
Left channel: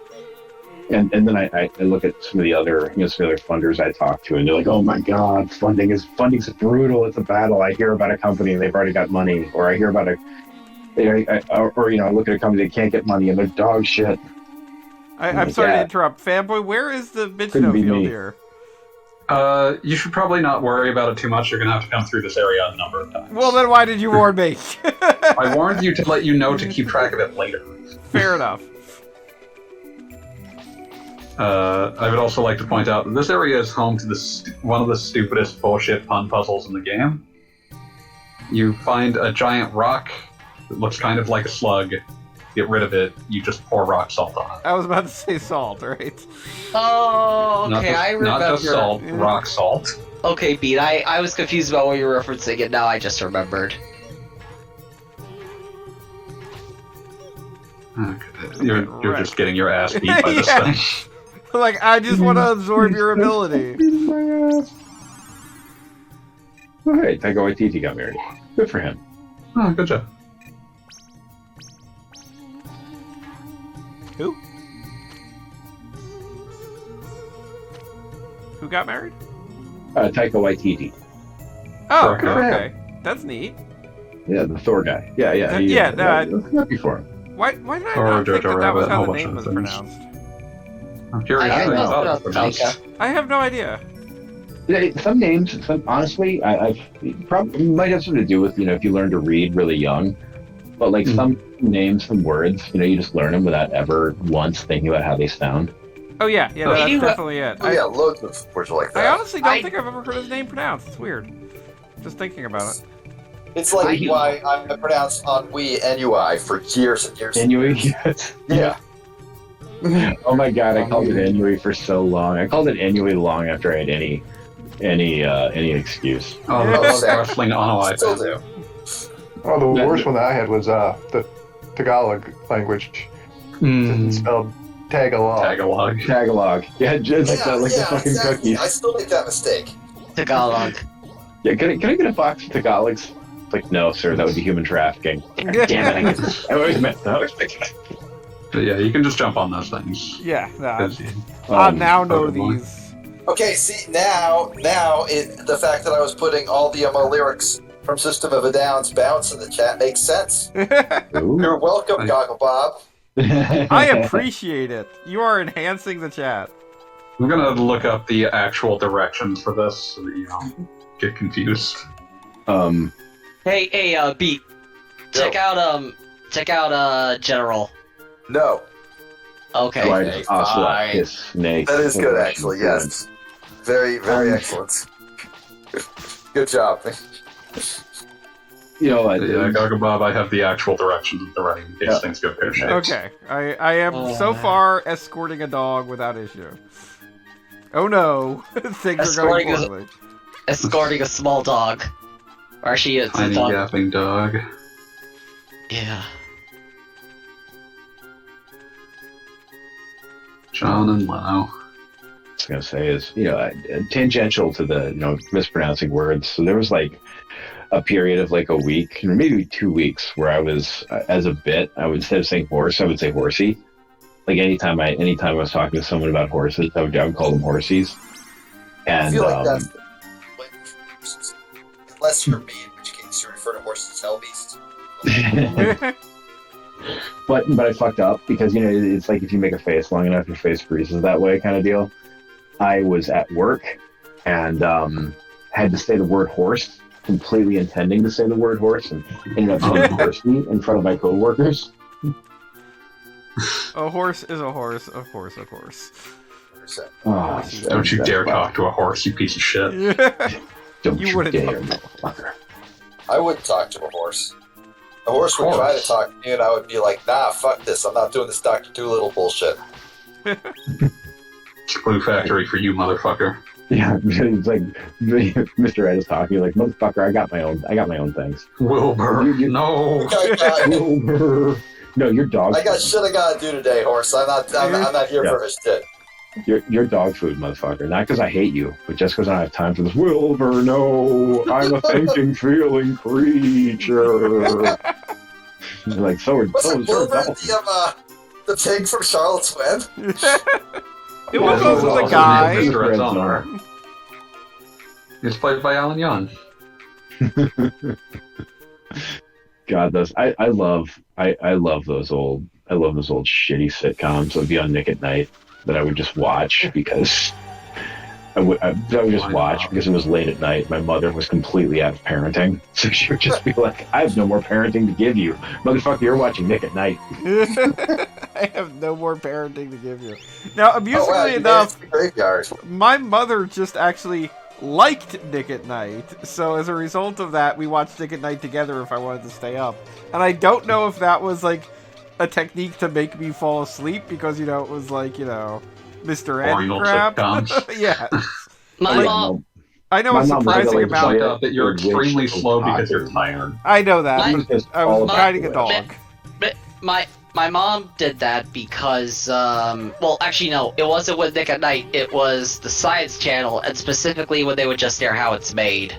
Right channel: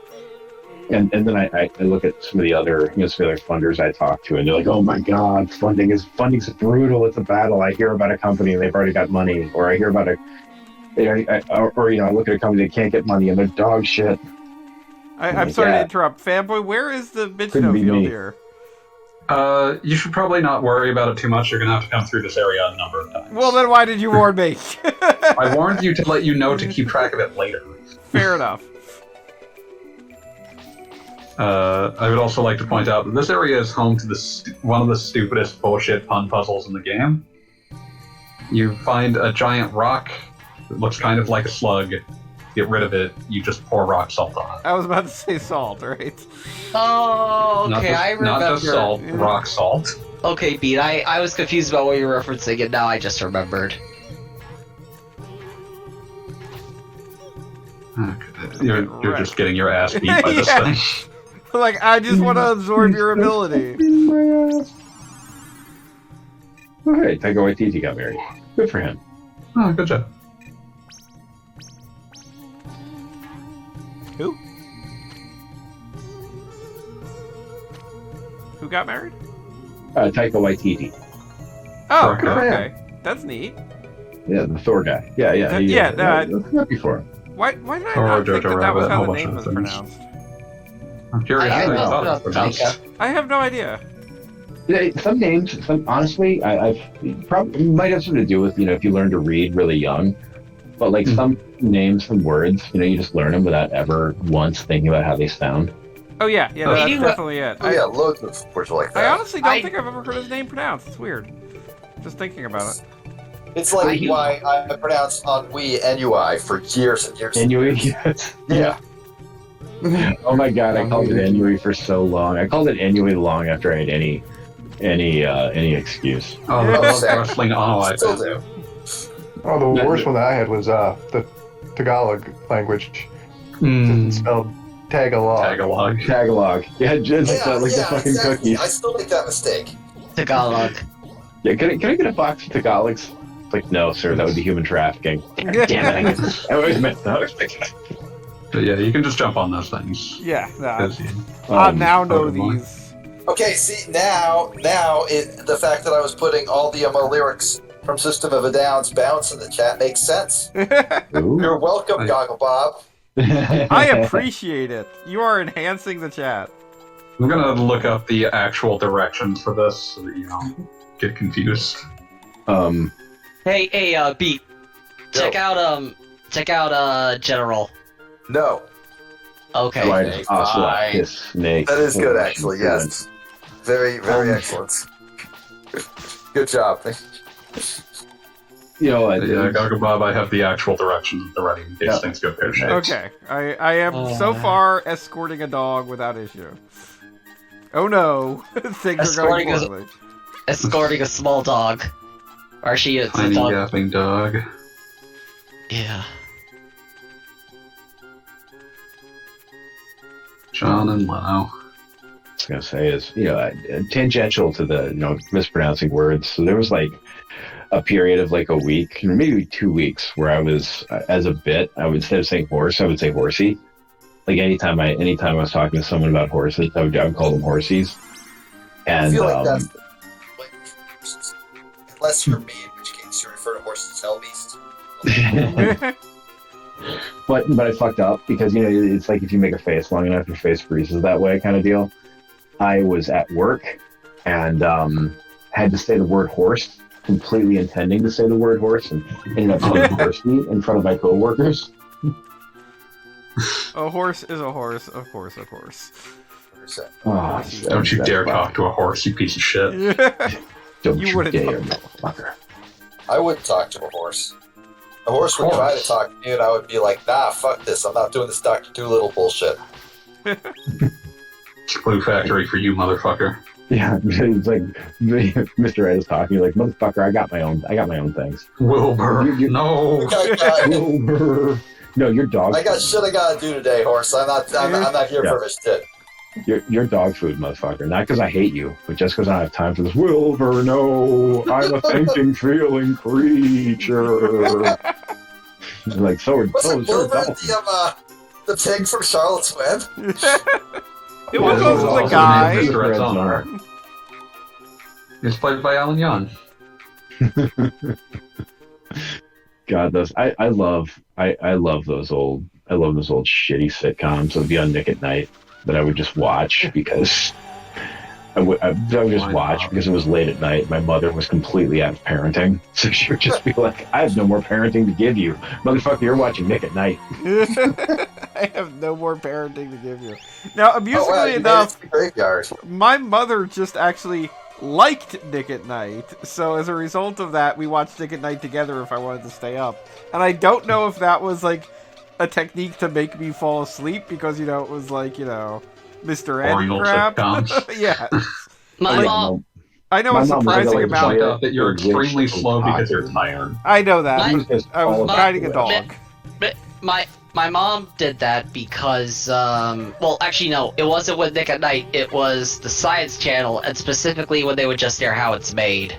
And then I look at some of the other funders I talk to, and they're like, "Oh my God, funding's brutal. It's a battle." I hear about a company and they've already got money, or I hear about I look at a company that can't get money and they're dog shit. I'm sorry to interrupt, fanboy. Where is the Bencho field here? You should probably not worry about it too much. You're gonna have to come through this area a number of times. Well, then why did you warn me? I warned you to let you know to keep track of it later. Fair enough. I would also like to point out that this area is home to one of the stupidest bullshit pun puzzles in the game. You find a giant rock that looks kind of like a slug. Get rid of it, you just pour rock salt on it. I was about to say salt, right? Oh, okay, I remember. Not just salt, rock salt. Okay, Beat, I was confused about what you were referencing, and now I just remembered. Okay. You're just getting your ass beat by this thing. Like, I just want to absorb your ability. Alright, Taika Waititi got married. Good for him. Oh, good job. Who? Who got married? Taika Waititi. Oh, Okay. okay. That's neat. Yeah, the Thor guy. Yeah. Not before. Why did I Or not think Jojo that was Rabbit, how a the whole name was bunch of things. pronounced? I'm curious how you thought it was pronounced. I have no idea. Yeah, some names, honestly, I've probably might have something to do with, if you learn to read really young. But like some names, some words, you just learn them without ever once thinking about how they sound. Oh yeah, no, that's definitely it. Yeah, loads of words like that. I honestly don't think I've ever heard his name pronounced. It's weird. Just thinking about it. It's like why I pronounced ennui N-U-I for years and years. Ennui, yes. Yeah. Oh my god, I called it ennui for so long. I called it ennui long after I had any excuse. Oh, that's wrestling on I Still do. Oh, the worst one that I had was the Tagalog language. It's spelled Tagalog. Tagalog. Yeah, just like the fucking exactly. cookies. I still make that mistake. Tagalog. Yeah, can I get a box of Tagalogs? It's like, no, sir, that would be human trafficking. Damn it, I always meant that. But yeah, you can just jump on those things. Yeah, I now know these. Okay, see, now the fact that I was putting all the lyrics from System of a Down's Bounce in the chat makes sense. You're welcome, Goggle Bob. I appreciate it. You are enhancing the chat. I'm gonna look up the actual directions for this so that you don't get confused. Hey, Beat. Check out General. No. Okay. Snake. That is good, actually. Yes. Very, very excellent. Good job. Yeah, Goggle Bob, I have the actual directions of the right in case things go pear-shaped. Okay, I am so far escorting a dog without issue. Oh no, things are going poorly. Escorting a small dog. Or she is Tiny a dog. yapping dog. Yeah. John and Leno. I was gonna say is tangential to the mispronouncing words. So there was like a period of like a week, or maybe 2 weeks, where I was as a bit, I would, instead of saying horse, I would say horsey. Like anytime I was talking to someone about horses, I would call them horsies. And I feel like that's less for me, in which case you refer to horses as hell beasts. but I fucked up because it's like if you make a face long enough, your face freezes that way kind of deal. I was at work and had to say the word horse, completely intending to say the word horse, and ended up saying horsey in front of my coworkers. A horse is a horse, of course, of course. Oh, Don't you dare talk to a horse, you piece of shit. Don't you you wouldn't dare, talk motherfucker. I wouldn't talk to a horse. A horse would try to talk to me, and I would be like, nah, fuck this. I'm not doing this Dr. Doolittle bullshit. Glue factory for you, motherfucker. Yeah, it's like Mr. Ed is talking, like, motherfucker, I got my own things. Wilbur, no. Wilbur. No, your dog. I got shit I gotta do today, horse. I'm not here for this shit. You're dog food, motherfucker. Not because I hate you, but just because I don't have time for this. Wilbur, no, I'm a thinking, feeling creature. Like Wilbur the pig from Charlotte's Web? It was also the guy. It's played by Alan Young. God, I love those old shitty sitcoms that would be on Nick at Night that I would just watch because I would just watch because it was late at night. My mother was completely out of parenting, so she would just be like, "I have no more parenting to give you, motherfucker. You're watching Nick at Night." I have no more parenting to give you. Now, amusingly you made it enough, to the graveyard. my mother just actually liked Nick at Night, so as a result of that, we watched Nick at Night together if I wanted to stay up. And I don't know if that was, like, a technique to make me fall asleep, because, you know, it was like, you know, Mr. Ed crap. Yeah. My mom... I know a surprising amount of that you're extremely slow because you're tired. I know that. I was guiding a dog. My mom did that because, well, actually, no, it wasn't with Nick at Night. It was the Science Channel, and specifically when they would just air How It's Made.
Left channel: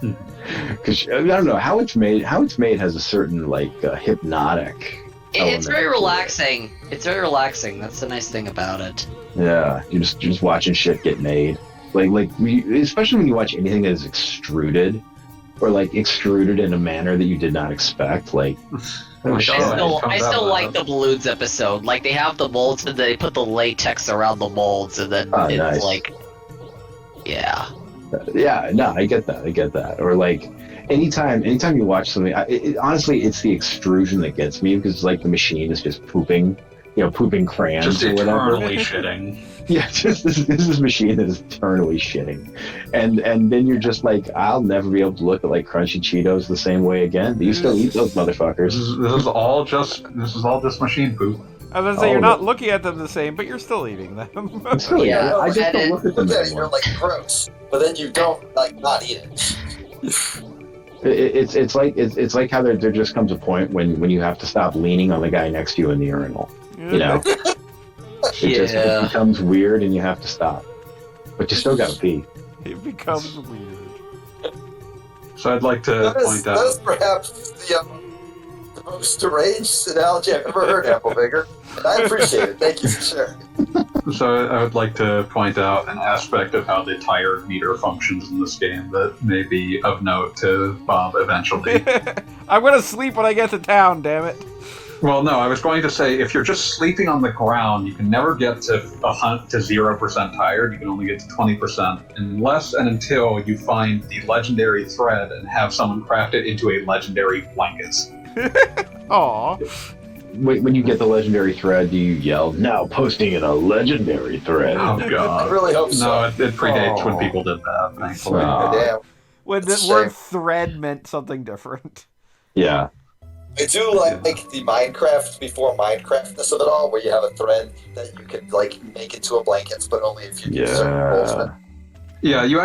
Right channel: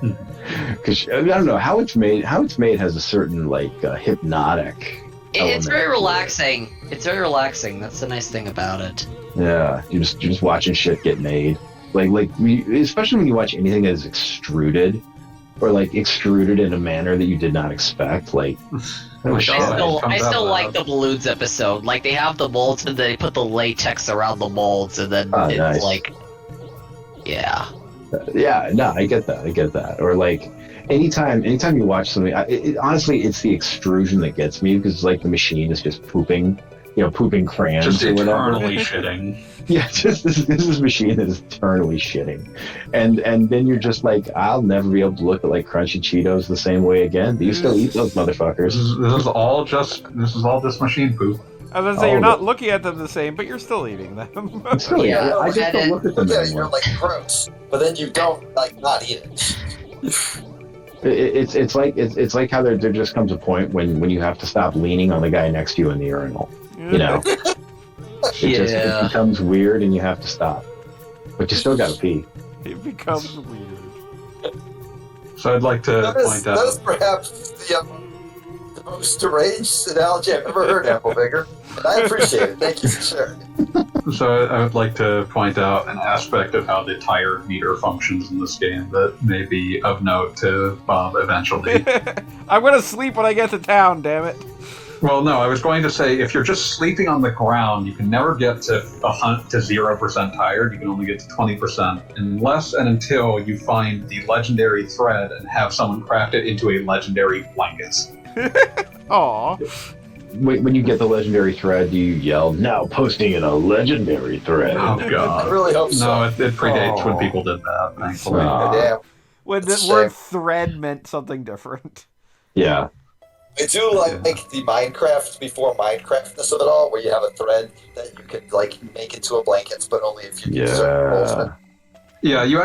Because I don't know how it's made. How It's Made has a certain like hypnotic. It's very relaxing. It's very relaxing. That's the nice thing about it. Yeah, you're just watching shit get made. Especially when you watch anything that is extruded, or like extruded in a manner that you did not expect. Like, I still like the balloons episode. Like, they have the molds and they put the latex around the molds, and then it's nice. like, yeah. Yeah, no, I get that. Or like, anytime you watch something, honestly, it's the extrusion that gets me, because like the machine is just pooping crayons just or whatever. Eternally shitting. Yeah, just this machine that is eternally shitting, and then you're just like, I'll never be able to look at like crunchy Cheetos the same way again. But you still eat those motherfuckers. This is all just machine poop. I was gonna say, you're not looking at them the same, but you're still eating them. I just don't look at them Yeah, anymore. you're like gross, but then you don't like not eat it. It's like how there just comes a point when you have to stop leaning on the guy next to you in the urinal. You know, it becomes weird and you have to stop, but you still gotta pee. It becomes weird. So I'd like to point out that is perhaps the most deranged analogy I've ever heard, Applefinger. And I appreciate it. Thank you for sharing. So I would like to point out an aspect of how the tire meter functions in this game that may be of note to Bob eventually. I'm gonna sleep when I get to town, damn it. Well, no, I was going to say, if you're just sleeping on the ground, you can never get to 0% tired. You can only get to 20%, unless and until you find the legendary thread and have someone craft it into a legendary blanket. Aww. Wait, when you get the legendary thread, do you yell, "Now posting in a legendary thread"? Oh, God. I really hope so. No, it predates when people did that, thankfully. Damn. When the word thread meant something different. Yeah. I do like the Minecraft before Minecraftness of it all, where you have a thread that you can like make into a blanket, but only if you do certain roles of it. Yeah, you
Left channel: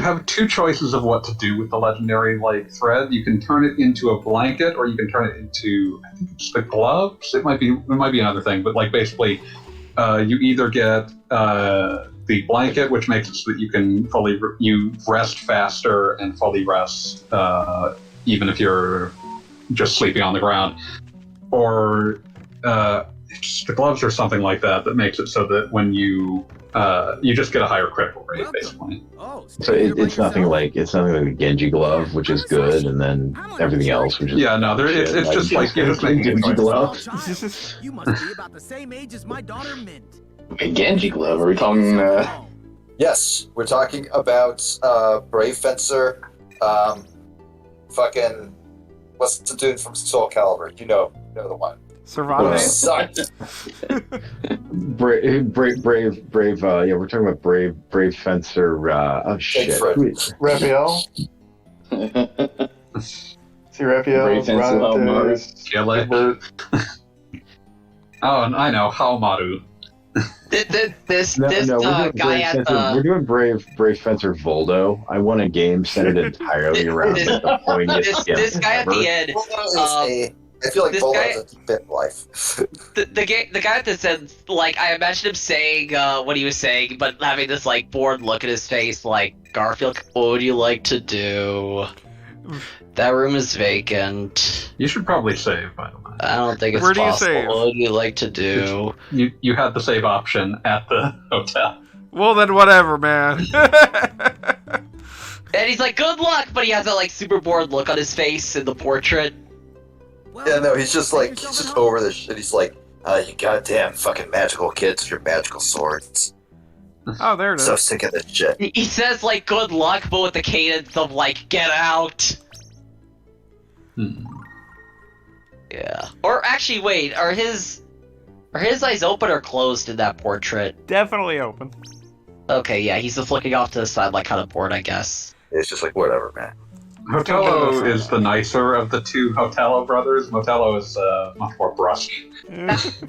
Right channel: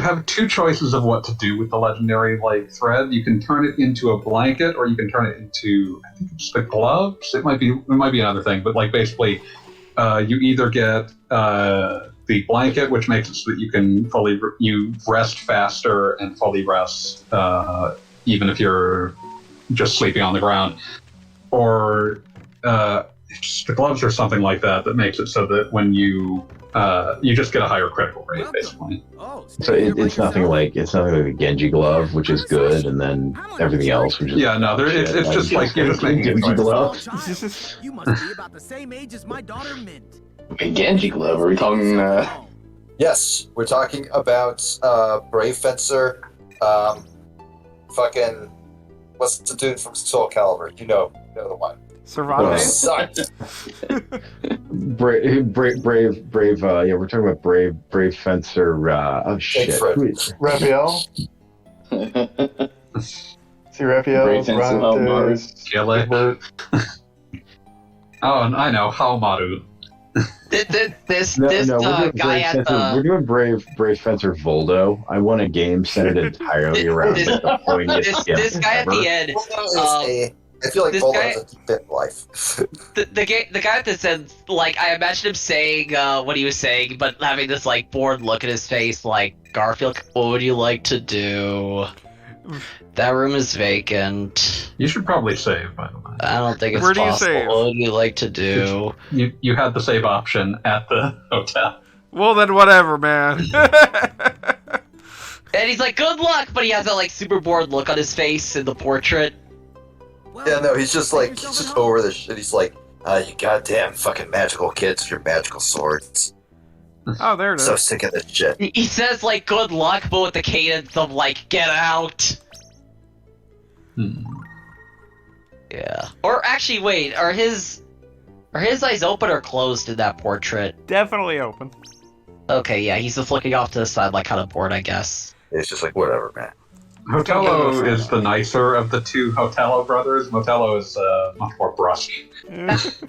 have two choices of what to do with the legendary thread. You can turn it into a blanket, or you can turn it into, I think, just the gloves. It might be another thing, but basically, you either get the blanket, which makes it so that you can you rest faster and fully rest, even if you're just sleeping on the ground, or it's the gloves or something like that makes it so that when you just get a higher critical rate, basically. So it's nothing like a Genji glove, which is good, and then everything else, which is it's just like you're just making Genji glove. You must be about the same age as my daughter Mint. A Genji glove? Are we talking? Yes, we're talking about Brave Fencer. Fucking what's the dude from Soul Calibur? You know the one. Cervantes? Brave, yeah, we're talking about Brave Fencer, oh shit. Raphael? See Raphael? Brave Fencer Haomaru. Oh, and I know, Haomaru. We're doing Brave Fencer Voldo. I want a game centered entirely around the poignant this guy at the end. I feel like Voldo has a bit life. The guy that said, I imagine him saying what he was saying, but having this bored look at his face, like, Garfield, what would you like to do? That room is vacant. You should probably save, by the way. I don't think it's Where do possible. you save? What would you like to do? You had the save option at the hotel. Well, then whatever, man. And he's like, good luck, but he has that super bored look on his face in the portrait. Yeah, no, he's just over this shit. He's like, you goddamn fucking magical kids with your magical swords. Oh, there it is. So sick of this shit. He says, good luck, but with the cadence of, get out. Yeah. Or actually, wait, are his Are his eyes open or closed in that portrait? Definitely open. Okay, yeah, he's just looking off to the side, like kind of bored, I guess. It's just like, whatever, man. Motello is the nicer of the two Motello brothers. Motello is much more brusque.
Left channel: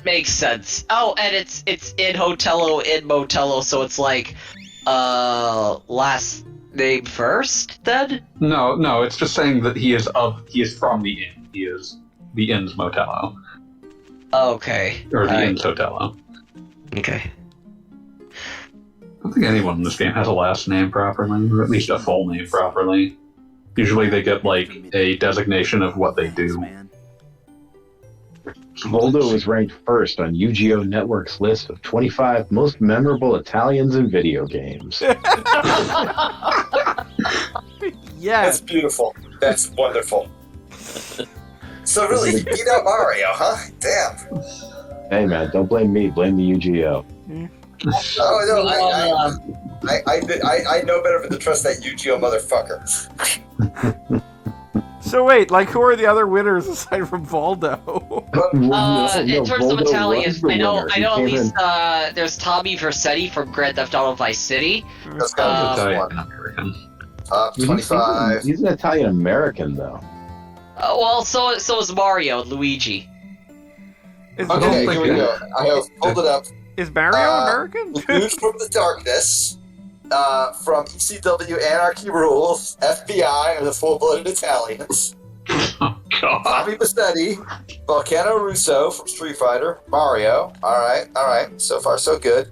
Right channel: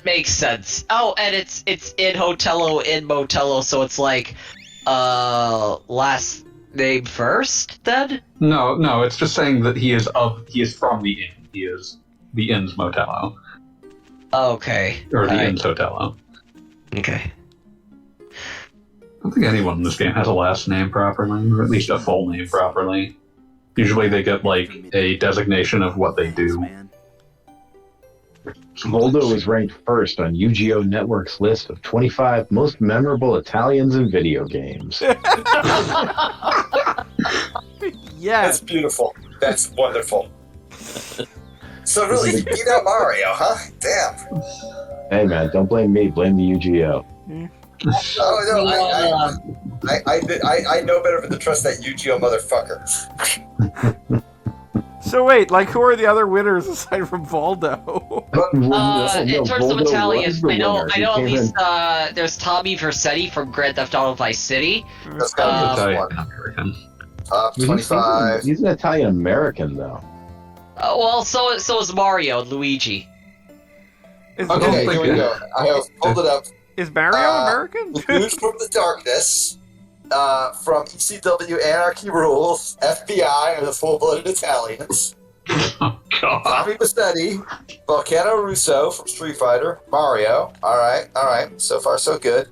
Makes sense. Oh, and it's in Hotello, in Motello, so it's like, last name first, then? No, it's just saying that he is from the inn. He is the inn's Motello. Okay. Or the inn's Hotello. Okay. I don't think anyone in this game has a last name properly, or at least a full name properly. Usually they get, like, a designation of what they do. Voldo was ranked first on UGO Network's list of 25 most memorable Italians in video games. Yeah. That's beautiful. That's wonderful. So really, you beat out Mario, huh? Damn. Hey man, don't blame me, blame the UGO. Oh no, I know better than to trust that Yu-Gi-Oh motherfucker. So wait, like, who are the other winners aside from Voldo? In terms of Italian, I know at least Even- there's Tommy Vercetti from Grand Theft Auto Vice City. That's gotta be Italian one. American. Top 25. He's an Italian American though. Well, so is Mario and Luigi. Okay, here we go. I have pulled it up. Is Mario American? News from the Darkness, from ECW Anarchy Rules, FBI, and the Full-Blooded Italians. Oh, God. Tommy Bassetti, Volcano Russo from Street Fighter, Mario. All right. So far, so good.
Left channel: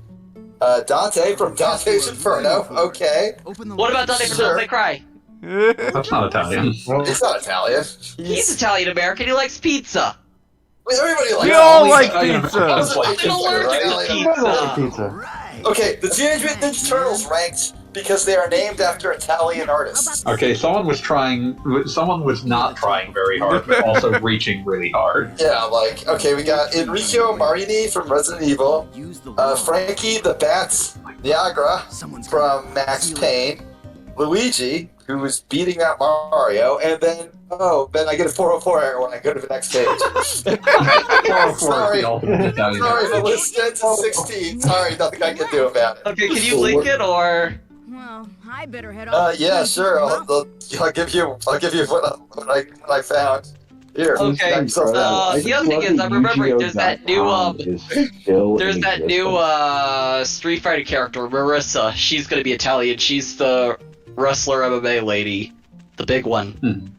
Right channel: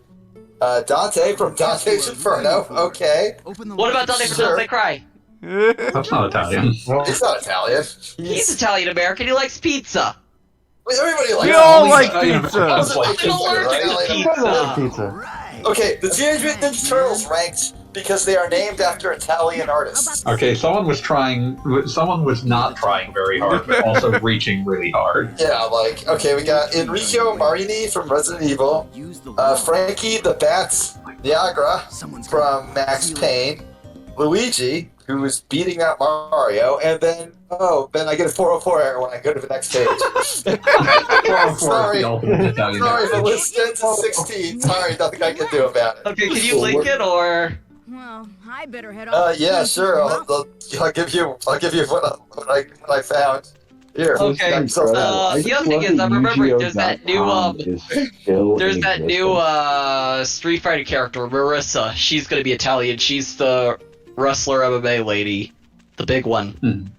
Dante from Dante's Inferno. Okay. What about Dante from Sure. Devil May Cry? That's not Italian. He's not Italian. He's Italian American. He likes pizza. Everybody likes We all like Italian pizza. Americans like I'm allergic to I pizza. like pizza. Okay, the Teenage Mutant Ninja Turtles ranked because they are named after Italian artists. Okay, someone was not trying very hard, but also reaching really hard. Yeah, like, okay, we got Enrico Marini from Resident Evil, Frankie the Bat Niagara from Max Payne, Luigi, who was beating out Mario, and then, I get a 404 error when I go to the next page. Sorry, the list ends at 16. Sorry, nothing I can do about it. Okay, can you link it or? Well, I better head off. Yeah, sure. I'll give you what I found. Here. Okay. The other thing is, I'm remembering there's that new Street Fighter character, Marissa. She's gonna be Italian. She's the wrestler MMA lady, the big one.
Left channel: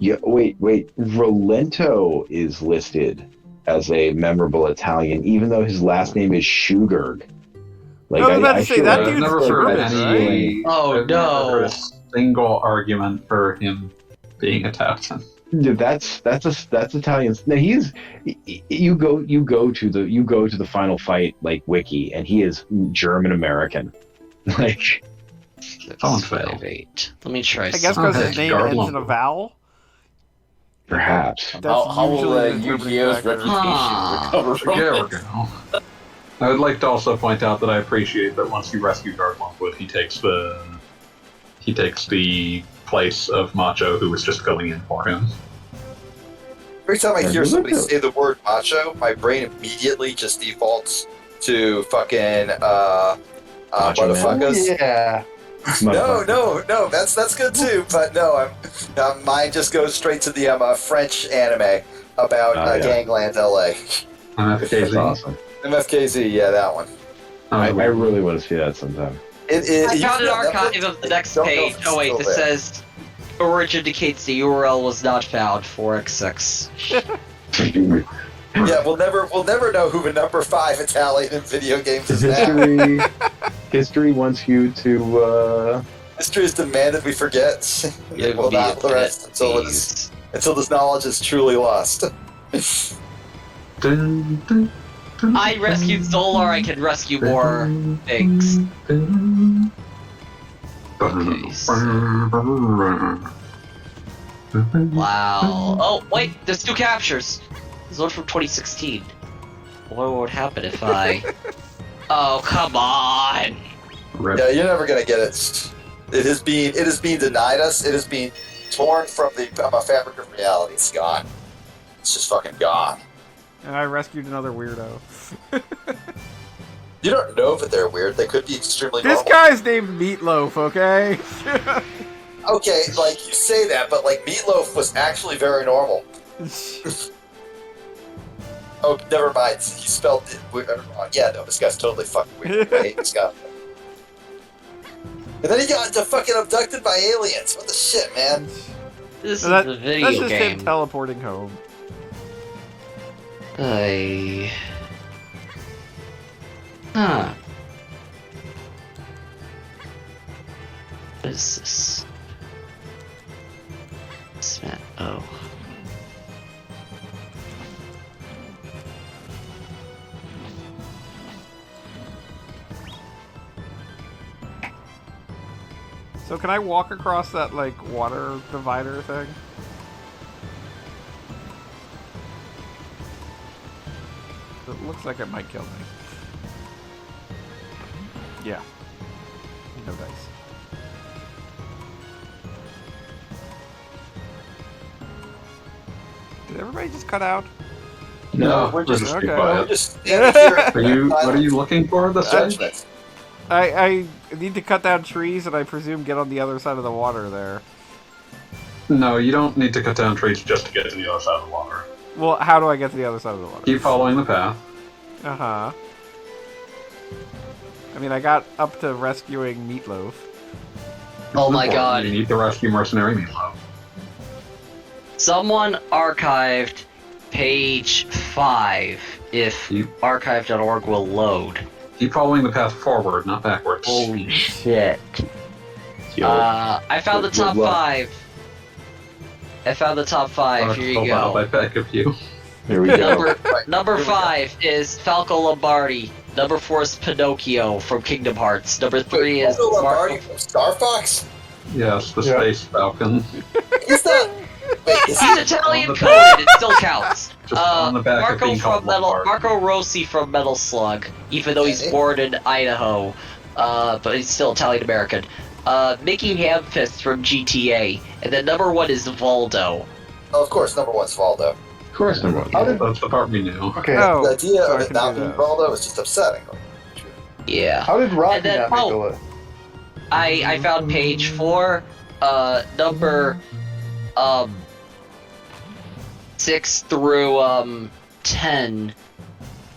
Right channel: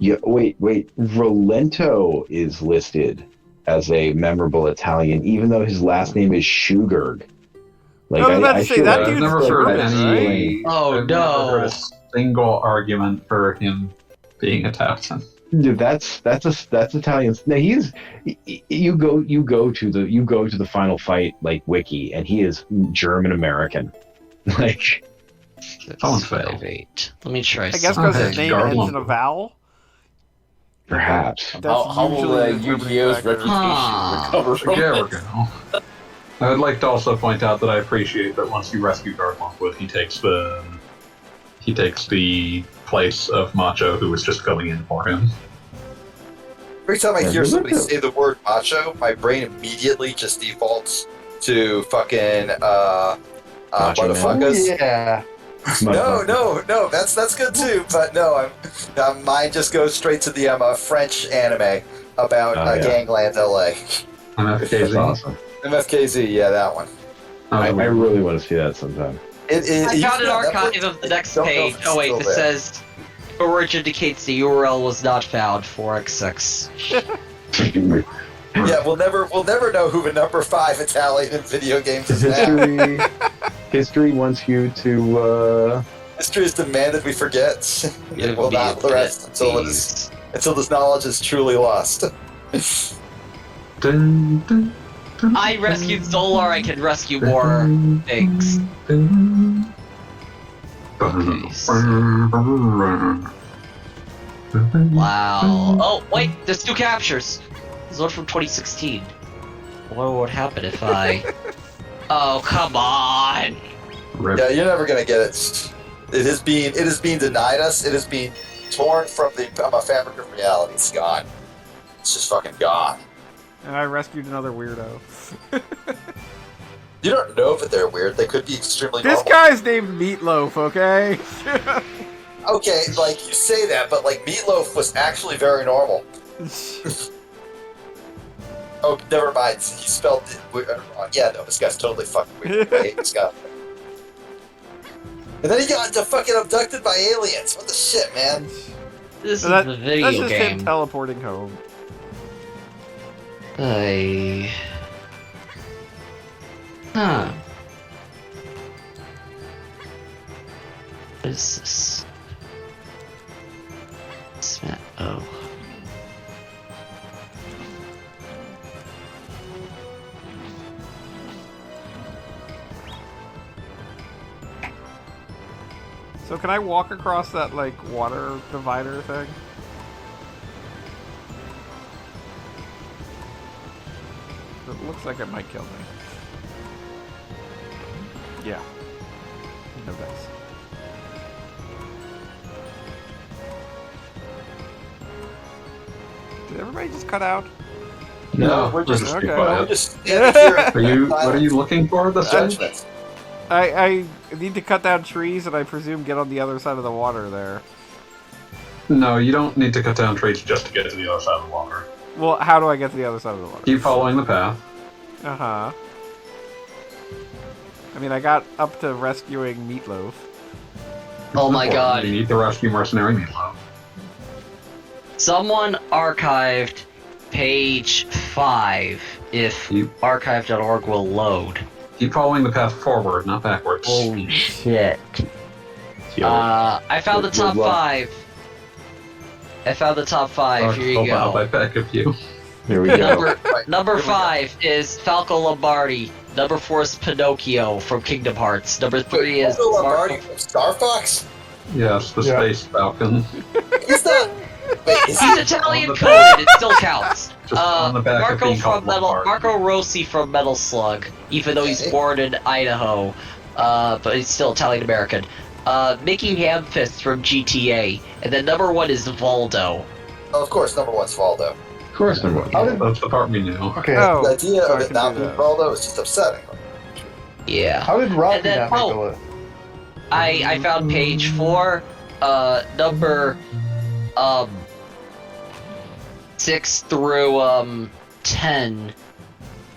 Yeah, wait. Rolento is listed as a memorable Italian, even though his last name is Schugerd. I was about to say, that dude's I've never heard German, any. right? Oh, I've never heard a single argument for him being Italian. Dude, that's Italian. No, you go to the Final Fight like wiki, and he is German American. Like, 658. Let me try. I guess because his name ends in a vowel. perhaps. That's usually the Yu-Gi-Oh's reputation recover from There we go. I would like to also point out that I appreciate that once you rescue Dark Longwood, he takes the place of Macho, who was just going in for him. Every time I hear somebody say the word macho, my brain immediately just defaults to fucking motherfuckers. Yeah. No, that's good too. But no, mine just goes straight to the French anime about Gangland, LA. That's awesome. MFKZ, yeah, that one. I really want to see that sometime. I found an archive of the next page. Oh wait, this says origin indicates the URL was not found. 4x6. Yeah, we'll never know who the number 5 Italian in video games is now. History wants you to. History is demanded we forget. It will not the rest until this knowledge is truly lost. I rescued Zolar, I can rescue more things. Wow. Oh, wait, there's 2 captures. There's one from 2016. What would happen if I... Oh, come on! Yeah, you're never gonna get it. It is being denied us. It is being torn from the fabric of reality. It's gone. It's just fucking gone. And I rescued another weirdo. You don't know that they're weird. They could be extremely This normal. guy's named Meatloaf, okay? Okay, like, you say that, but, like, Meatloaf was actually very normal. Oh, never mind. He spelled it weird. Yeah, no, this guy's totally fucking weird. I hate this guy. And then he got fucking abducted by aliens. What the shit, man? This That- is a video that's just game. him teleporting home. Huh. What is this? Oh. So can I walk across that, like, water divider thing? It looks like it might kill me. Yeah. No dice. Did everybody just cut out? No, we're just okay. We're just What are you looking for? The judgment. I need to cut down trees and I presume get on the other side of the water there. No, you don't need to cut down trees just to get to the other side of the water. Well, how do I get to the other side of the water? Keep following the path. Uh-huh. I mean, I got up to rescuing Meatloaf. Oh my god. You need to rescue mercenary Meatloaf. Someone archived page 5 if archive.org will load. Keep following the path forward, not backwards. Holy shit. I found the top 5. I found the top 5. Here you go. I beg of you. Here we go. Number 5 is Falco Lombardi. Number 4 is Pinocchio from Kingdom Hearts. Number 3 is Falco Lombardi from Star Fox? Yes, the Space Falcon. He's not. Wait, is He's he Italian coded, it still counts. Just on the back of Marco being from called Metal, Lombardi. Marco Rossi from Metal Slug, even though he's born in Idaho, but he's still Italian American. Mickey Hamfist from GTA, and then number 1 is Voldo. Oh, of course, number 1's Valdo. Of course, number one. That's the part we knew. Okay. Oh, The idea so I of it can not do being that. Valdo is just upsetting. Yeah. How did Rocky And then- not make the oh. list? I found page 4, number 6 through 10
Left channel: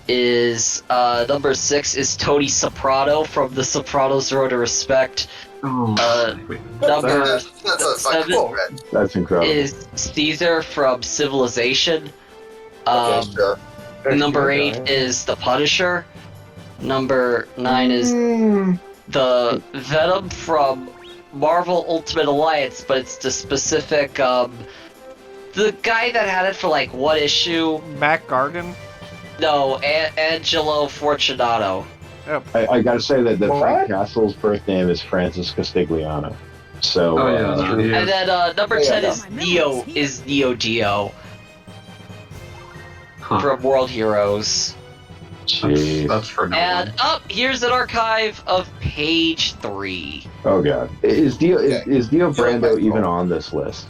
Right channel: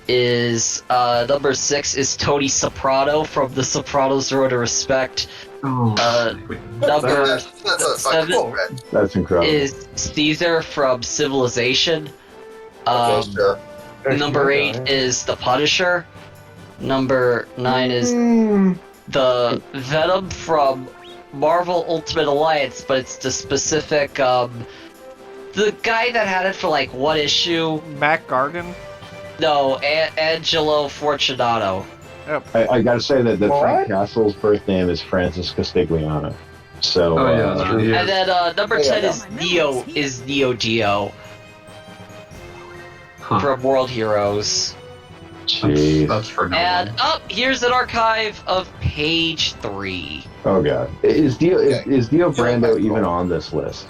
is number 6 is Tony Soprano from The Sopranos Road to Respect. Number That's a fucking 7 cool, man. That's incredible. is Caesar from Civilization. Okay, sure. Number 8 is The Punisher. Number 9 is the Venom from Marvel Ultimate Alliance, but it's the specific, the guy that had it for like one issue. Mac Gargan? No, Angelo Fortunato. Yep. I gotta say that What? Frank Castle's birth name is Francis Castigliano. So, Oh, yeah, that's true. He And is. then number Yeah, 10 yeah. is Neo Geo Huh. from World Heroes. jeez. That's for no And one. here's an archive of page 3. Oh god. Is Dio Brando Yeah, even on this list?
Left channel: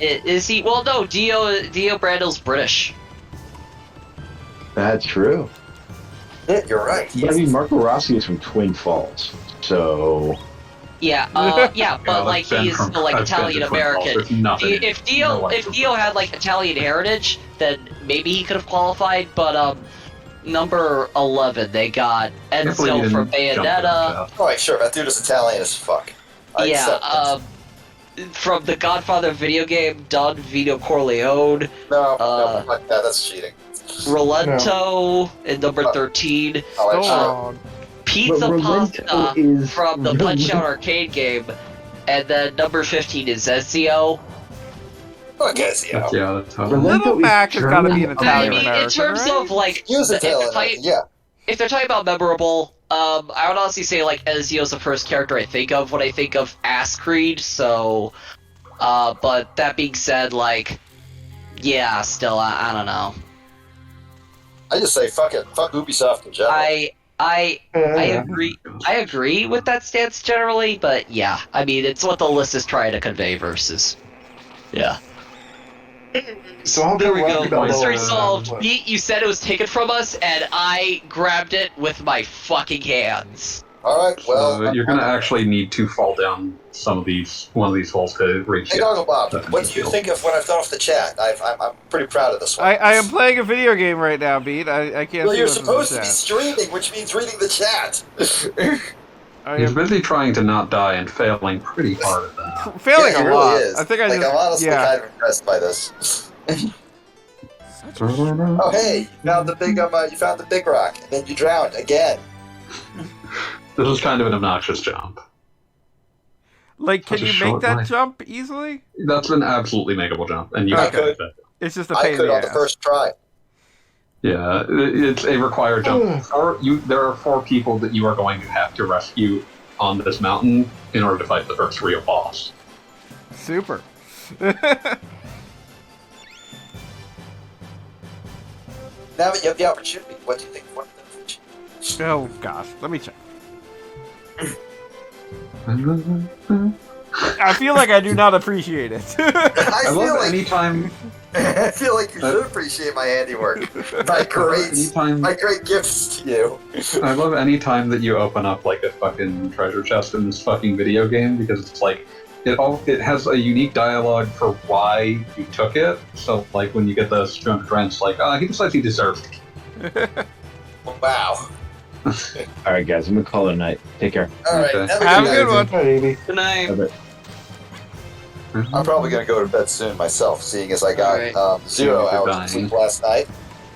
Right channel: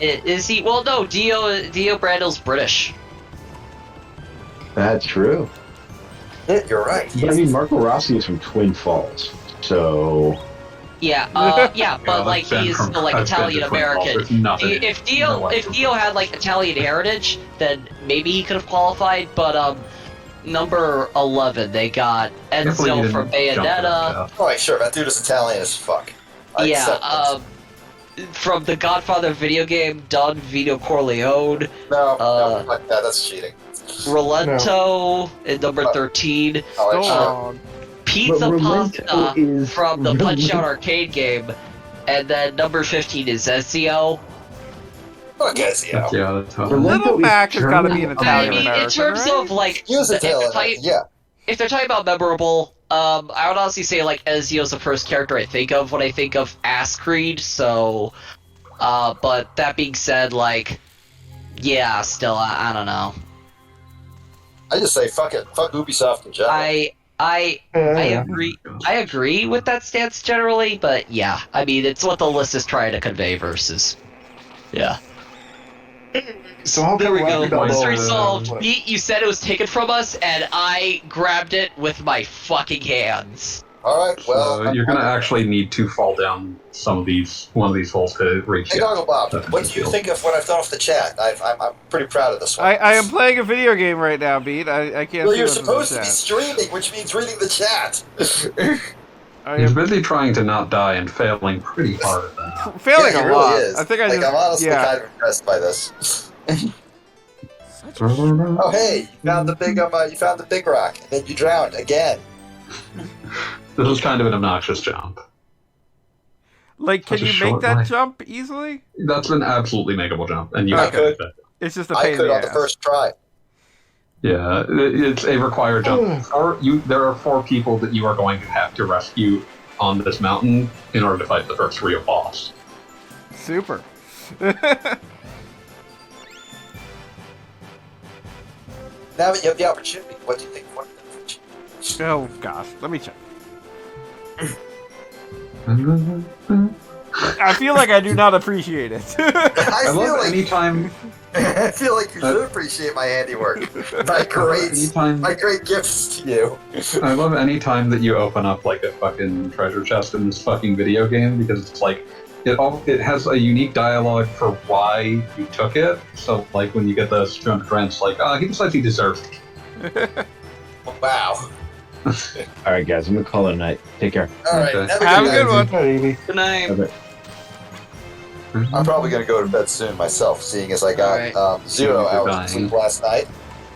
Is he? Well, no. Dio Brando's British. That's true. Yeah, you're right. But I mean, Marco Rossi is from Twin Falls, so Yeah, yeah, but like I've been he's from- still like I've been to Italian Twin Falls. American. There's nothing. If No way. Dio had like Italian heritage, then maybe he could have qualified. But number 11, they got Can't believe you Enzo from didn't jump in, Bayonetta. Jeff. Oh, wait, sure. That dude is Italian as fuck. I accept it. From the Godfather video game, Don Vito Corleone, No, fuck that. That's cheating. Rolento in number 13, Oh, Still actually, wrong. Pizza But Rolento Pasta is from the Punch Out Rolento- arcade game, and then number 15 is Ezio. fuck Ezio. Yeah, that's how. Little is Mac has got to be an German. Italian I mean, American, in terms right? of like, He was if they're Italian. talking- Yeah. if they're talking about memorable, I would honestly say like Ezio's the first character I think of when I think of Ass Creed. So, but that being said, like, yeah, still, I don't know. I just say fuck it. Fuck Ubisoft in general. I agree. I agree with that stance generally, but yeah, I mean, it's what the list is trying to convey versus, yeah. So how There come we go. Rocky Balboa- Mystery solved. what? Pete, you said it was taken from us, and I grabbed it with my fucking hands. All right, well, So you're gonna actually need to fall down one of these holes to reach. Hey, Goggle Bob, what do you think of what I've done with the chat? I'm pretty proud of this one. I am playing a video game right now, Beat. I can't Well, see you're what's in the supposed to be chat. streaming, which means reading the chat. He's busy trying to not die and failing pretty hard at that. Failing Yeah, he a lot. Really is. I think I like, just I'm honestly yeah. kind of impressed by this. Oh, hey, you found the big rock, and then you drowned again. This is kind of an obnoxious jump. Like, can Such a you make short that life. jump easily? That's an absolutely makeable jump, and you Okay. have to make it. It's just a I pain in could the on the ass. first try. Yeah, it's a required jump. There are 4 people that you are going to have to rescue on this mountain in order to fight the first real boss. Super. Now that you have the opportunity, what do you think? Oh gosh, let me check. I feel like I do not appreciate it. I love feel like anytime. I feel like you should appreciate my handiwork. My great gifts to you. I love any time that you open up like a fucking treasure chest in this fucking video game because it's like it has a unique dialogue for why you took it. So like when you get the spoon friends, like he decides he deserves it. Wow. All right, guys, I'm gonna call it a night. Take care. All right, Okay. Have a good one. Amy. Good night. Bye-bye. I'm probably gonna go to bed soon myself, seeing as I got 0 You're hours dying. of sleep last night.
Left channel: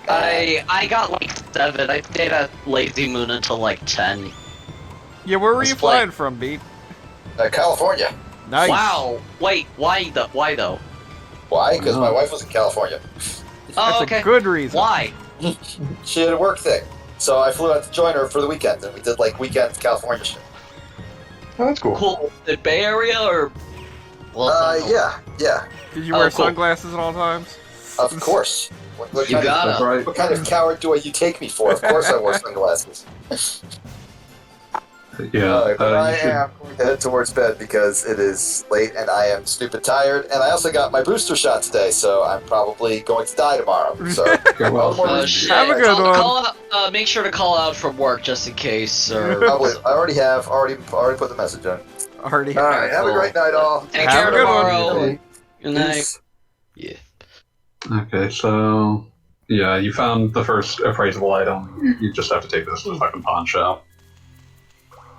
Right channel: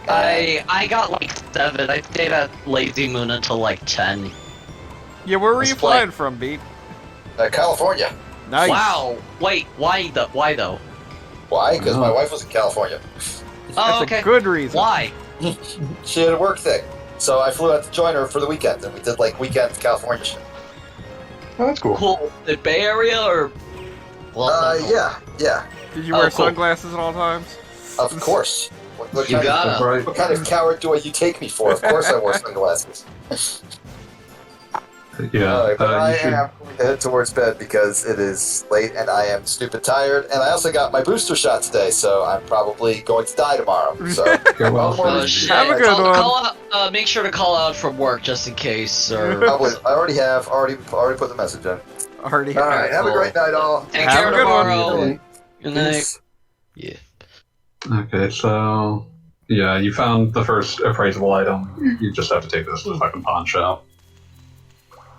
I got like 7. I stayed at Lazy Moon until like 10. Yeah, where were Let's you play. flying from, Beat? California. Nice. Wow. Wait, why though? Why? Because my wife was in California. Oh, That's okay. a good reason. Why? She had a work thing, so I flew out to join her for the weekend, and we did like weekend California shit. Oh, that's cool. Cool. The Bay Area or? Yeah, Did you wear cool. sunglasses at all times? of course. What You kind of- gotta. That's right. What kind of coward do you take me for? Of course I wore sunglasses. Yeah, But you I should- am headed towards bed because it is late and I am stupid tired, and I also got my booster shot today, so I'm probably going to die tomorrow. So Go well. all the more Oh, reason- shit. Have a good one. Call out, make sure to call out from work just in case. Or I already put the message in. Already. All right, have a cool. great night, all. Take Have care a good one. tomorrow. Good night. Peace. Yeah. Okay, so yeah, you found the first appraisable item. You just have to take this to the fucking pawn shop.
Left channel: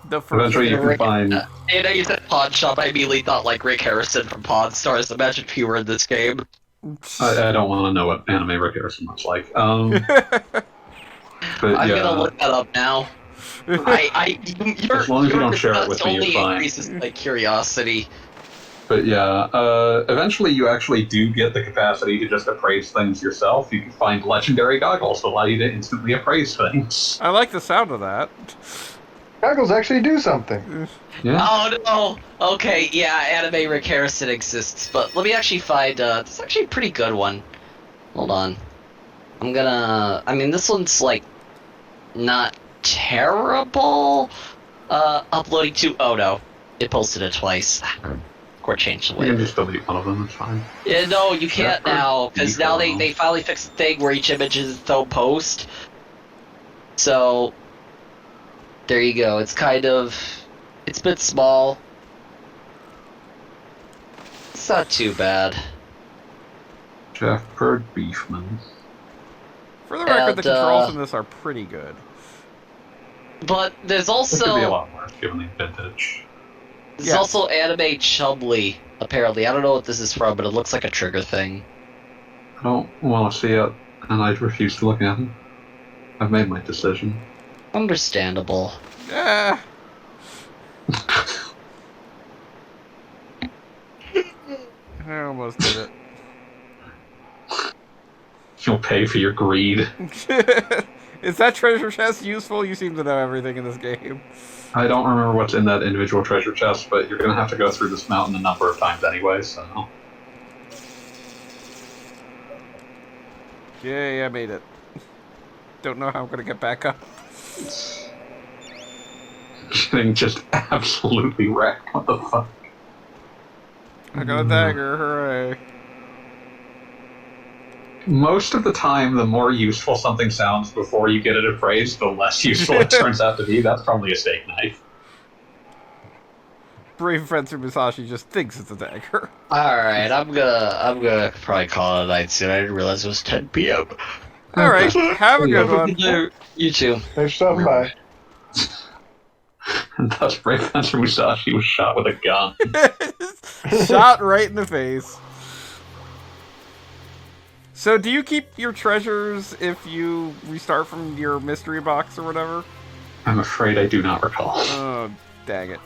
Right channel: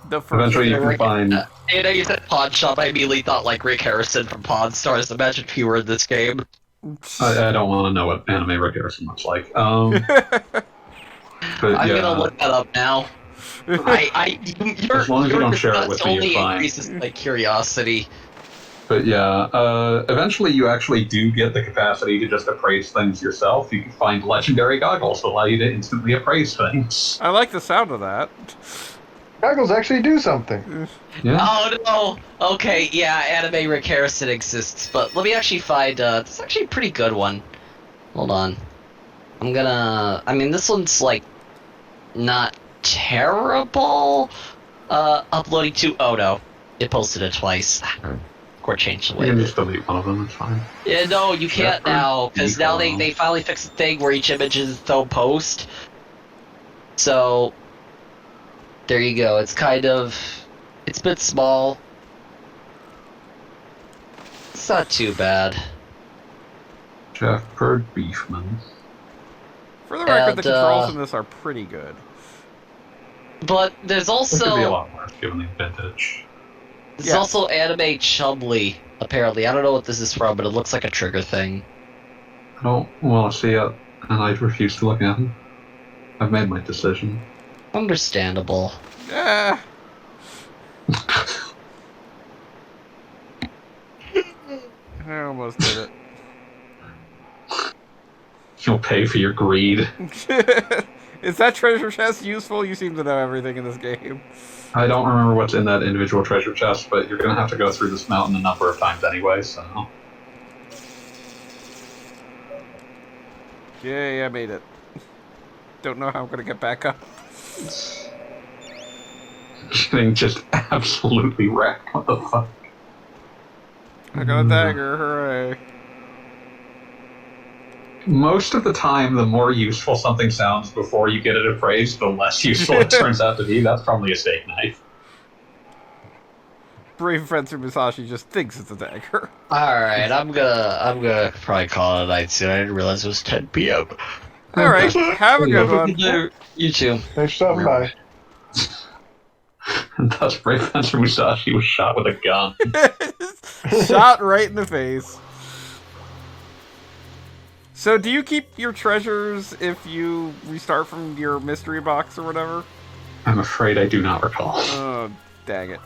The first Eventually, you can find. You know, you said Pawn Shop. I immediately thought like Rick Harrison from Pawn Stars. Imagine if you were in this game. I don't want to know what anime Rick Harrison looks like. But I'm yeah, gonna look that up now. You're, As long as you don't share it with me, only you're fine. increases my curiosity. but yeah. Eventually, you actually do get the capacity to just appraise things yourself. You can find legendary goggles that allow you to instantly appraise things. I like the sound of that. Goggles actually do something. Yeah. Oh no! Okay, yeah, anime Rick Harrison exists, but let me actually find, this is actually a pretty good one. Hold on. I mean, this one's, like, not terrible. Uploading to, oh no. It posted it twice. Or changed the You can way. just delete one of them. It's fine. Yeah, no, you can't Yeah, now, because now they finally fixed the thing where each image is its own post. So, there you go. It's it's a bit small. It's not too bad. Jeff Bird Beefman. For the record, And, the controls in this are pretty good. But there's This could be a also lot worse given the vintage. there's Yeah. also anime Chumley, apparently. I don't know what this is from, but it looks like a trigger thing. I don't want to see it, and I refuse to look at it. I've made my decision. Understandable. Yeah. I almost did it. You'll pay for your greed. Is that treasure chest useful? You seem to know everything in this game. I don't remember what's in that individual treasure chest, but you're gonna have to go through this mountain a number of times anyway, so... Yay, I made it. Don't know how I'm gonna get back up. Getting just absolutely wrecked. What the fuck? I got a dagger, hooray. most of the time, the more useful something sounds before you get it appraised, the less useful it turns out to be. That's probably a steak knife. Brave Fencer Musashi just thinks it's a dagger. Alright, I'm gonna probably call it a night soon. I didn't realize it was 10 p.m. Alright, have a good one. You too. Thanks for stopping by. And thus, Brave Fencer Musashi was shot with a gun. Shot right in the face. So, do you keep your treasures if you restart from your mystery box or whatever? I'm afraid I do not recall. Oh, dang it.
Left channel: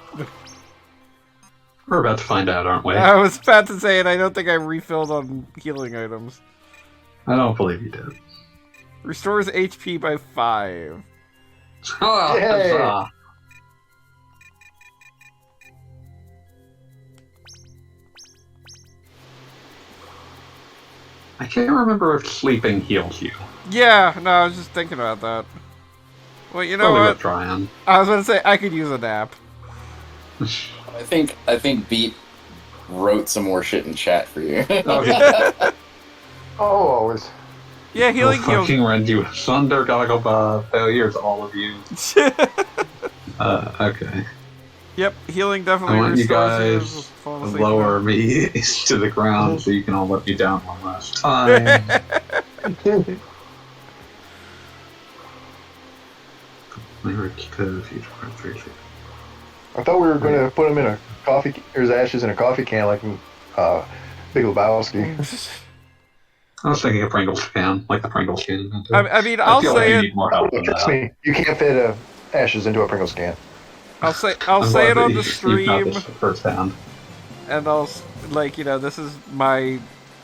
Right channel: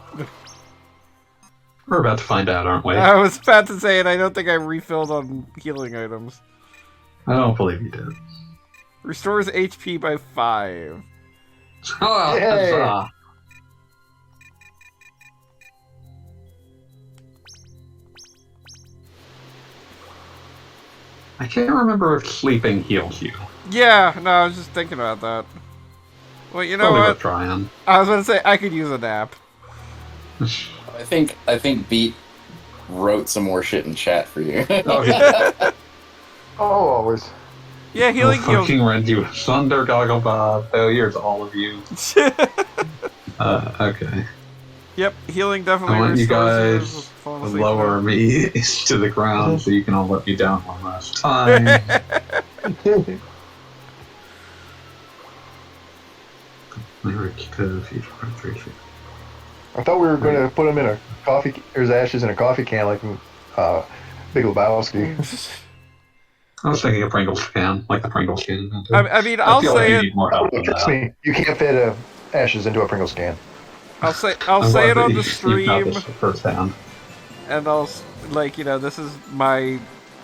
We're about to find out, aren't we? I was about to say it. I don't think I refilled on healing items. I don't believe you did. Restores HP by 5. Oh, Yay. huzzah. I can't remember if sleeping heals you. Yeah, no, I was just thinking about that. Well, you know Probably what? worth trying. I was going to say, I could use a nap. I think Beat wrote some more shit in chat for you. Oh, yeah. Oh, always. Yeah, healing heals. Fucking rend you thunder, Gogglebot, failures, all of you. Okay. Yep, healing I definitely want you restores guys fall to asleep lower now. me to the ground so you can all let me down one last time. I thought we were going to put him in a coffee. There's ashes in a coffee can, like Big Lebowski. I was thinking a Pringles can, like the Pringles can. I mean, I'll feel say like you it. need more help than Trust that. me, you can't fit ashes into a Pringles can. I'll say I'm it glad on that the you've got stream, this firsthand. and this is my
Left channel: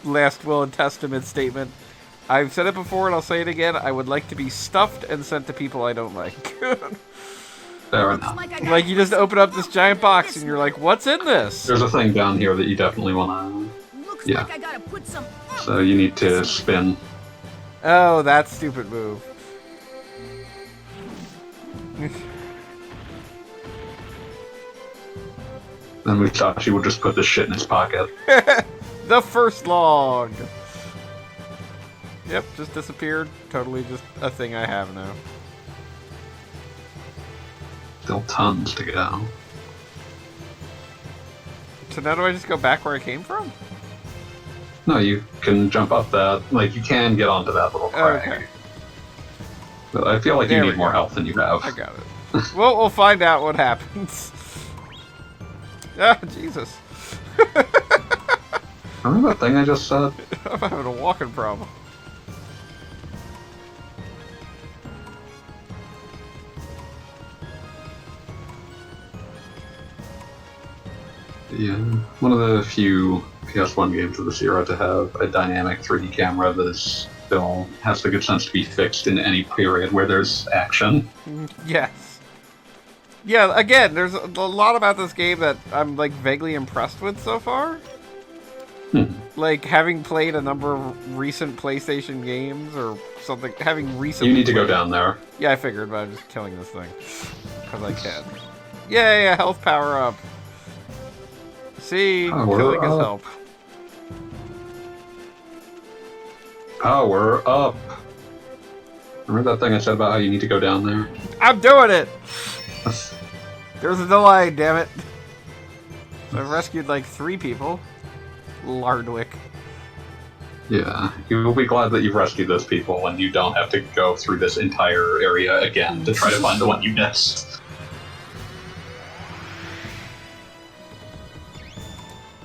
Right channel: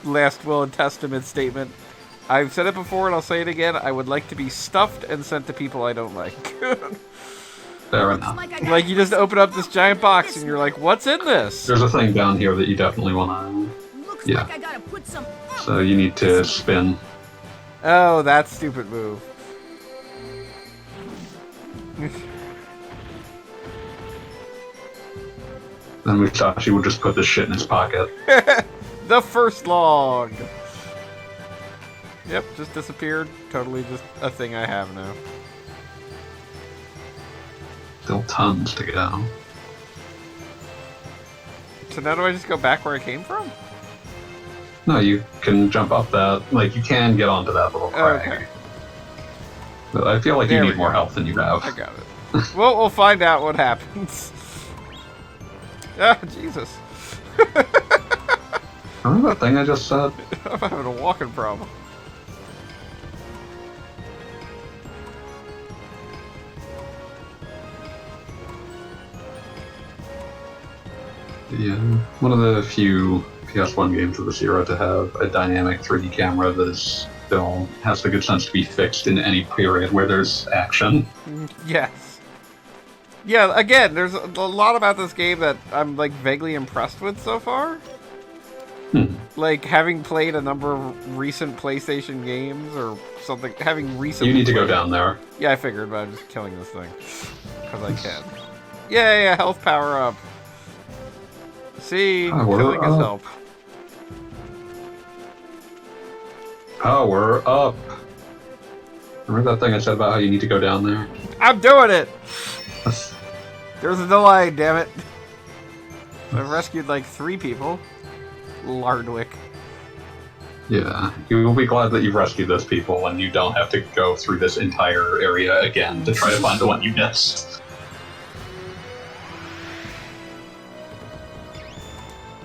last will and testament statement. I've said it before, and I'll say it again. I would like to be stuffed and sent to people I don't like. Fair enough. Like, you just open up this giant box, and you're like, what's in this? There's a thing down here that you definitely want to... Yeah. I gotta put some. So you need to spin. Oh, that stupid move. Then Musashi will just put this shit in his pocket. The first log. Yep, just disappeared. Totally just a thing I have now. Still tons to go. So now do I just go back where I came from? No, you can jump up that. Like, you can get onto that little crack. Okay. But I feel like There you we need more go. health than you have. I got it. Well, we'll find out what happens. Ah, Jesus. Remember that thing I just said? I'm having a walking problem. Yeah, one of the few PS1 games of this era to have a dynamic 3D camera that still has the good sense to be fixed in any period where there's action. Yes. Yeah, again, there's a lot about this game that I'm, like, vaguely impressed with so far. Like, having played a number of recent PlayStation games or something, having recently You need to go played- down there. Yeah, I figured, but I'm just killing this thing. Because I can. Yeah, health power up. See, Power killing is up. help. Power up. Remember that thing I said about how you need to go down there? I'm doing it! There's a delay, damn it. I've rescued like 3 people. Lardwick. Yeah, you will be glad that you've rescued those people and you don't have to go through this entire area again to try to find the one you missed.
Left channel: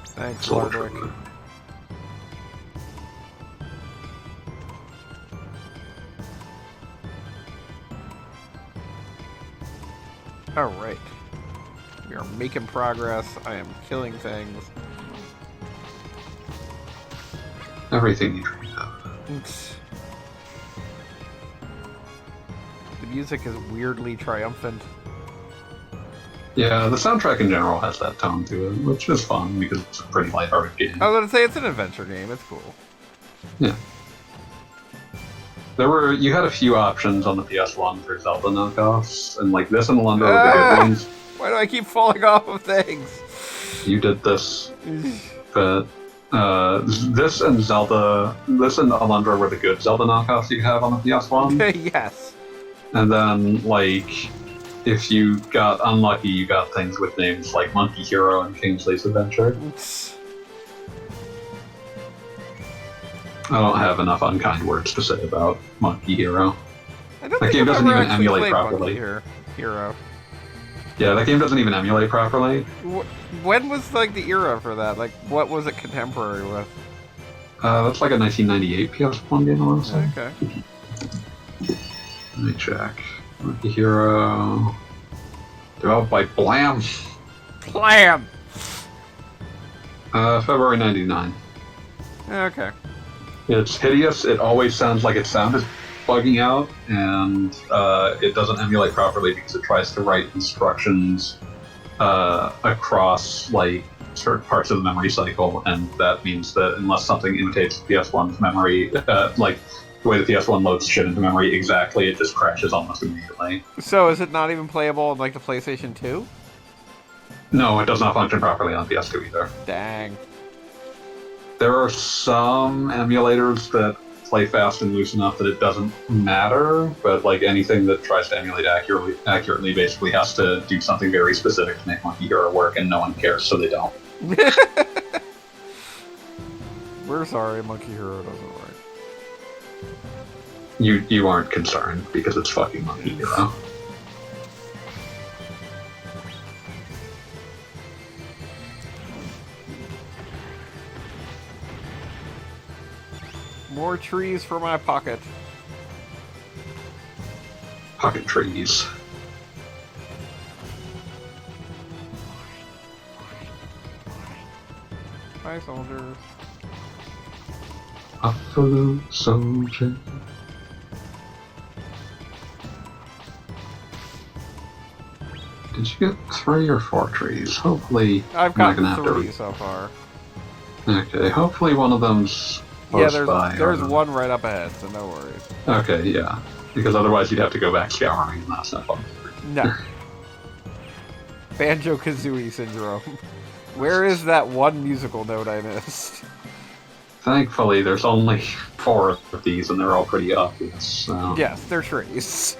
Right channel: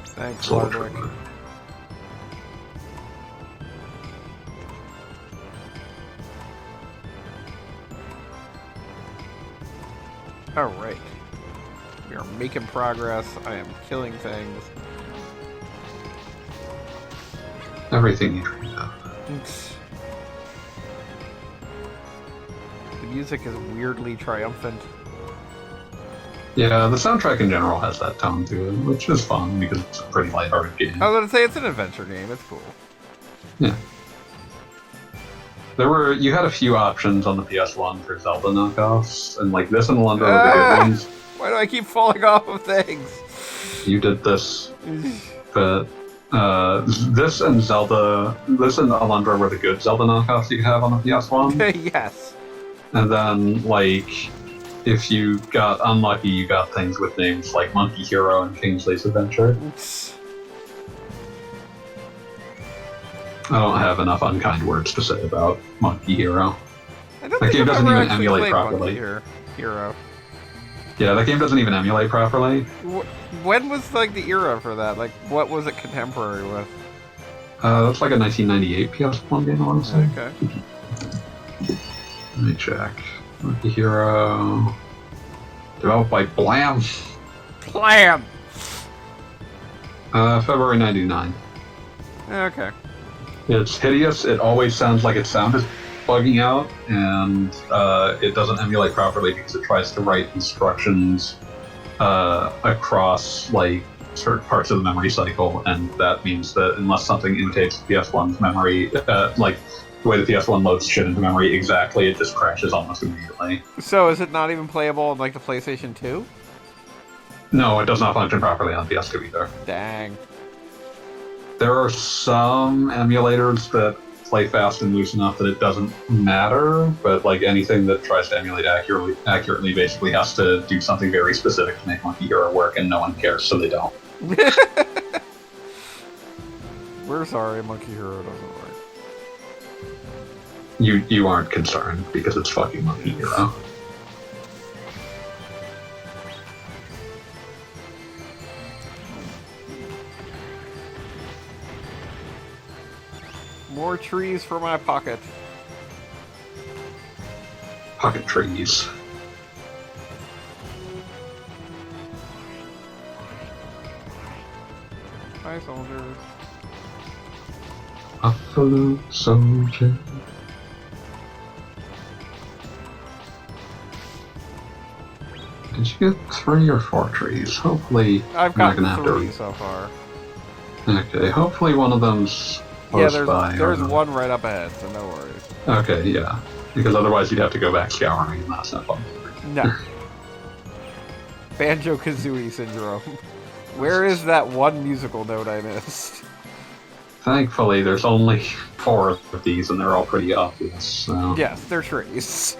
Thanks, Lardwick. Alright. We are making progress. I am killing things. Everything you dreamed of. The music is weirdly triumphant. Yeah, the soundtrack in general has that tone to it, which is fun because it's a pretty lighthearted game. I was gonna say it's an adventure game. It's cool. Yeah. You had a few options on the PS1 for Zelda knockoffs, and like this and the Wonder are the good ones. Why do I keep falling off of things? You did this, but This and Alundra were the good Zelda knockoffs you have on the PS1. Yes. And then, like, if you got unlucky, you got things with names like Monkey Hero and Kingsley's Adventure. I don't have enough unkind words to say about Monkey Hero. I don't That think game I've doesn't ever even actually emulate played properly. Monkey Hero. Yeah, that game doesn't even emulate properly. When was like the era for that? Like, what was it contemporary with? That's like a 1998 PS1 game, I want to say. Okay. Let me check. Monkey Hero. Developed by Blam. Blam! February 99. Okay. It's hideous. It always sounds like its sound is bugging out, and it doesn't emulate properly because it tries to write instructions across like certain parts of the memory cycle, and that means that unless something imitates PS1's memory, like the way the PS1 loads shit into memory exactly, it just crashes almost immediately. So is it not even playable on like the PlayStation 2? No, it does not function properly on PS2 either. Dang. There are some emulators that play fast and loose enough that it doesn't matter, but like anything that tries to emulate accurately basically has to do something very specific to make Monkey Hero work, and no one cares, so they don't. We're sorry, Monkey Hero doesn't work. You aren't concerned because it's fucking Monkey Hero. More trees for my pocket. Pocket trees. Hi, soldiers. Buffalo soldier. Did you get 3 or 4 trees? Hopefully, I've you're not gotten gonna have 3 to... so far. Okay, hopefully one of them's Yeah, close by, there's or- one right up ahead, so no worries. Okay, yeah. Because otherwise you'd have to go back scouring, and that's not fun. No. Banjo-Kazooie syndrome. Where is that one musical note I missed? Thankfully, there's only 4 of these, and they're all pretty obvious, so... Yes, they're trees.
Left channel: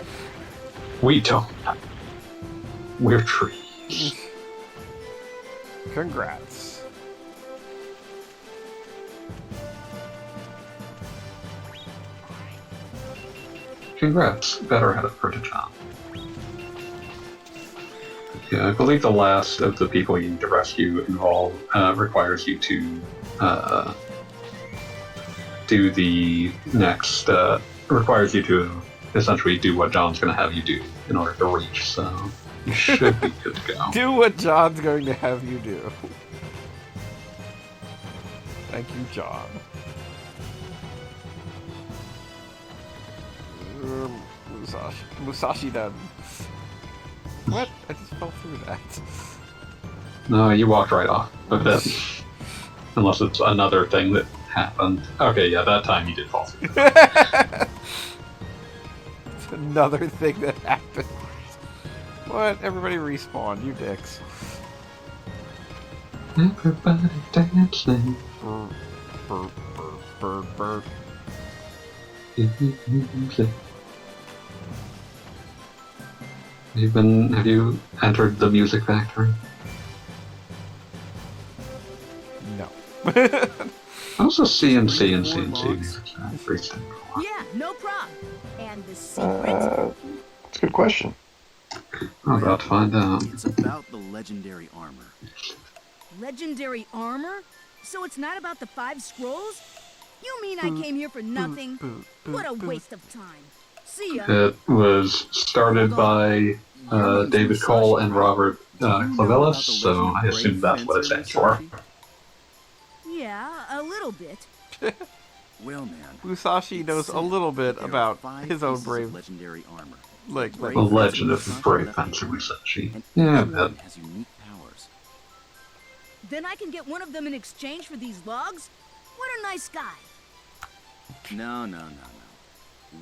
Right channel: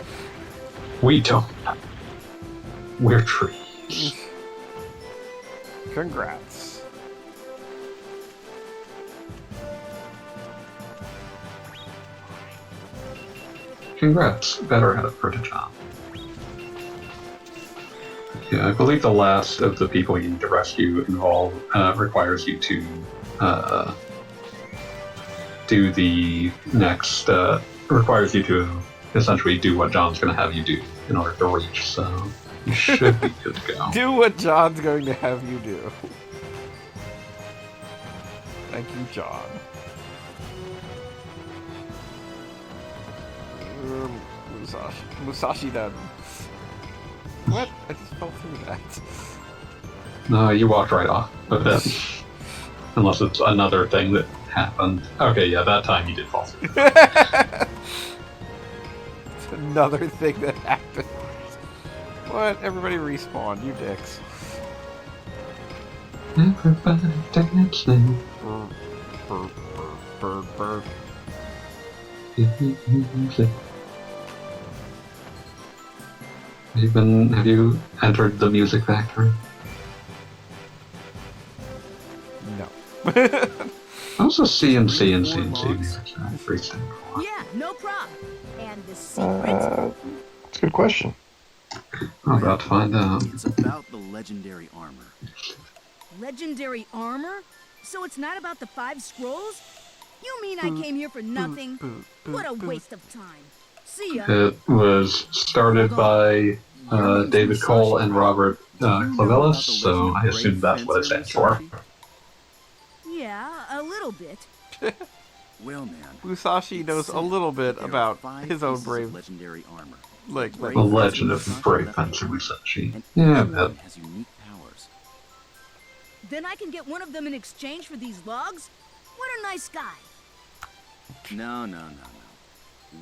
We don't know. We're trees. Congrats. Congrats. Better at it for the job. Yeah, I believe the last of the people you need to rescue involved requires you to do the next... requires you to essentially do what John's going to have you do in order to reach, so you should be good to go. Do what John's going to have you do. Thank you, John. Musashi done. What? I just fell through that. No, you walked right off of it. Unless it's another thing that happened. Okay, yeah, that time you did fall through. It's another thing that happened. What? Everybody respawn, you dicks. Everybody dancing. Bird, bird, bird, bird, bird. Have you entered the music factory? No. How's a CNC and CNC music factory? Yeah, no problem. And the secret. That's a good question. I'm about to find out. It's about the legendary armor. Legendary armor? So it's not about the 5 scrolls? You mean I came here for nothing? What a waste of time. See ya. It was started by David Cole and Robert Clavelis, so I assume that's what it stands for. Yeah, a little bit. Well, man. Musashi knows a little bit there are about 5 his own pieces of brave, legendary armor. like, The Legend of Brave Fencer Musashi. And Yeah, each that... one has unique powers. Then I can get one of them in exchange for these logs? What a nice guy. No.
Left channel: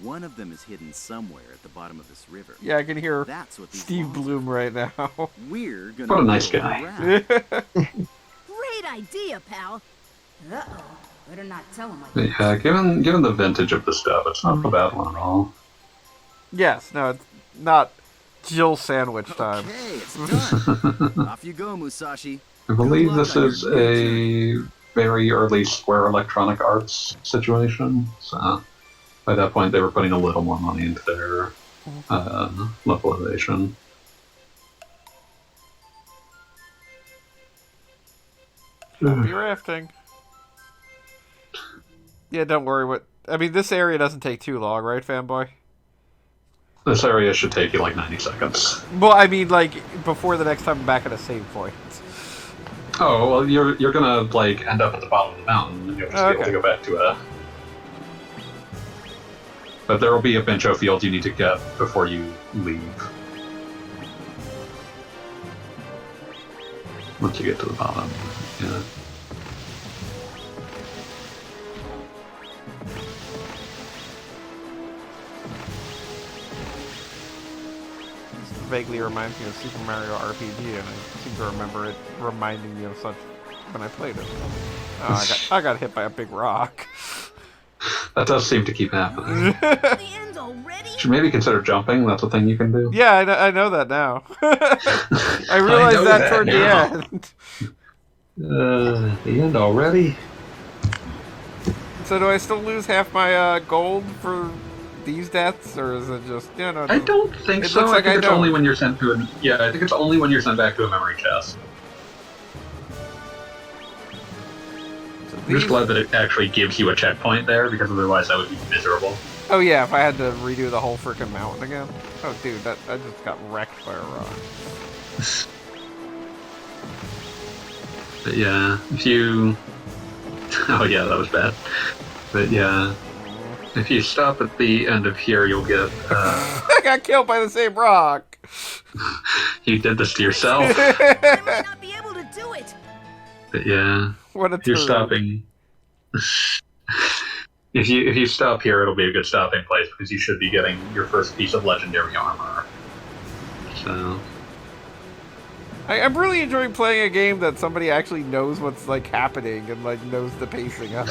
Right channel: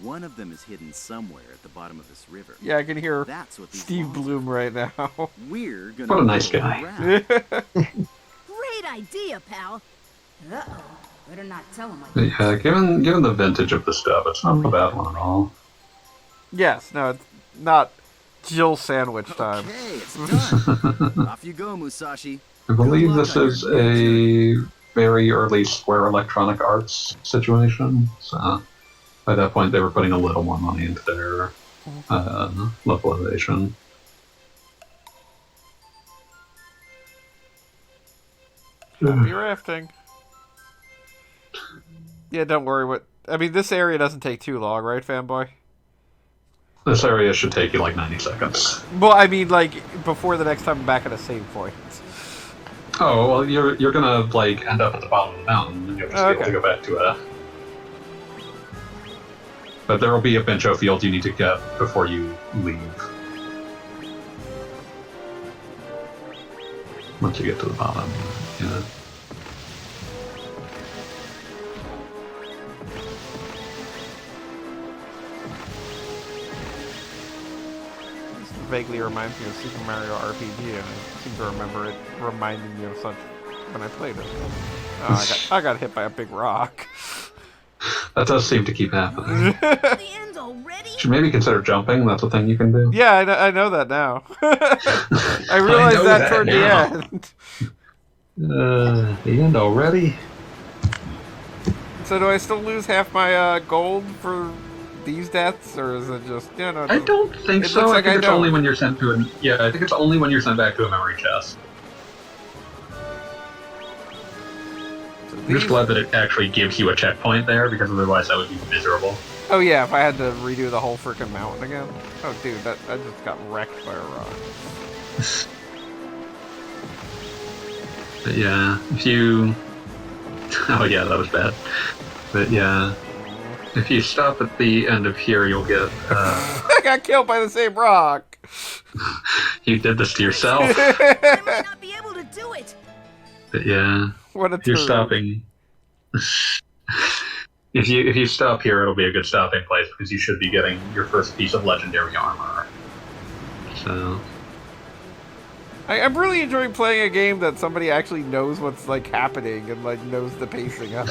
One of them is hidden somewhere at the bottom of this river. Yeah, I can hear That's what these Steve logs Bloom right now. are. We're gonna What a nice roll guy. around. Great idea, pal. Uh-oh. Better not tell him. But yeah, given the vintage of the stuff, it's not a bad one at all. Yes, no, it's not Jill sandwich time. Okay, it's done. Off you go, Musashi. I believe luck this on your is new a very early Square Electronic Arts situation. So by that point, they were putting a little more money into their localization. Happy rafting. Yeah, don't worry. I mean, this area doesn't take too long, right, fanboy? This area should take you like 90 seconds. Well, I mean, like, before the next time I'm back at a save point. Oh, well, you're gonna, like, end up at the bottom of the mountain, and you'll just be able to go back to a... But there will be a Bencho field you need to get before you leave. Once you get to the bottom, yeah. Vaguely reminds me of Super Mario RPG, and I seem to remember it reminding me of such when I played it. Oh, I got hit by a big rock. That does seem to keep happening. Should maybe consider jumping. That's a thing you can do. Yeah, I know that now. I realized that toward the end. The end already? So do I still lose half my gold for these deaths, or is it just, you know? I don't think it so. Looks like I think it's don't. only when you're sent to I think it's only when you're sent back to a memory chest. So I'm just glad that it actually gives you a checkpoint there, because otherwise that would be miserable. Oh yeah, if I had to redo the whole freaking mountain again. Oh dude, I just got wrecked by a rock. But yeah, if you... Oh yeah, that was bad. But yeah, if you stop at the end of here, you'll get... I got killed by the same rock! You did this to yourself. I might not be able to do it. But yeah, what a you're turd. stopping... If you stop here, it'll be a good stopping place, because you should be getting your first piece of legendary armor. So... I'm really enjoying playing a game that somebody actually knows what's, like, happening and, like, knows the pacing of.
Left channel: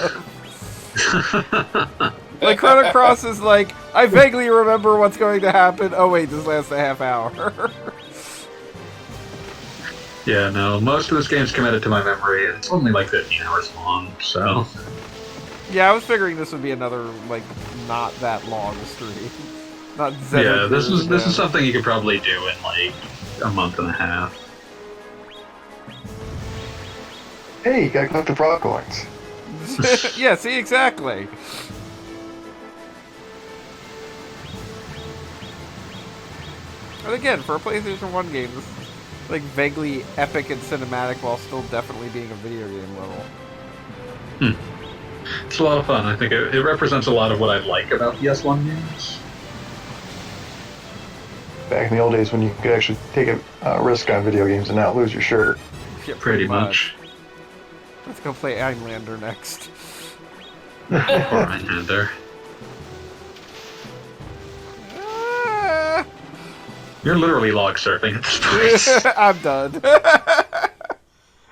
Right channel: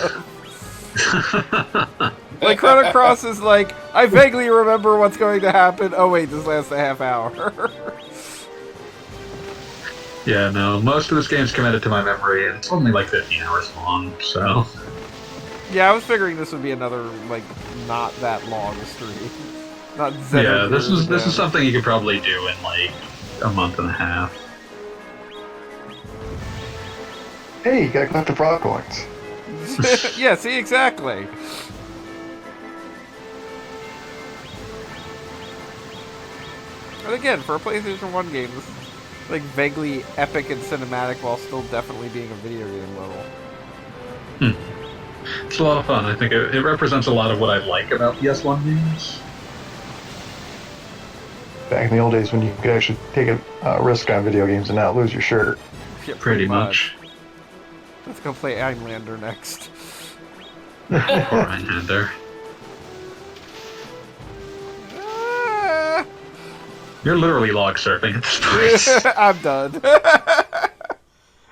Like, Chrono Cross is like, I vaguely remember what's going to happen. Oh, wait, this lasts a half hour. Yeah, no, most of this game's committed to my memory, and it's only like 15 hours long, so... Yeah, I was figuring this would be another, like, not that long stream. Not Yeah, this is something you could probably do in, like, a month and a half. Hey, you gotta collect the frog coins. Yeah, see, exactly. And again, for a PlayStation 1 game, this is, like, vaguely epic and cinematic while still definitely being a video game level. It's a lot of fun. I think it represents a lot of what I like about PS1 games. Back in the old days when you could actually take a risk on video games and not lose your shirt. Yeah, Pretty much. Let's go play Einlander next. Or Einlander. You're literally log surfing at this point. I'm done.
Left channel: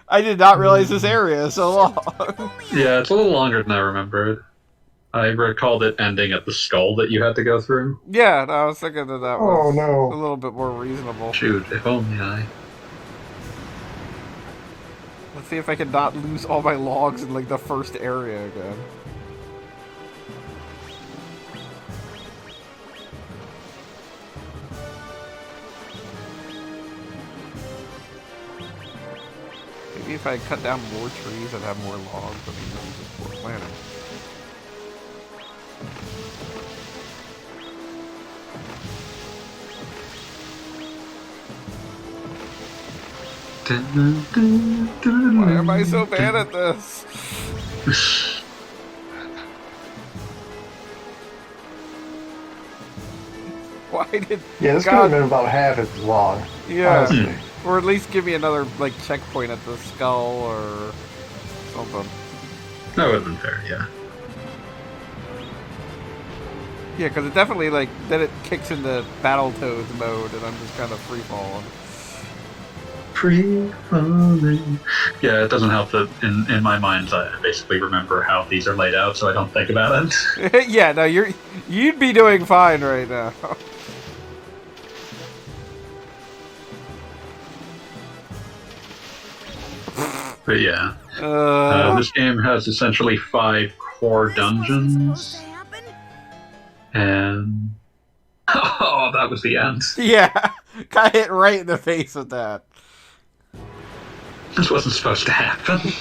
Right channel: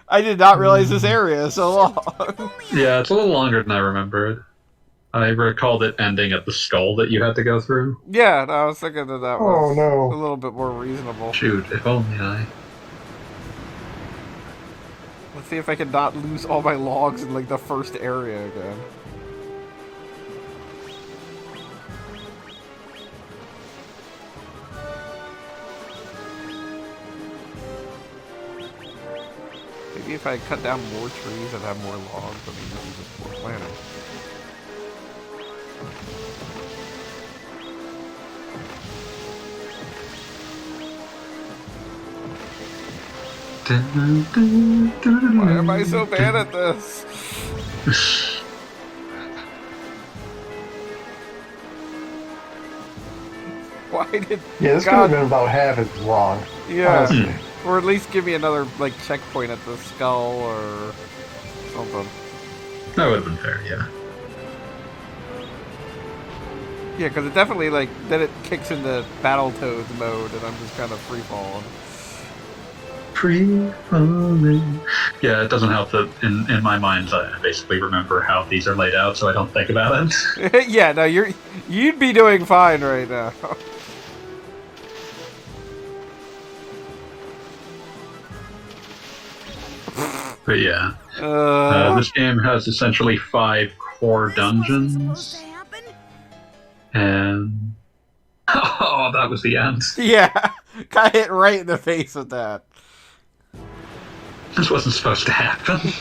I did not realize this area is so long. Yeah, it's a little longer than I remembered. I recalled it ending at the skull that you had to go through. Yeah, no, I was thinking that was no. a little bit more reasonable. Shoot, if only I... Let's see if I can not lose all my logs in, like, the first area again. Maybe if I cut down more trees, I'd have more logs. I mean, this is just poor planning. Why am I so bad at this? Why did... Yeah, this could have been about half as long. Yeah. Honestly. Or at least give me another, like, checkpoint at the skull or something. That would have been fair, yeah. Yeah, because it definitely, like, then it kicks into Battletoads mode and I'm just kind of free falling. Free falling. Yeah, it doesn't help that in my mind I basically remember how these are laid out, so I don't think about it. Yeah, no, you'd be doing fine right now. But yeah, this game has essentially 5 core dungeons, and oh, that was the end. Yeah, got hit right in the face with that. This wasn't supposed to happen.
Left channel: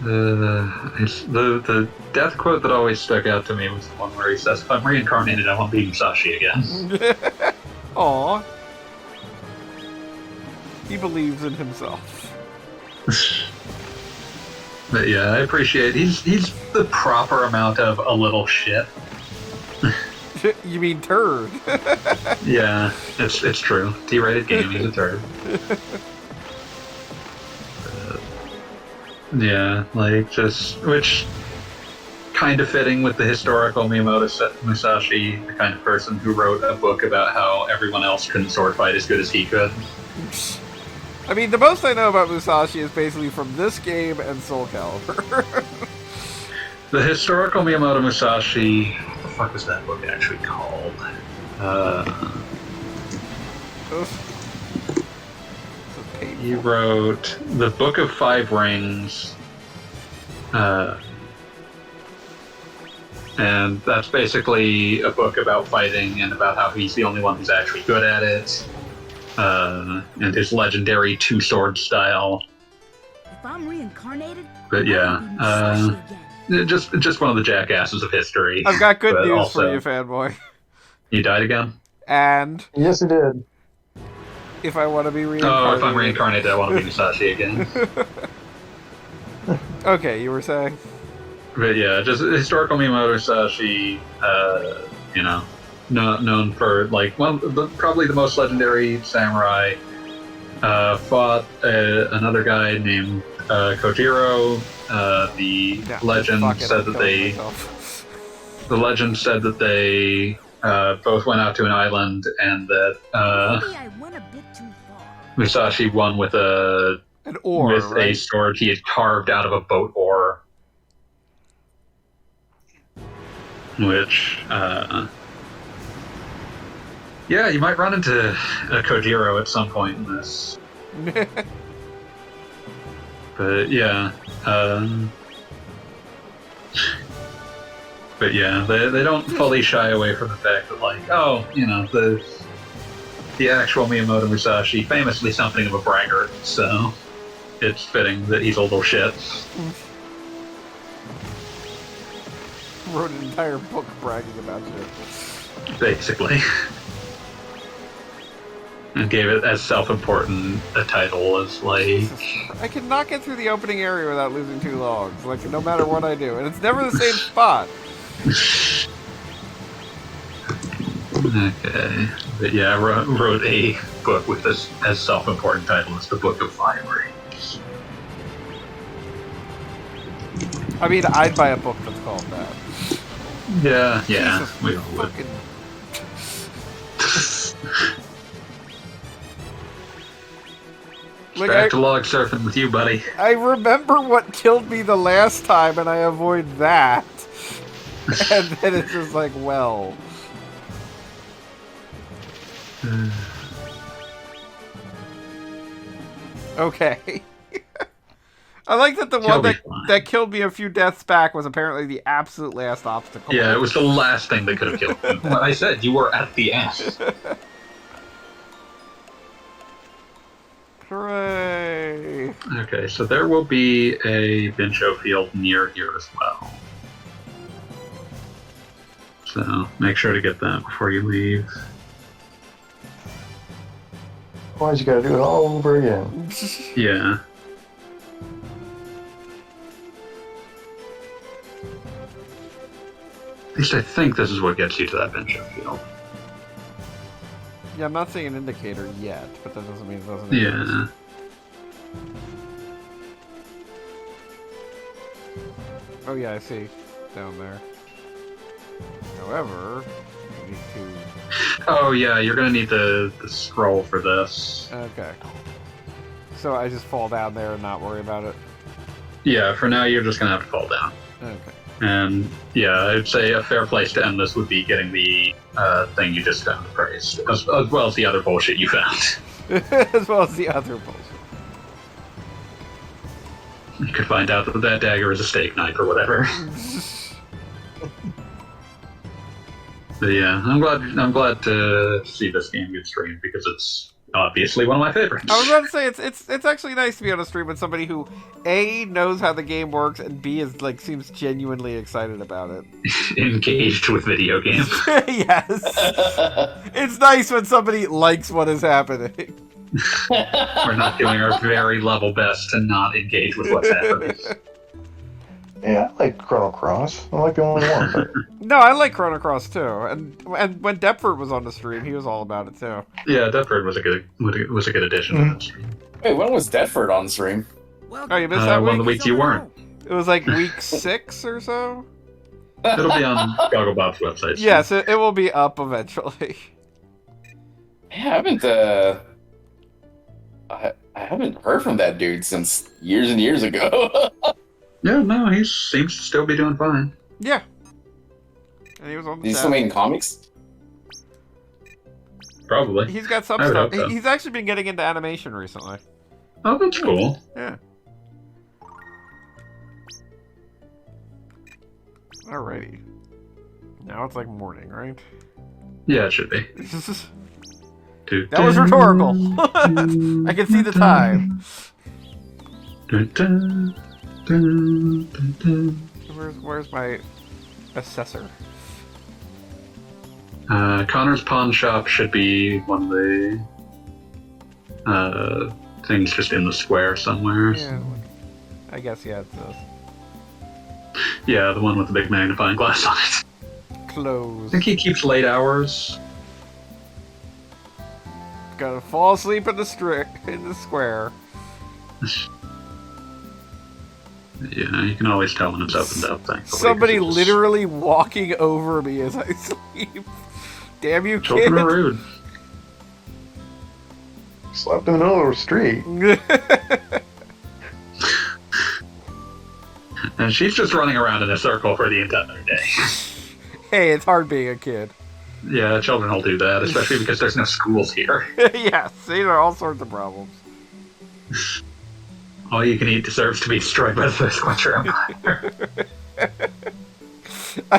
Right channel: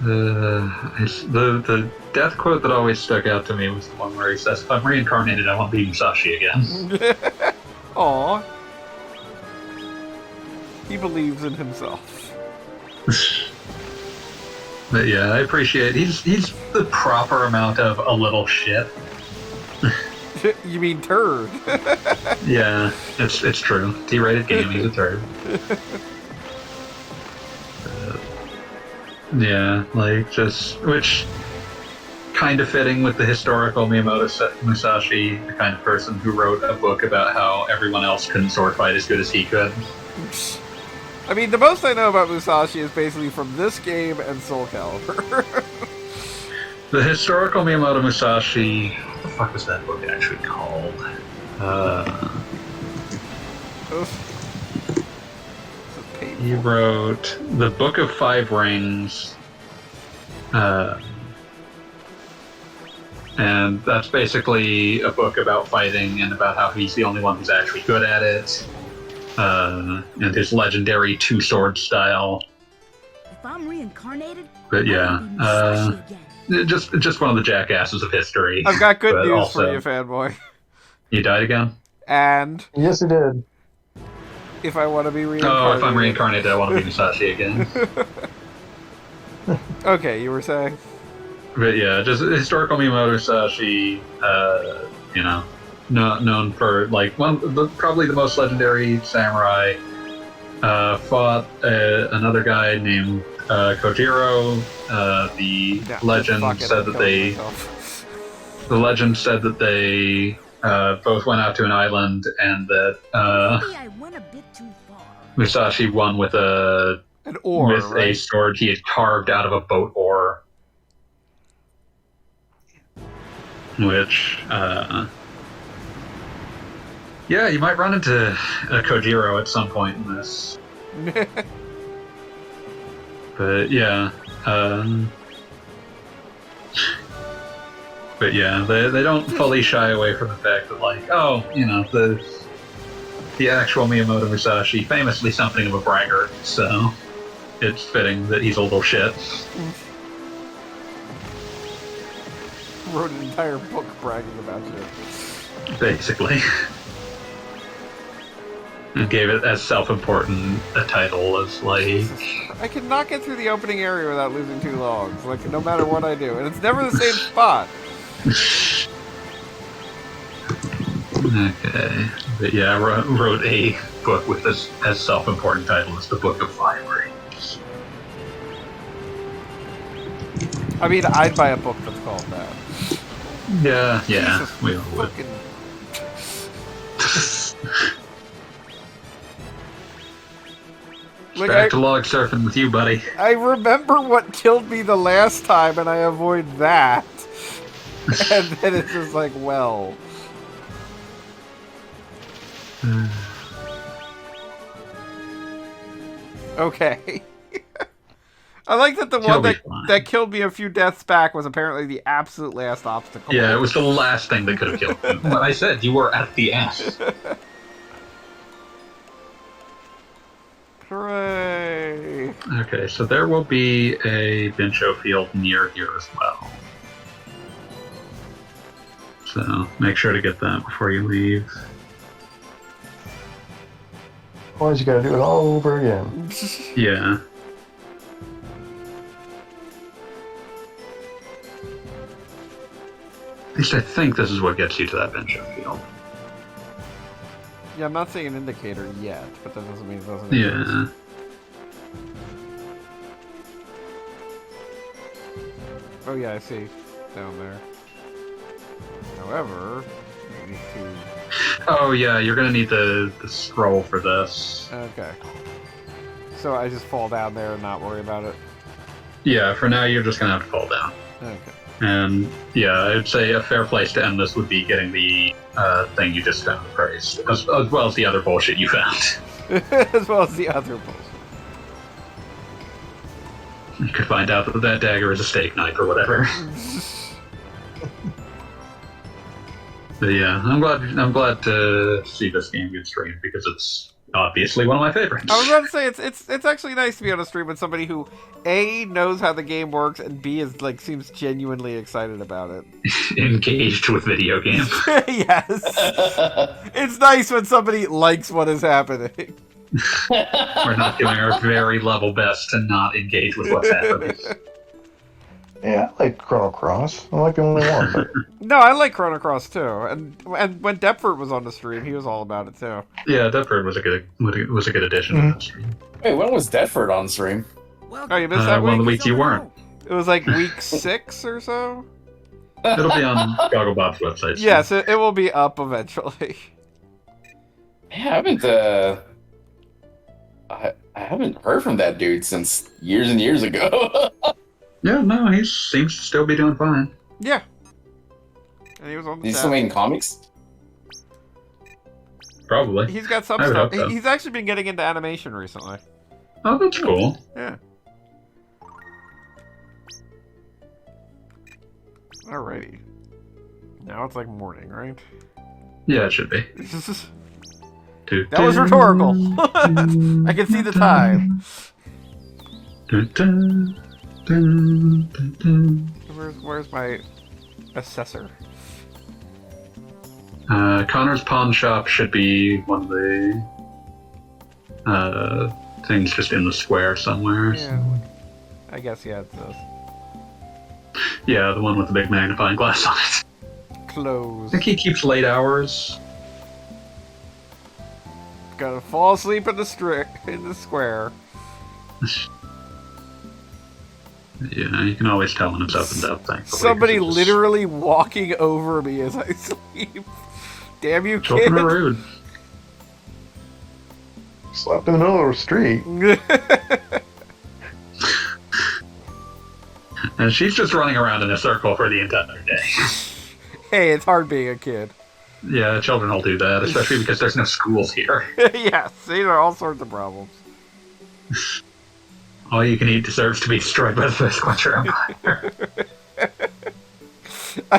The death quote that always stuck out to me was the one where he says, "If I'm reincarnated, I won't be Musashi again." Aw. He believes in himself. But yeah, I appreciate he's the proper amount of a little shit. You mean turd? Yeah, it's true. T-rated game, he's a turd. Yeah, like just which kind of fitting with the historical Miyamoto Musashi, the kind of person who wrote a book about how everyone else couldn't sword fight as good as he could. I mean, the most I know about Musashi is basically from this game and Soul Calibur. The historical Miyamoto Musashi, what the fuck was that book actually called? He wrote The Book of Five Rings, and that's basically a book about fighting and about how he's the only one who's actually good at it, and his legendary two-sword style. If I'm reincarnated, But yeah, Musashi again. just one of the jackasses of history. I've got good But news also, for you, fanboy. You died again? And Yes, it did. if I want to be Oh, reincarnated... if I'm reincarnated, I want to be Musashi again. Okay, you were saying? But yeah, just historical Miyamoto Musashi, you know, not known for, like, probably the most legendary samurai, fought another guy named Kojiro. The legend said that they... The legend said that they both went out to an island and that Maybe I went a bit too far. Musashi won with an oar, with right? a sword he had carved out of a boat oar. Which, yeah, you might run into a Kojiro at some point in this. But yeah, but yeah, they don't fully shy away from the fact that, like, oh, you know, the actual Miyamoto Musashi, famously something of a braggart, so it's fitting that he's a little shit. Wrote an entire book bragging about it. Basically. And gave it as self-important a title as, like... I cannot get through the opening area without losing 2 logs, like, no matter what I do. And it's never the same spot. Okay. But yeah, I wrote a book with this as self-important title as The Book of Five Rings. I mean, I'd buy a book that's called that. Yeah, yeah. Jesus We would. fucking... Like, Back to log surfing with you, buddy. I remember what killed me the last time, and I avoid that. And then it's just like, well... Okay. I like that the one that killed me a few deaths back was apparently the absolute last obstacle. Yeah, it was the last thing that could have killed him. But I said, you were at the end. Hooray! Okay, so there will be a Bincho field near here as well. So make sure to get that before you leave. Otherwise, you gotta do it all over again. Yeah. At least I think this is what gets you to that Bincho field. Yeah, I'm not seeing an indicator yet, but that doesn't mean it doesn't exist. Yeah. Oh yeah, I see. Down there. However, you need to... Oh yeah, you're gonna need the scroll for this. Okay. So I just fall down there and not worry about it? Yeah, for now you're just gonna have to fall down. Okay. And yeah, I'd say a fair place to end this would be getting the thing you just found appraised, as well as the other bullshit you found. As well as the other bullshit. You could find out that that dagger is a steak knife or whatever. But yeah, I'm glad to see this game get streamed because it's obviously one of my favorites. I was about to say it's actually nice to be on a stream with somebody who A, knows how the game works, and B, is like seems genuinely excited about it. Engaged with video games. Yes. It's nice when somebody likes what is happening. We're not doing our very level best to not engage with what's happening. Yeah, I like Chrono Cross. I'm like the only one. But... No, I like Chrono Cross too, and when Deptford was on the stream, he was all about it too. Yeah, Deptford was a good addition to the stream. Wait, when was Deptford on stream? Oh, you missed that week? One of the weeks you weren't. It was like week 6 or so. It'll be on Gogglebob's website. Soon. Yes, it will be up eventually. Yeah, I haven't heard from that dude since years and years ago. Yeah, no, he seems to still be doing fine. Yeah. And he was on the He's still making comics? Probably. He's got some I would stuff. hope so. He's actually been getting into animation recently. Oh, that's cool. Yeah. Alrighty. Now it's like morning, right? Yeah, it should be. That was rhetorical. I can see the time. Where's my assessor? Connor's Pawn Shop should be one of the things just in the square somewhere. Yeah, I guess it's this. Yeah, the one with the big magnifying glass on it. Close. I think he keeps late hours. Gotta fall asleep in the square. Yeah, you can always tell when it's opened up, thankfully. Somebody literally walking over me as I sleep. Damn you, kid. Children are rude. Slept in the middle of the street. And she's just running around in a circle for the entire day. Hey, it's hard being a kid. Yeah, children will do that, especially because there's no schools here. Yes, these are all sorts of problems. All you can eat deserves to be destroyed by the First Winter Empire.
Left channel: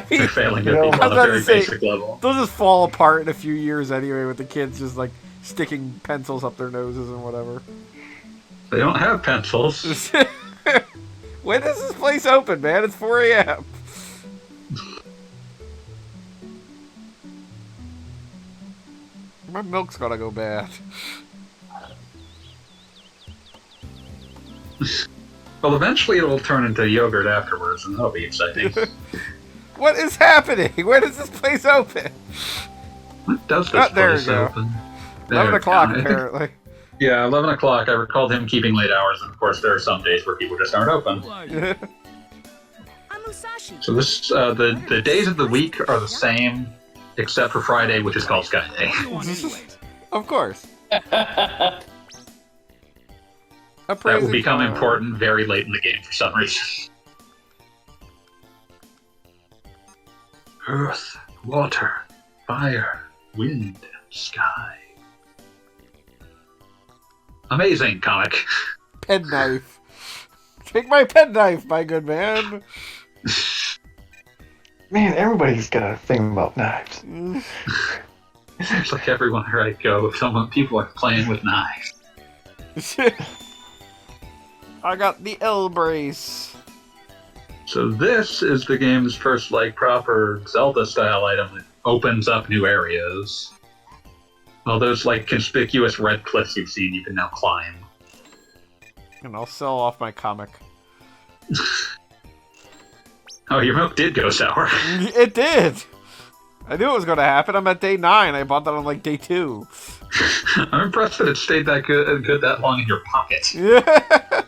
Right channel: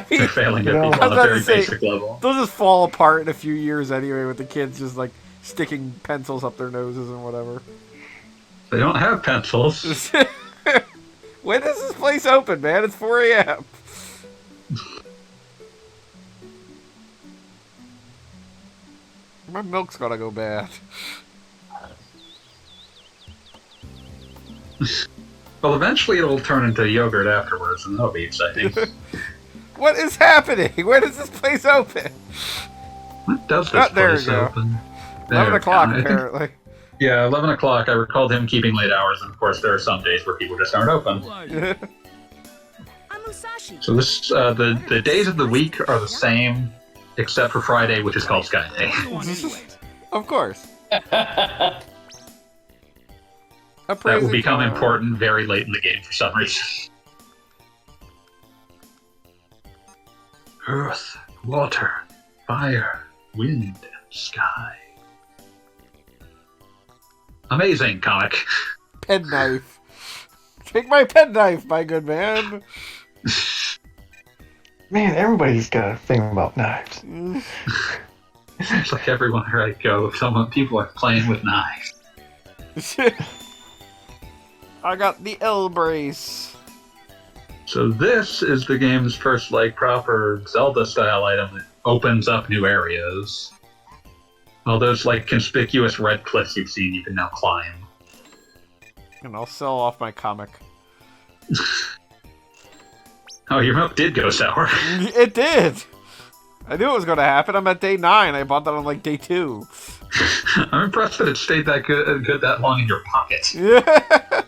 They're failing good people on a very basic level. They'll just fall apart in a few years anyway, with the kids just like sticking pencils up their noses and whatever. They don't have pencils. When does this place open, man? It's 4 a.m. My milk's gonna go bad. Well, eventually it'll turn into yogurt afterwards, and that'll be exciting. What is happening? When does this place open? What does this there place you go. open? 11 o'clock, apparently. Yeah, 11 o'clock. I recalled him keeping late hours, and of course there are some days where people just aren't open. I'm Musashi. So this, the days of the week are the same, except for Friday, which is called Sky Day. Of course. That will become important very late in the game for some reason. Earth, water, fire, wind, sky. Amazing comic. Penknife. Take my penknife, my good man. Man, everybody's got a thing about knives. It's like everywhere I go, people are playing with knives. I got the L brace. So this is the game's first, proper Zelda-style item that opens up new areas. All those, conspicuous red cliffs you've seen, you can now climb. And I'll sell off my comic. Oh, your milk did go sour. It did! I knew it was going to happen. I'm at day 9. I bought that on, day 2. I'm impressed that it stayed that good that long in your pocket. Yeah.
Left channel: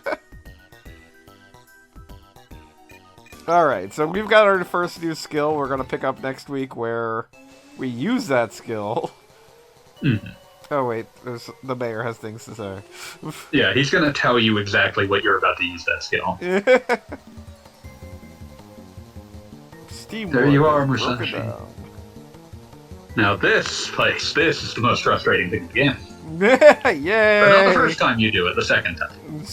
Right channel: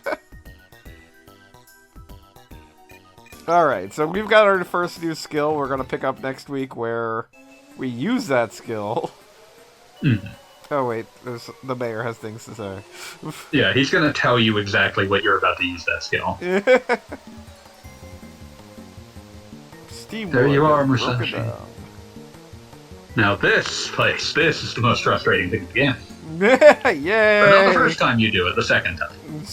Alright, so we've got our first new skill we're going to pick up next week where we use that skill. Mhm. Oh wait, the mayor has things to say. Yeah, he's gonna tell you exactly what you're about to use that skill. Steam There you wood are, is broken Musashi. down. Now this place, this is the most frustrating thing again. Yay! But not the first time you do it, the second time.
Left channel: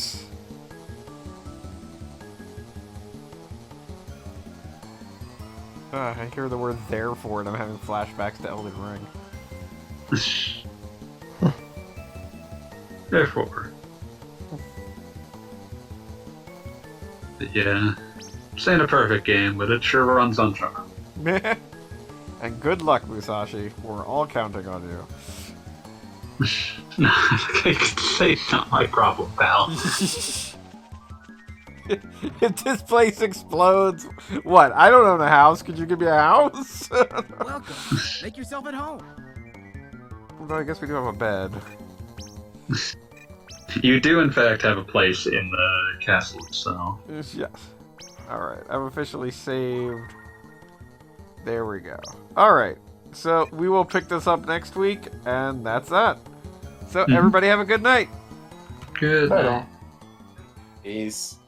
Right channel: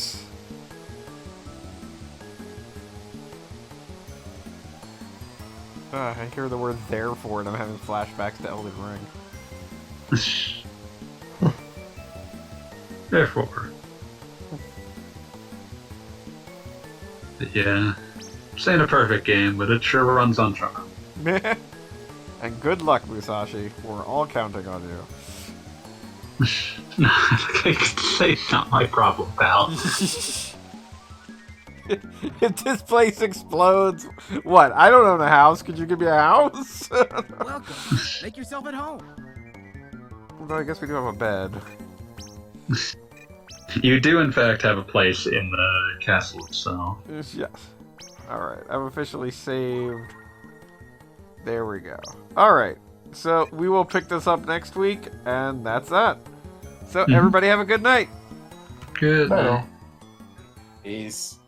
I hear the word therefore and I'm having flashbacks to Elden Ring. Therefore. But yeah. This ain't a perfect game, but it sure runs on charm. And good luck, Musashi. We're all counting on you. I can say it's not my problem, pal. If this place explodes, what? I don't own a house. Could you give me a house? Welcome. Make yourself at home. Well, I guess we do have a bed. You do, in fact, have a place in the castle itself. Yes. Alright, I've officially saved. There we go. Alright, so we will pick this up next week, and that's that. So everybody have a good night. Good night. Peace.